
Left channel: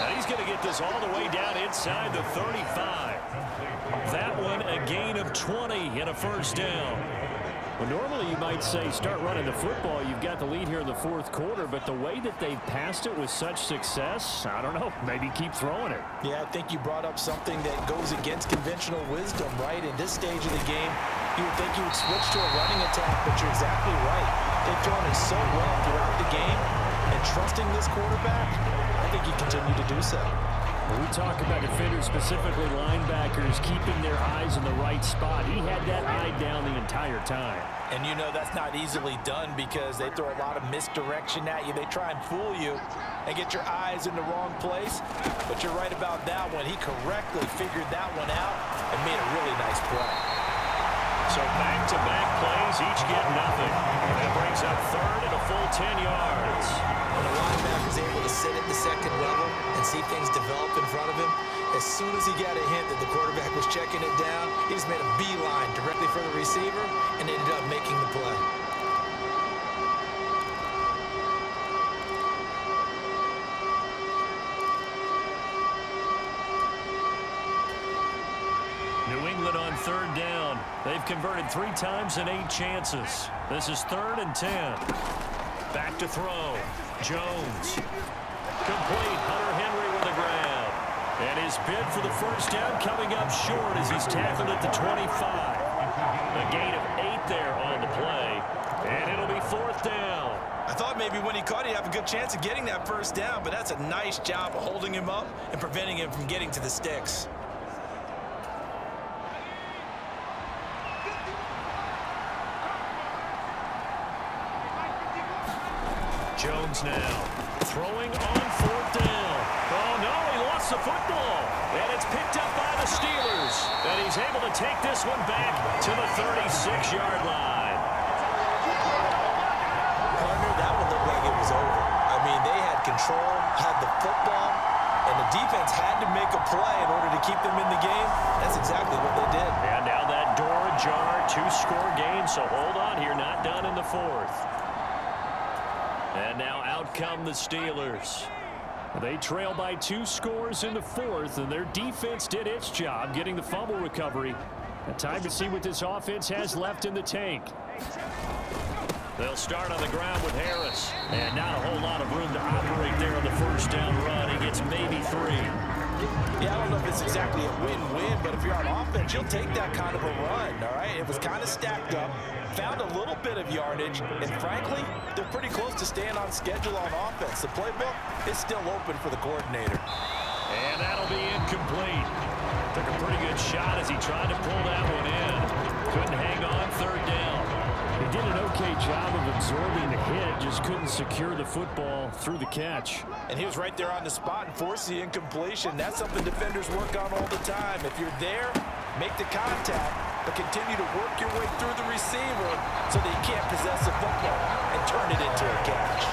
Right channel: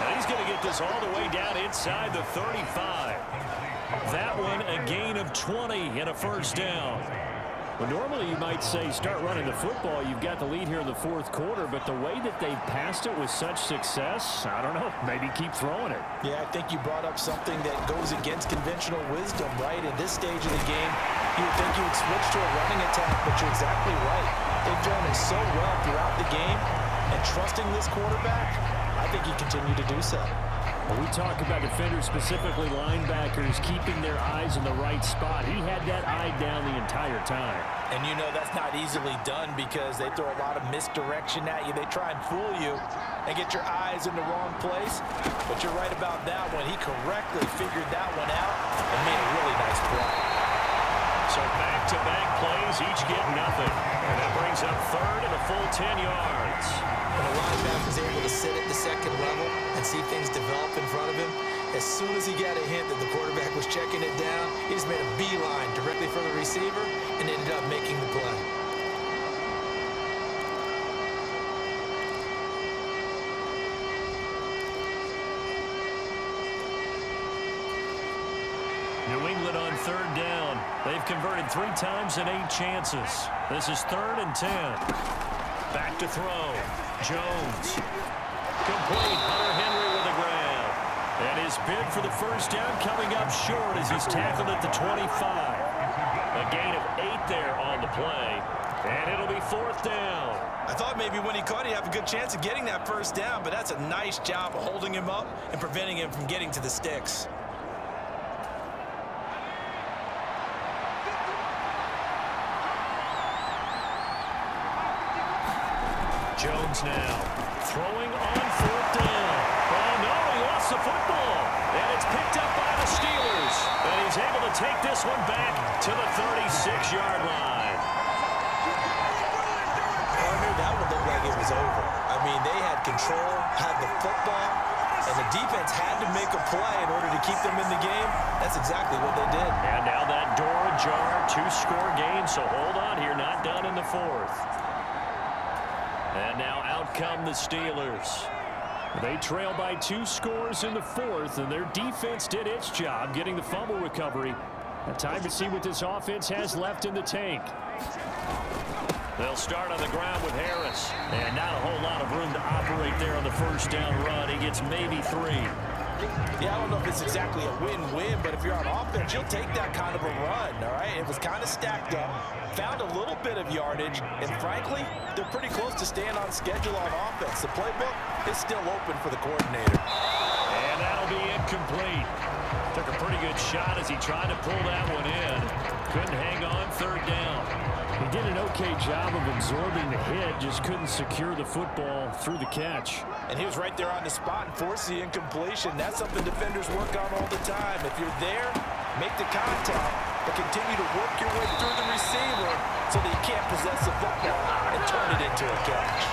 And he's going to get this all the way down inside the 35. That one a gain of 20 and a 1st down. Well, normally you might say start running the football. You've got the lead here in the 4th quarter, but the way that they've passed it with such success, I don't know, maybe keep throwing it. Yeah, I think you brought up something that goes against conventional wisdom, right? In this stage of the game, you would think you would switch to a running attack, but you're exactly right. They've thrown it so well throughout the game, and trusting this quarterback, I think you continue to do so. When we talk about defenders, specifically linebackers, keeping their eyes in the right spot, he had that eye down the entire time. And you know that's not easily done because they throw a lot of misdirection at you. They try and fool you and get your eyes in the wrong place. But you're right about that one. He correctly figured that one out and made a really nice play. So back-to-back plays, each get nothing. And that brings up 3rd and a full 10 yards. When a linebacker's able to sit at the 2nd level and see things develop in front of him, As soon as he got a hint that the quarterback was checking it down, he just made a beeline directly for the receiver and ended up making the play. New England on 3rd down. They've converted 3 times in 8 chances. This is 3rd and 10. Back to throw. Jones. Complete. Hunter Henry with a grab. And his bid for the first down coming up short as he's tackled at the 25. A gain of 8 there on the play. And it'll be 4th down. I thought maybe when he caught it, he'd have a good chance of getting that first down, but that's a nice job of holding him up and preventing him from getting to the sticks. Jones now throwing on 4th down. Oh, no, he lost the football. And it's picked up by the Steelers. And he's able to take this one back to the 36-yard line. Partner, that would look like it was over. I mean, they had control, had the football, and the defense had to make a play in order to keep them in the game. That's exactly what they did. And now that door ajar, 2-score game. So hold on here, not done in the 4th. And now out come the Steelers. They trail by 2 scores in the 4th, and their defense did its job getting the fumble recovery. And time to see what this offense has left in the tank. They'll start on the ground with Harris. And not a whole lot of room to operate there on the first down run. He gets maybe 3. Yeah, I don't know if it's exactly a win-win, but if you're on offense, you'll take that kind of a run, all right? It was kind of stacked up, found a little bit of yardage, and frankly, they're pretty close to staying on schedule on offense. The playbook is still open for the coordinator. And that'll be incomplete. Took a pretty good shot as he tried to pull that one in. Couldn't hang on 3rd down. He did an okay job of absorbing the hit, just couldn't secure the football through the catch. And he was right there on the spot and forced the incompletion. That's something defenders work on all the time. If you're there, make the contact, but continue to work your way through the receiver so that you can't possess the football and turn it into a catch.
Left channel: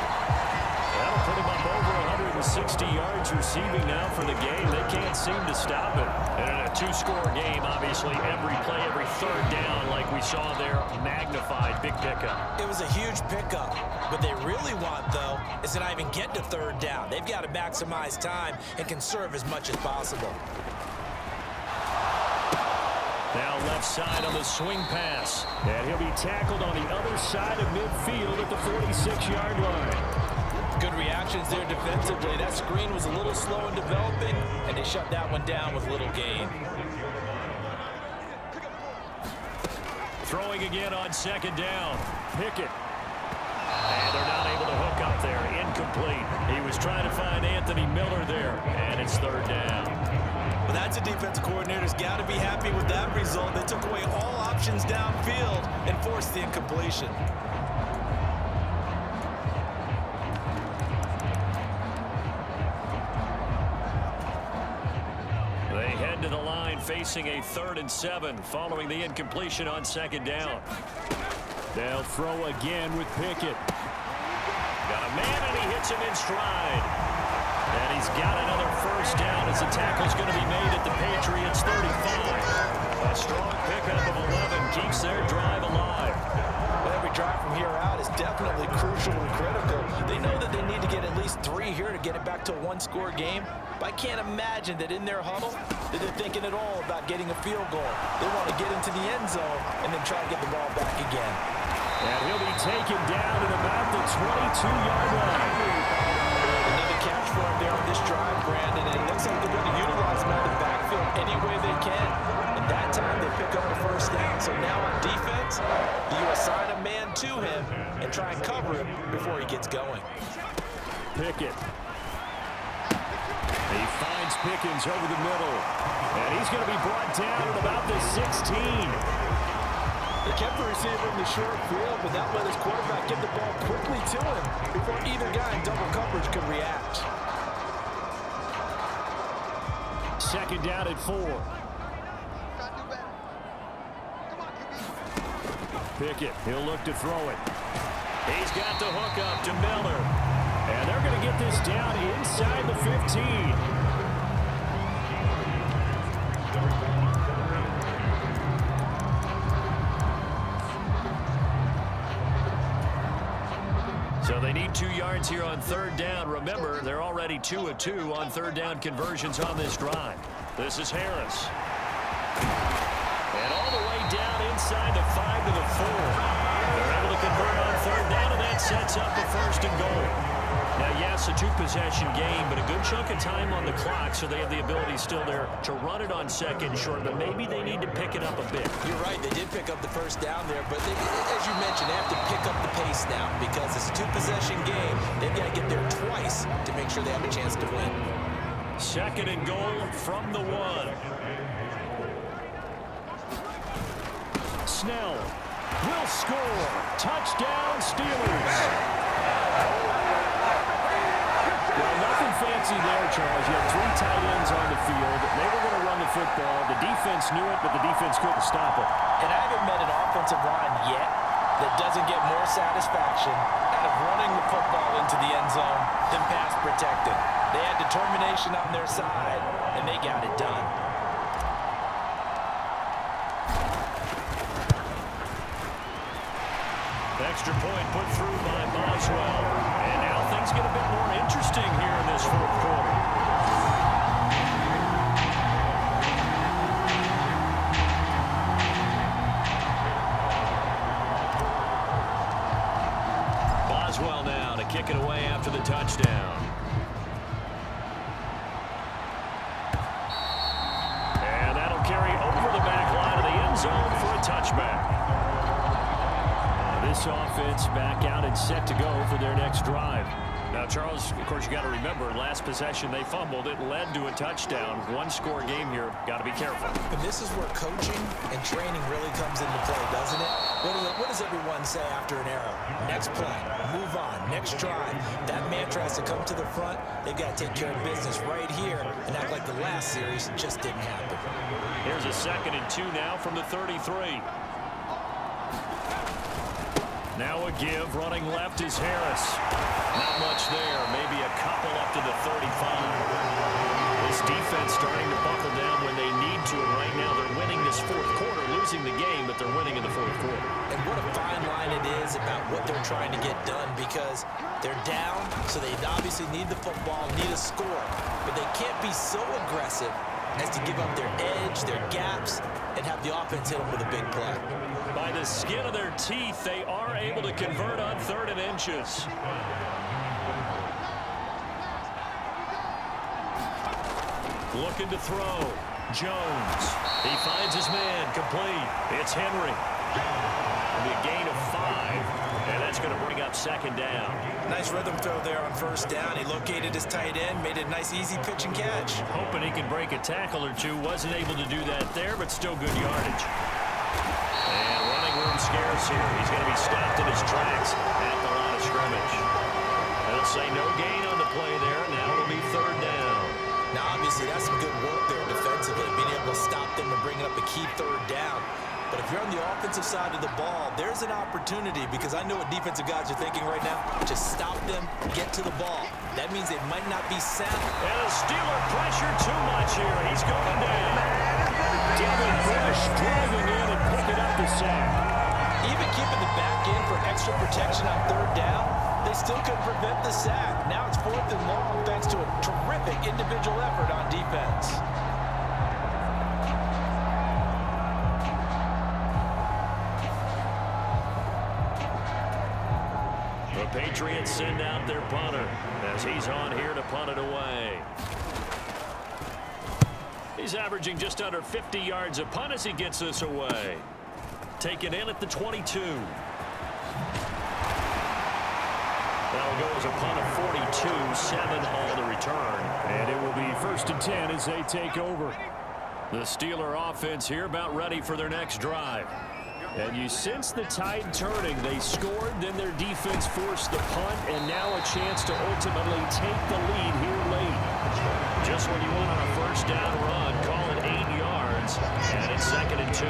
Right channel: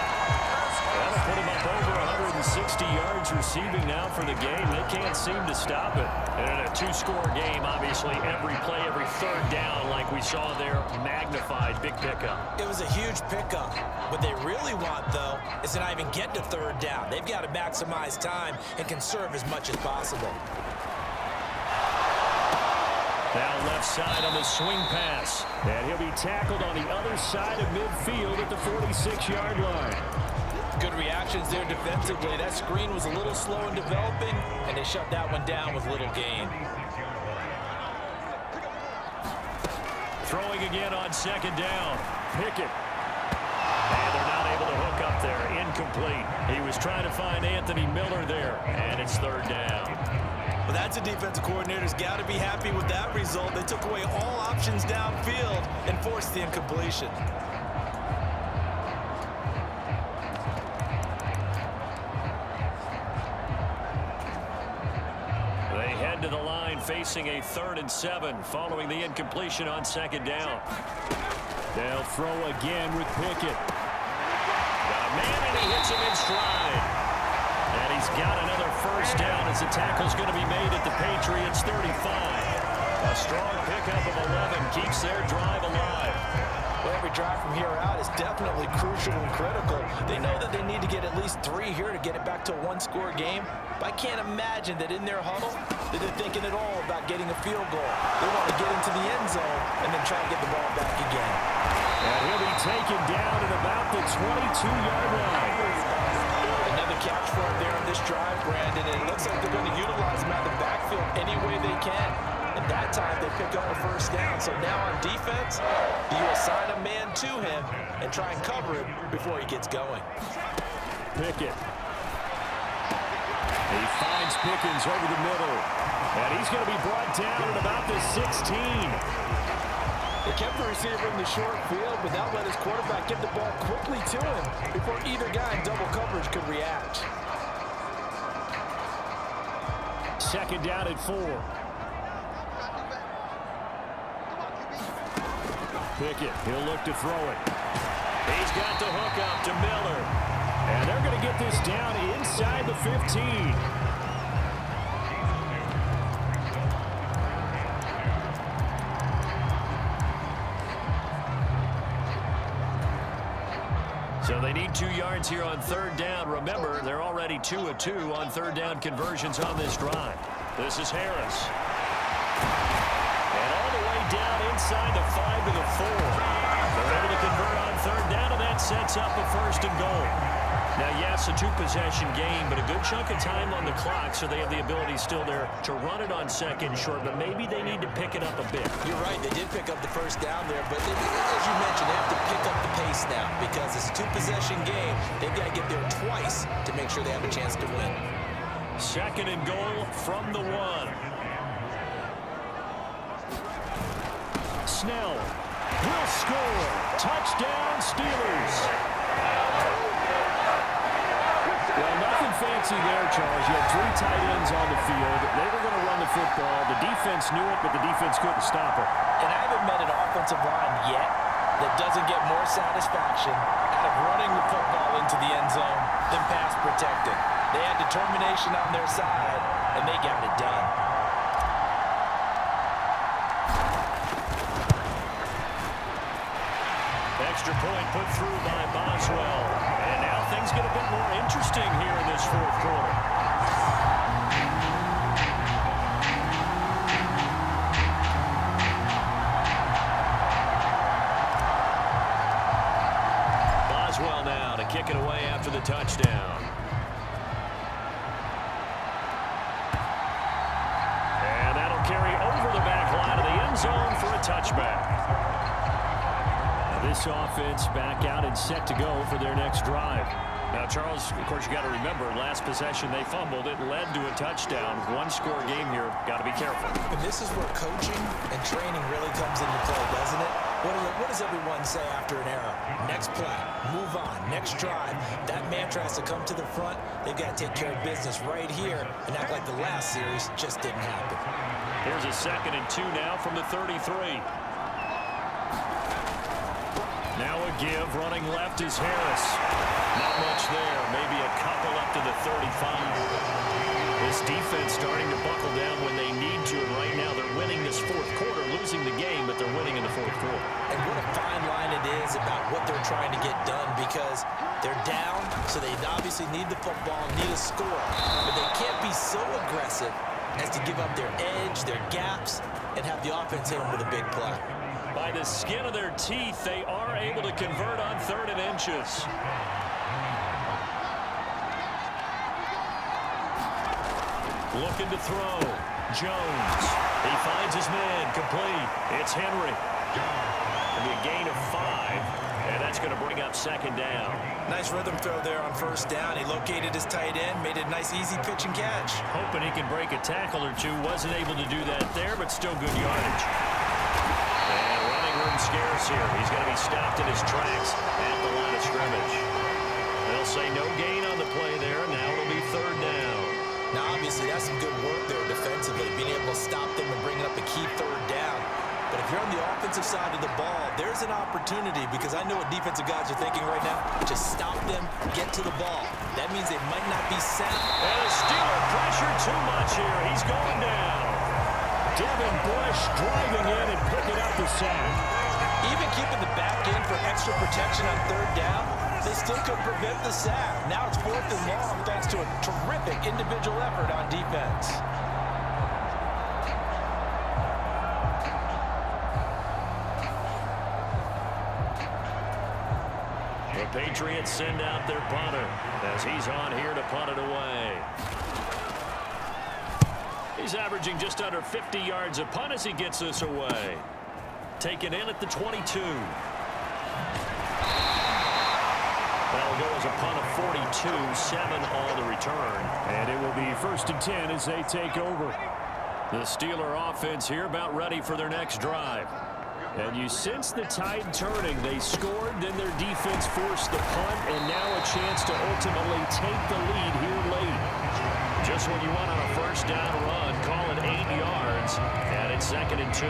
That'll put him up over 160 yards receiving now for the game. They can't seem to stop it. And in a 2-score game, obviously, every play, every 3rd down, like we saw there, magnified. Big pickup. It was a huge pickup. What they really want, though, is to not even get to 3rd down. They've got to maximize time and conserve as much as possible. Now left side on the swing pass. And he'll be tackled on the other side of midfield at the 46-yard line. Good reactions there defensively. That screen was a little slow in developing, and they shut that one down with little gain. Throwing again on 2nd down. Pickett. And they're not able to hook up there. Incomplete. He was trying to find Anthony Miller there, and it's 3rd down. Well, that's a defensive coordinator's got to be happy with that result. They took away all options downfield and forced the incompletion. They head to the line facing a 3rd and 7 following the incompletion on 2nd down. They'll throw again with Pickett. Got a man, and he hits him in stride. And he's got another first down as the tackle's going to be made at the Patriots' 35. A strong pickup of 11 keeps their drive alive. Well, every drive from here out is definitely crucial and critical. They know that they need to get at least 3 here to get it back to a 1-score game. But I can't imagine that in their huddle that they're thinking at all about getting a field goal. They want to get into the end zone and then try to get the ball back again. And he'll be taken down at about the 22-yard line. Another catch for him there on this drive, Brandon, and it looks like they're going to utilize him out of the backfield any way they can. And that time they pick up a first down. So now on defense, you assign a man to him and try and cover him before he gets going. Pickett. He finds Pickens over the middle. And he's going to be brought down at about the 16. They kept the receiver in the short field, but that let his quarterback get the ball quickly to him before either guy in double coverage could react. 2nd down at 4. Pickett, he'll look to throw it. He's got the hook up to Miller. And they're going to get this down inside the 15. they need 2 yards here on third down. Remember, they're already 2 of 2 on third down conversions on this drive. This is Harris. And all the way down inside the 5 to the 4. They're able to convert on third down, and that sets up a 1st and goal. Now, yes, a 2-possession game, but a good chunk of time on the clock, so they have the ability still there to run it on 2nd and short, but maybe they need to pick it up a bit. You're right. They did pick up the 1st down there, but as you mentioned, they have to pick up the pace now because it's a 2-possession game. They've got to get there twice to make sure they have a chance to win. 2nd and goal from the 1. Snell will score. Touchdown, Steelers. Well, nothing fancy there, Charles. You had 3 tight ends on the field. They were going to run the football. The defense knew it, but the defense couldn't stop them. And I haven't met an offensive line yet that doesn't get more satisfaction out of running the football into the end zone than pass protecting. They had determination on their side, and they got it done. Extra point put through by Boswell. And now things get a bit more interesting here in this 4th quarter. Boswell now to kick it away after the touchdown. And that'll carry over the back line of the end zone for a touchback. This offense back out and set to go for their next drive. Now, Charles, of course, you got to remember, last possession they fumbled. It led to a touchdown. 1-score game here. Got to be careful. And this is where coaching and training really comes into play, doesn't it? What does everyone say after an error? Next play, move on, next drive. That mantra has to come to the front. They've got to take care of business right here and act like the last series just didn't happen. Here's a 2nd and 2 now from the 33. Now a give, running left is Harris. Not much there, maybe a couple up to the 35. This defense starting to buckle down when they need to, and right now they're winning this 4th quarter, losing the game, but they're winning in the 4th quarter. And what a fine line it is about what they're trying to get done, because they're down, so they obviously need the football, need a score, but they can't be so aggressive as to give up their edge, their gaps, and have the offense hit them with a big play. By the skin of their teeth, they are able to convert on 3rd and inches. Looking to throw. Jones. He finds his man. Complete. It's Henry. It'll be a gain of 5, and that's going to bring up 2nd down. Nice rhythm throw there on 1st down. He located his tight end, made it a nice, easy pitch and catch. Hoping he could break a tackle or two. Wasn't able to do that there, but still good yardage. And running room scarce here. He's going to be stopped in his tracks at the line of scrimmage. They'll say no gain on the play there. Now it'll be 3rd down. Now, obviously, that's some good work there defensively, being able to stop them and bringing up a key 3rd down. But if you're on the offensive side of the ball, there's an opportunity, because I know what defensive guys are thinking right now. Just stop them, get to the ball. That means they might not be sound. And a Steeler pressure too much here. He's going down. Devin Bush driving in and picking up the sack. Even keeping the back in for extra protection on 3rd down, they still couldn't prevent the sack. Now it's 4th and long thanks to a terrific individual effort on defense. The Patriots send out their punter as he's on here to punt it away. He's averaging just under 50 yards a punt as he gets this away. Taken in at the 22. That'll go as a punt of 42, 7 all to return. And it will be 1st and 10 as they take over. The Steeler offense here about ready for their next drive. And you sense the tide turning. They scored, then their defense forced the punt, and now a chance to ultimately take the lead here late. Just when you want on a 1st down run, call it 8 yards, and it's 2nd and 2.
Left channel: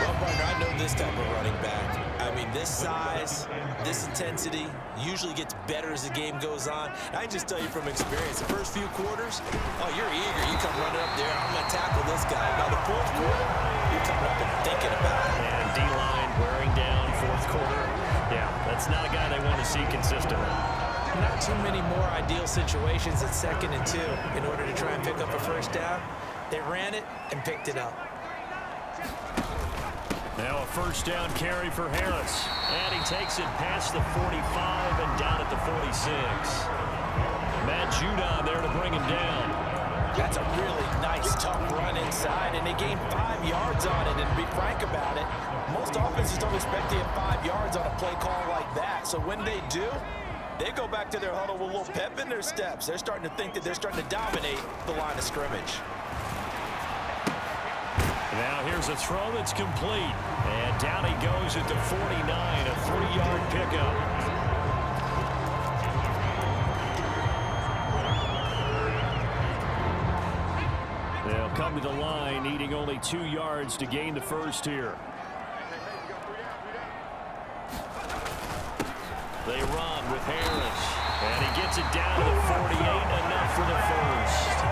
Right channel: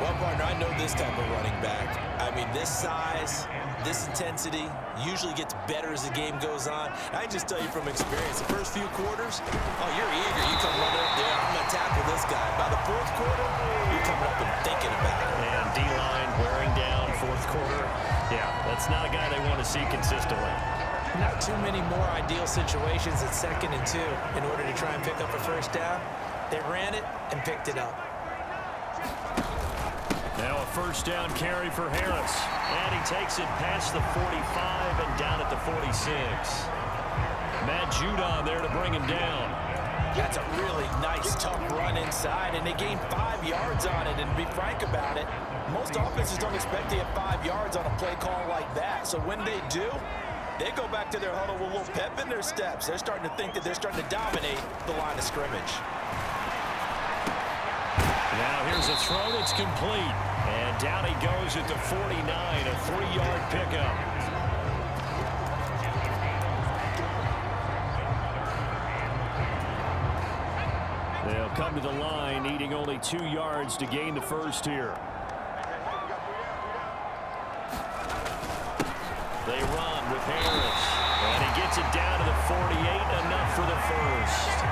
Well, partner, I know this type of running back. I mean, this size, this intensity usually gets better as the game goes on. I can just tell you from experience, the first few quarters, oh, you're eager. You come running up there, I'm going to tackle this guy. By the 4th quarter, you're coming up and thinking about it. And D-line wearing down 4th quarter. Yeah, that's not a guy they want to see consistently. Not too many more ideal situations at 2nd and 2 in order to try and pick up a first down. They ran it and picked it up. Now a first down carry for Harris. And he takes it past the 45 and down at the 46. Matt Judon there to bring him down. That's a really nice, tough run inside, and they gained 5 yards on it. And to be frank about it, most offenses don't expect to get 5 yards on a play call like that. So when they do, they go back to their huddle with a little pep in their steps. They're starting to think that they're starting to dominate the line of scrimmage. Now here's a throw that's complete. And down he goes at the 49, a 3-yard pickup. They'll come to the line, needing only 2 yards to gain the first here. They run with Harris. And he gets it down to the 48, enough for the first.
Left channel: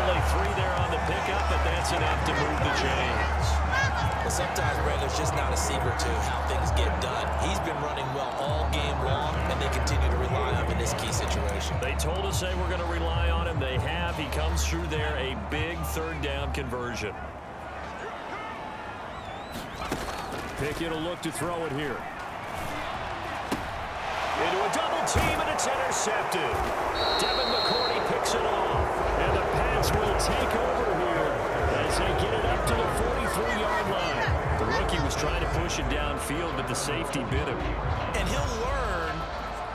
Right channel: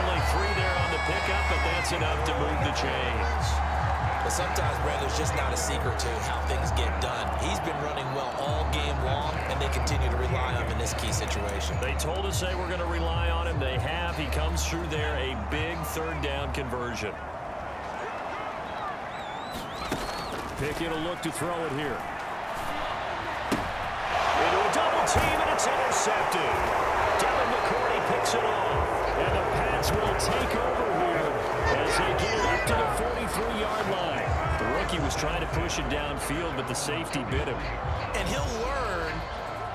Only 3 there on the pickup, but that's enough to move the chains. Well, sometimes, Brad, there's just not a secret to how things get done. He's been running well all game long, and they continue to rely on him in this key situation. They told us they were going to rely on him. They have. He comes through there, a big 3rd down conversion. Pickett will look to throw it here. Into a double team, and it's intercepted. Devin McCourty picks it off. And the Pats will take over here as they get it up to the 43-yard line. The rookie was trying to push it downfield, but the safety bit him. And he'll learn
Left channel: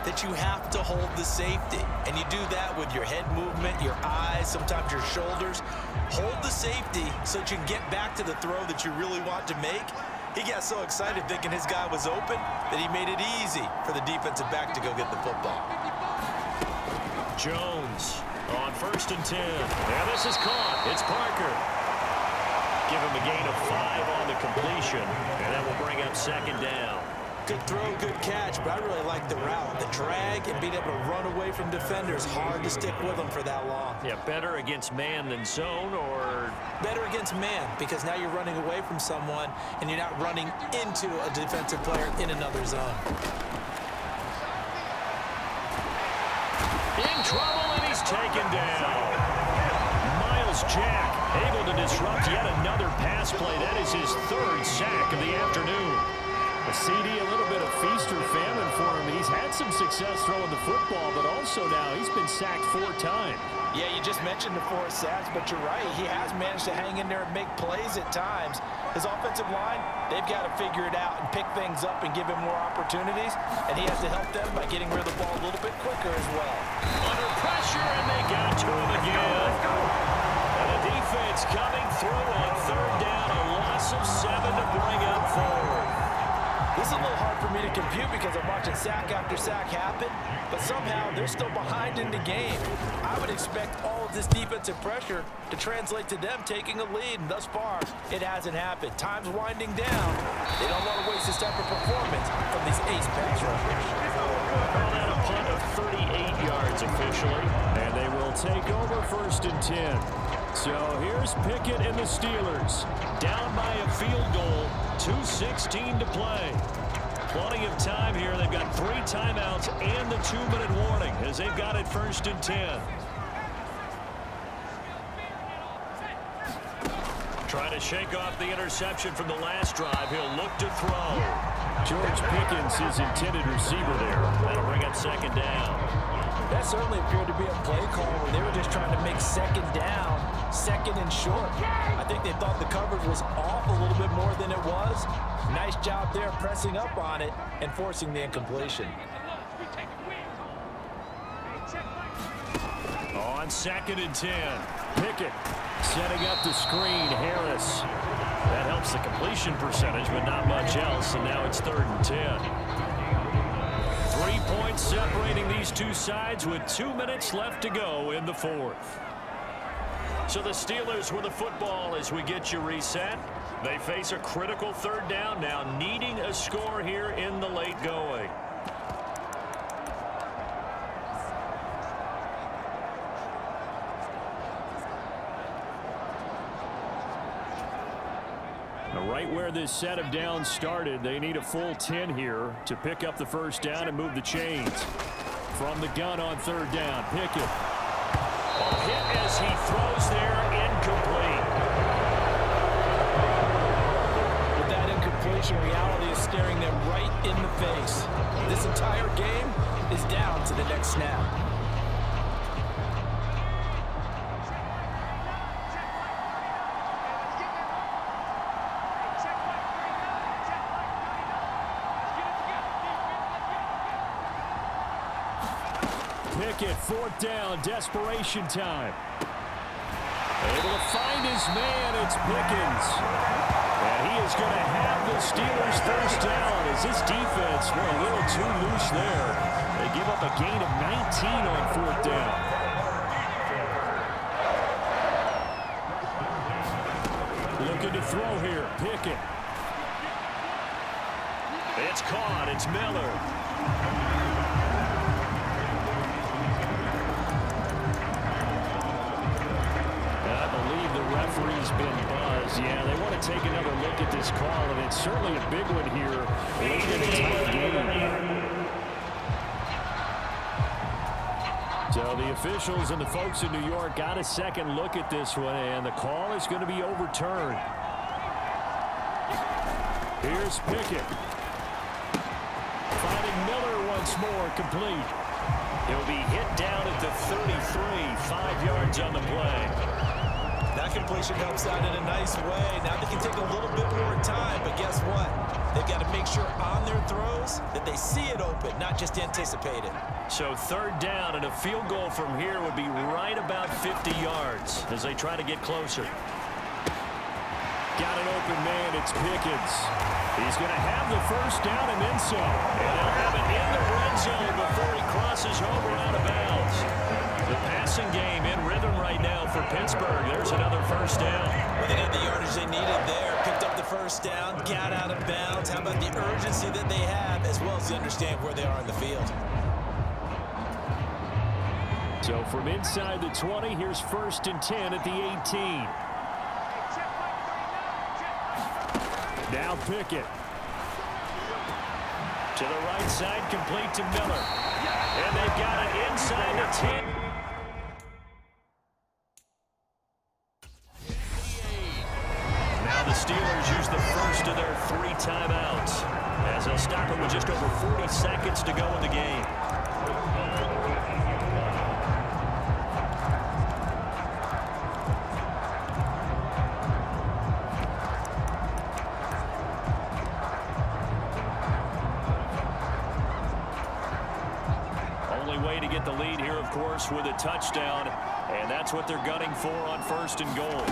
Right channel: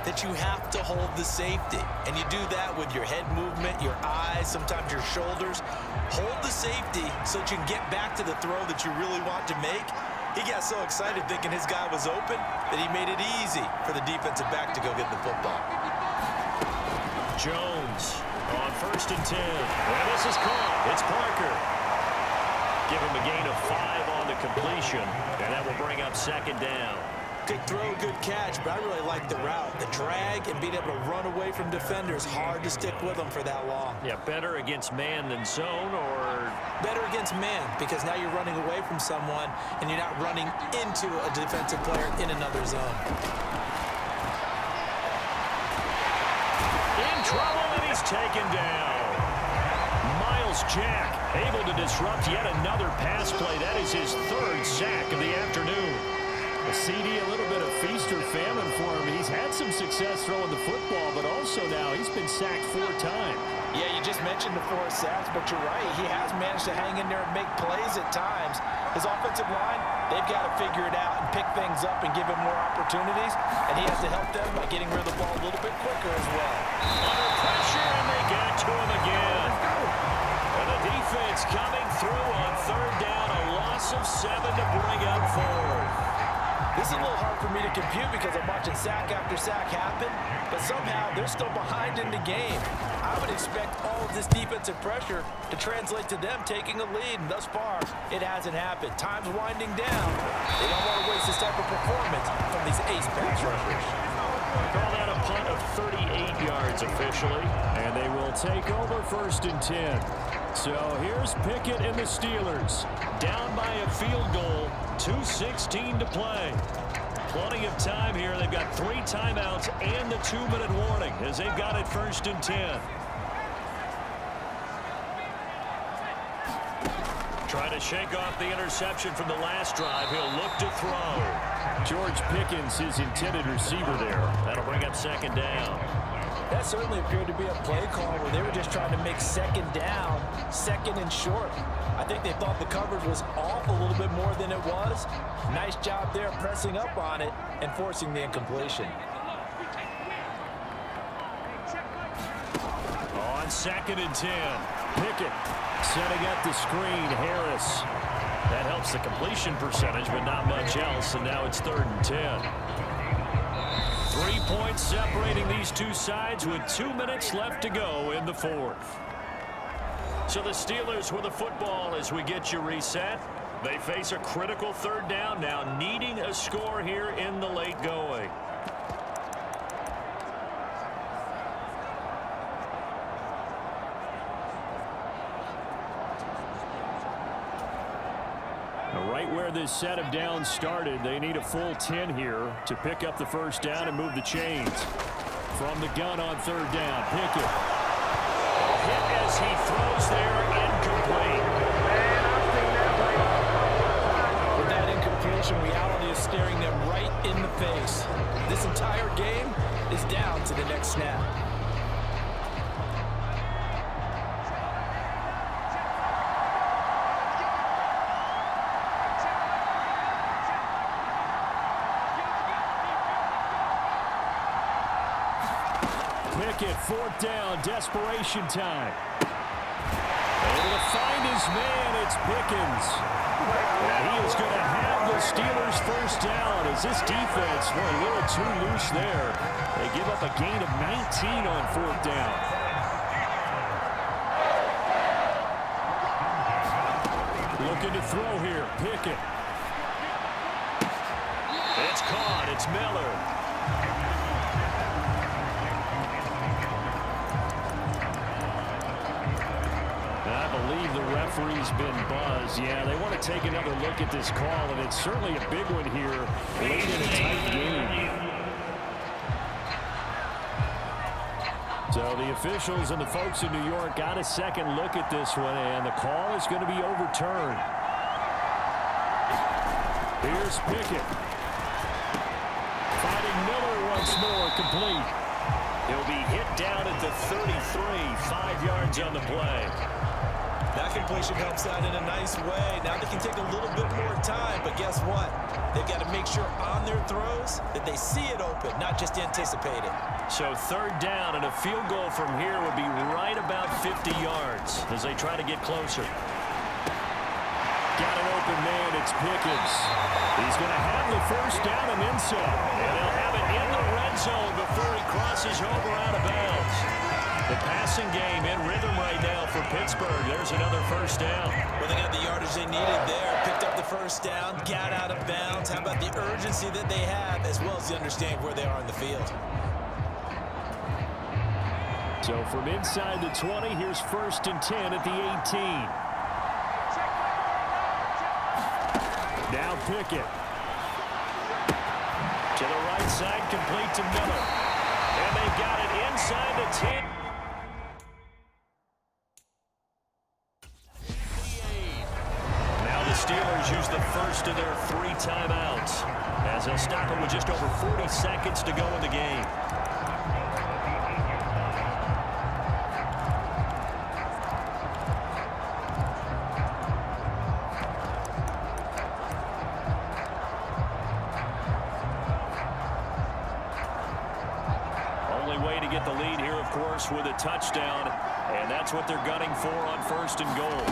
that you have to hold the safety. And you do that with your head movement, your eyes, sometimes your shoulders. Hold the safety so that you can get back to the throw that you really want to make. He got so excited thinking his guy was open that he made it easy for the defensive back to go get the football. Jones on 1st and 10. And this is caught. It's Parker. Give him a gain of 5 on the completion, and that will bring up 2nd down. Good throw, good catch, but I really like the route. The drag and being able to run away from defenders, hard to stick with them for that long. Yeah, better against man than zone, or? Better against man, because now you're running away from someone and you're not running into a defensive player in another zone. In trouble, and he's taken down. Miles Jack able to disrupt yet another pass play. That is his 3rd sack of the afternoon. A CD, a little bit of feast or famine for him, and he's had some success throwing the football, but also now he's been sacked 4 times. Yeah, you just mentioned the 4 sacks, but you're right. He has managed to hang in there and make plays at times. His offensive line, they've got to figure it out and pick things up and give him more opportunities, and he has to help them by getting rid of the ball a little bit quicker as well. Under pressure, and they got to him again. Let's go. And the defense coming through on 3rd down, a loss of 7 to bring up 4th. This is a little hard for me to compute because I'm watching sack after sack happen, but somehow they're still behind in the game. I would expect all of this defensive pressure to translate to them taking a lead, and thus far, it hasn't happened. Time's winding down. They don't want to waste this type of performance from these ace pass rushers. Call that a punt of 38 yards officially, and they will take over 1st and 10. So here's Pickett and the Steelers. Down by a field goal, 2:16 to play. Plenty of time here. They've got 3 timeouts and the 2-minute warning as they've got it 1st and 10. Trying to shake off the interception from the last drive. He'll look to throw. George Pickens, his intended receiver there. That'll bring up 2nd down. That certainly appeared to be a play call where they were just trying to make 2nd down, 2nd and short. I think they thought the coverage was off a little bit more than it was. Nice job there pressing up on it and forcing the incompletion. On 2nd and 10, Pickett setting up the screen. Harris. That helps the completion percentage, but not much else, and now it's 3rd and 10. 3 points separating these two sides with 2 minutes left to go in the 4th. So the Steelers with the football as we get you reset. They face a critical 3rd down now, needing a score here in the late going. Right where this set of downs started, they need a full 10 here to pick up the first down and move the chains. From the gun on third down, Pickett. A hit as he throws there, incomplete. With that incompletion, reality is staring them right in the face. This entire game is down to the next snap. Pickett, fourth down, desperation time. Able to find his man, it's Pickens. And he is going to have the Steelers' first down as this defense were a little too loose there. They give up a gain of 19 on fourth down. Looking to throw here, Pickett. It's caught, it's Miller. I believe the referee's been buzzed. Yeah, they want to take another look at this call, and it's certainly a big one here late in a tight game. So the officials and the folks in New York got a second look at this one, and the call is going to be overturned. Here's Pickett. Finding Miller once more, complete. He'll be hit down at the 33, 5 yards on the play. That completion helps out in a nice way. Now they can take a little bit more time, but guess what? They've got to make sure on their throws that they see it open, not just anticipate it. So third down and a field goal from here would be right about 50 yards as they try to get closer. Got an open man, it's Pickens. He's going to have the first down and then so. And they'll have it in the red zone before he crosses over out of bounds. The passing game in rhythm right now for Pittsburgh. There's another first down. Well, they got the yardage they needed there. Picked up the first down, got out of bounds. How about the urgency that they have, as well as to understand where they are in the field. So from inside the 20, here's 1st and 10 at the 18. Now Pickett. To the right side, complete to Miller. And they've got it inside the 10. Now the Steelers use the first of their 3 timeouts as they'll stop it with just over 40 seconds to go in the game. Way to get the lead here, of course, with a touchdown, and that's what they're gunning for on 1st and goal.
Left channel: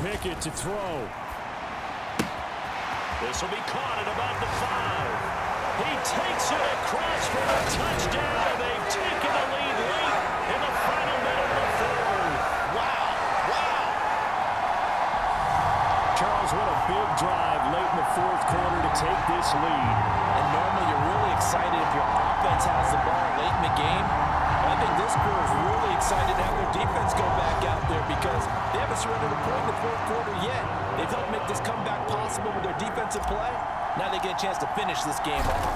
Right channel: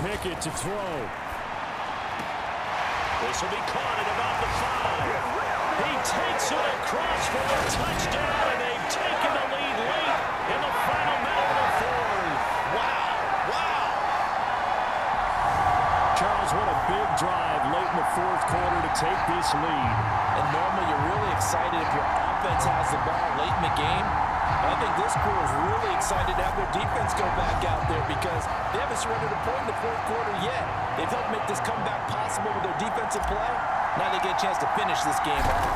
Pickett to throw. This will be caught at about the 5. He takes it across for a touchdown, and they've taken the lead late in the final minute of the 4th. Wow! Wow! Charles, what a big drive late in the 4th quarter to take this lead. And normally you're really excited if your offense has the ball late in the game. But I think this crew is really excited to have their defense go back out there because they haven't surrendered a point in the 4th quarter yet. They've helped make this comeback possible with their defensive play. Now they get a chance to finish this game off.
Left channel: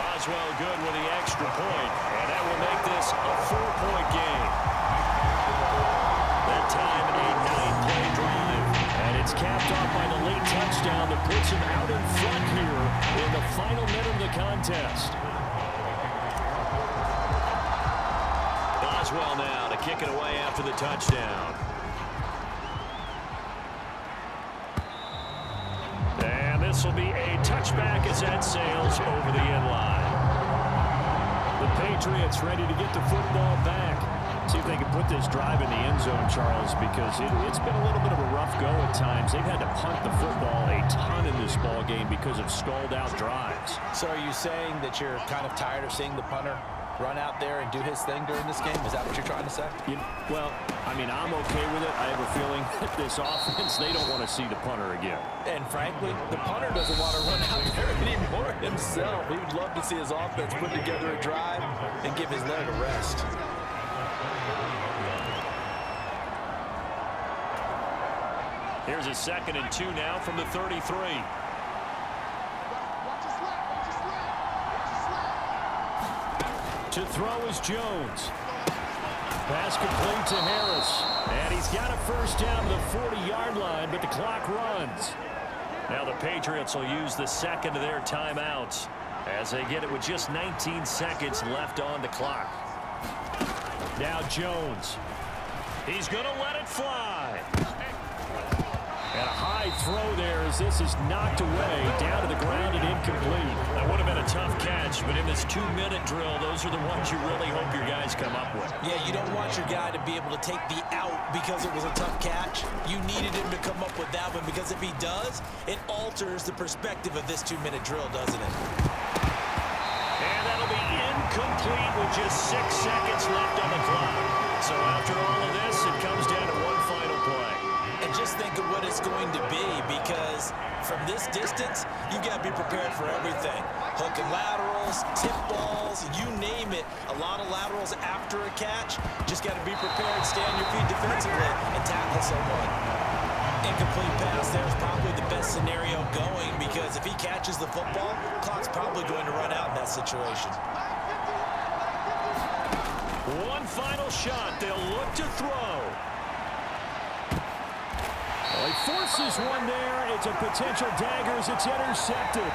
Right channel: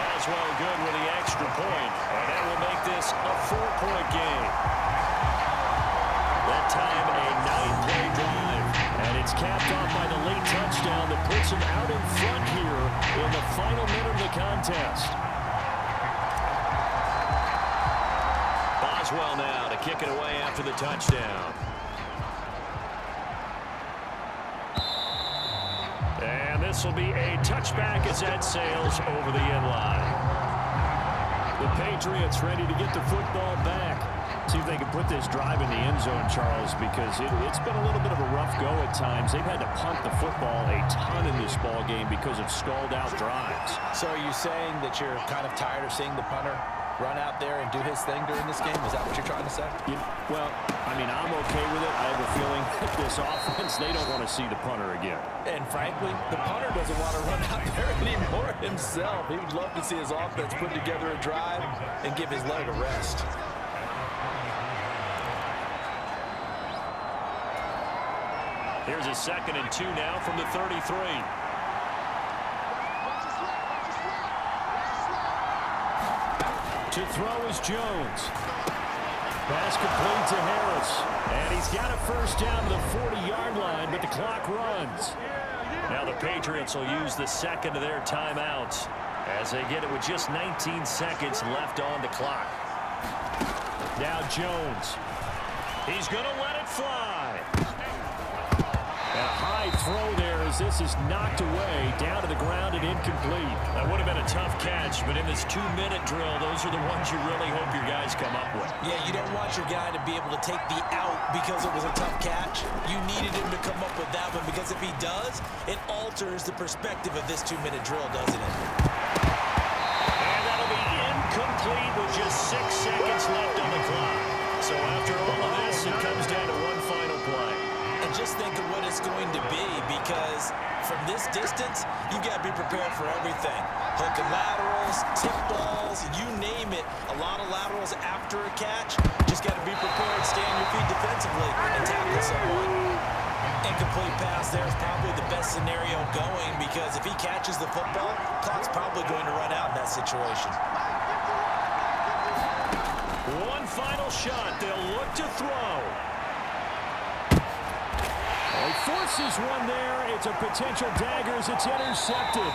Boswell good with the extra point, and that will make this a 4-point game. That time a 9-play drive. And it's capped off by the late touchdown that puts him out in front here in the final minute of the contest. Boswell now to kick it away after the touchdown. And this will be a touchback as that sails over the end line. The Patriots ready to get the football back. See if they can put this drive in the end zone, Charles, because it's been a little bit of a rough go at times. They've had to punt the football a ton in this ball game because of stalled out drives. So are you saying that you're kind of tired of seeing the punter run out there and do his thing during this game? Is that what you're trying to say? Well, I mean, I'm okay with it. I have a feeling that this offense, they don't want to see the punter again. And frankly, the punter doesn't want to run out there anymore himself. He would love to see his offense put together a drive and give his leg a rest. Here's a 2nd and 2 now from the 33. To throw is Jones. Pass complete to Harris. And he's got a first down to the 40-yard line, but the clock runs. Now the Patriots will use the 2nd of their timeouts as they get it with just 19 seconds left on the clock. Now Jones. He's going to let it fly. And a high throw there as this is knocked away, down to the ground and incomplete. That would have been a tough catch, but in this 2-minute drill, those are the ones you really hope your guys come up with. Yeah, you don't want your guy to be able to take the out because it was a tough catch. You needed him to come up with that one because if he does, it alters the perspective of this 2-minute drill, doesn't it? And that'll be incomplete with just 6 seconds left on the clock. So after all of this, it comes down to one final play. And just think of what it's going to be, because from this distance, you've got to be prepared for everything. Hook and laterals, tip balls, you name it. A lot of laterals after a catch. Just got to be prepared, stay on your feet defensively, and tackle someone. Incomplete pass there is probably the best scenario going, because if he catches the football, clock's probably going to run out in that situation. One final shot. They'll look to throw. Well, he forces one there. It's a potential dagger as it's intercepted.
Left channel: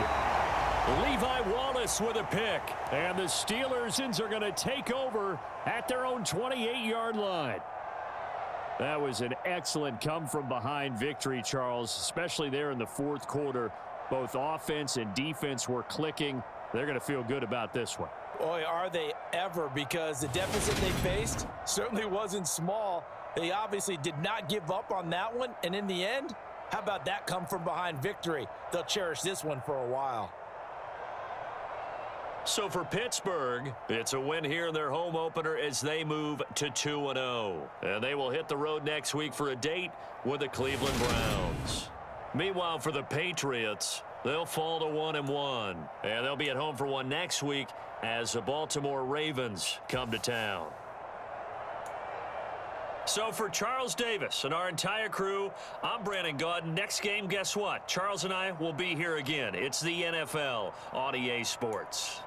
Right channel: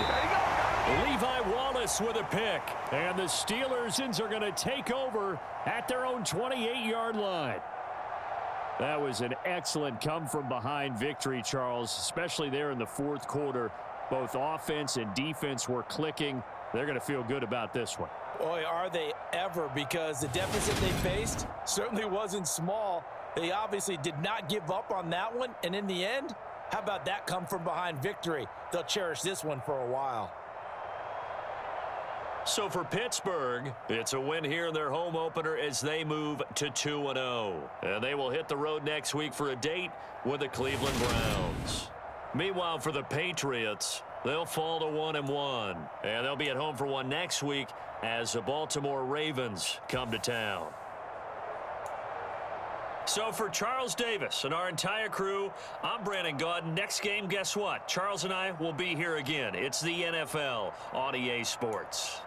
Levi Wallace with a pick. And the Steelers are going to take over at their own 28-yard line. That was an excellent come-from-behind victory, Charles, especially there in the fourth quarter. Both offense and defense were clicking. They're going to feel good about this one. Boy, are they ever, because the deficit they faced certainly wasn't small. They obviously did not give up on that one, and in the end, how about that come-from-behind victory? They'll cherish this one for a while. So for Pittsburgh, it's a win here in their home opener as they move to 2-0. And they will hit the road next week for a date with the Cleveland Browns. Meanwhile, for the Patriots, they'll fall to 1-1. And they'll be at home for one next week as the Baltimore Ravens come to town. So for Charles Davis and our entire crew, I'm Brandon Gaudin. Next game, guess what? Charles and I will be here again. It's the NFL on EA Sports.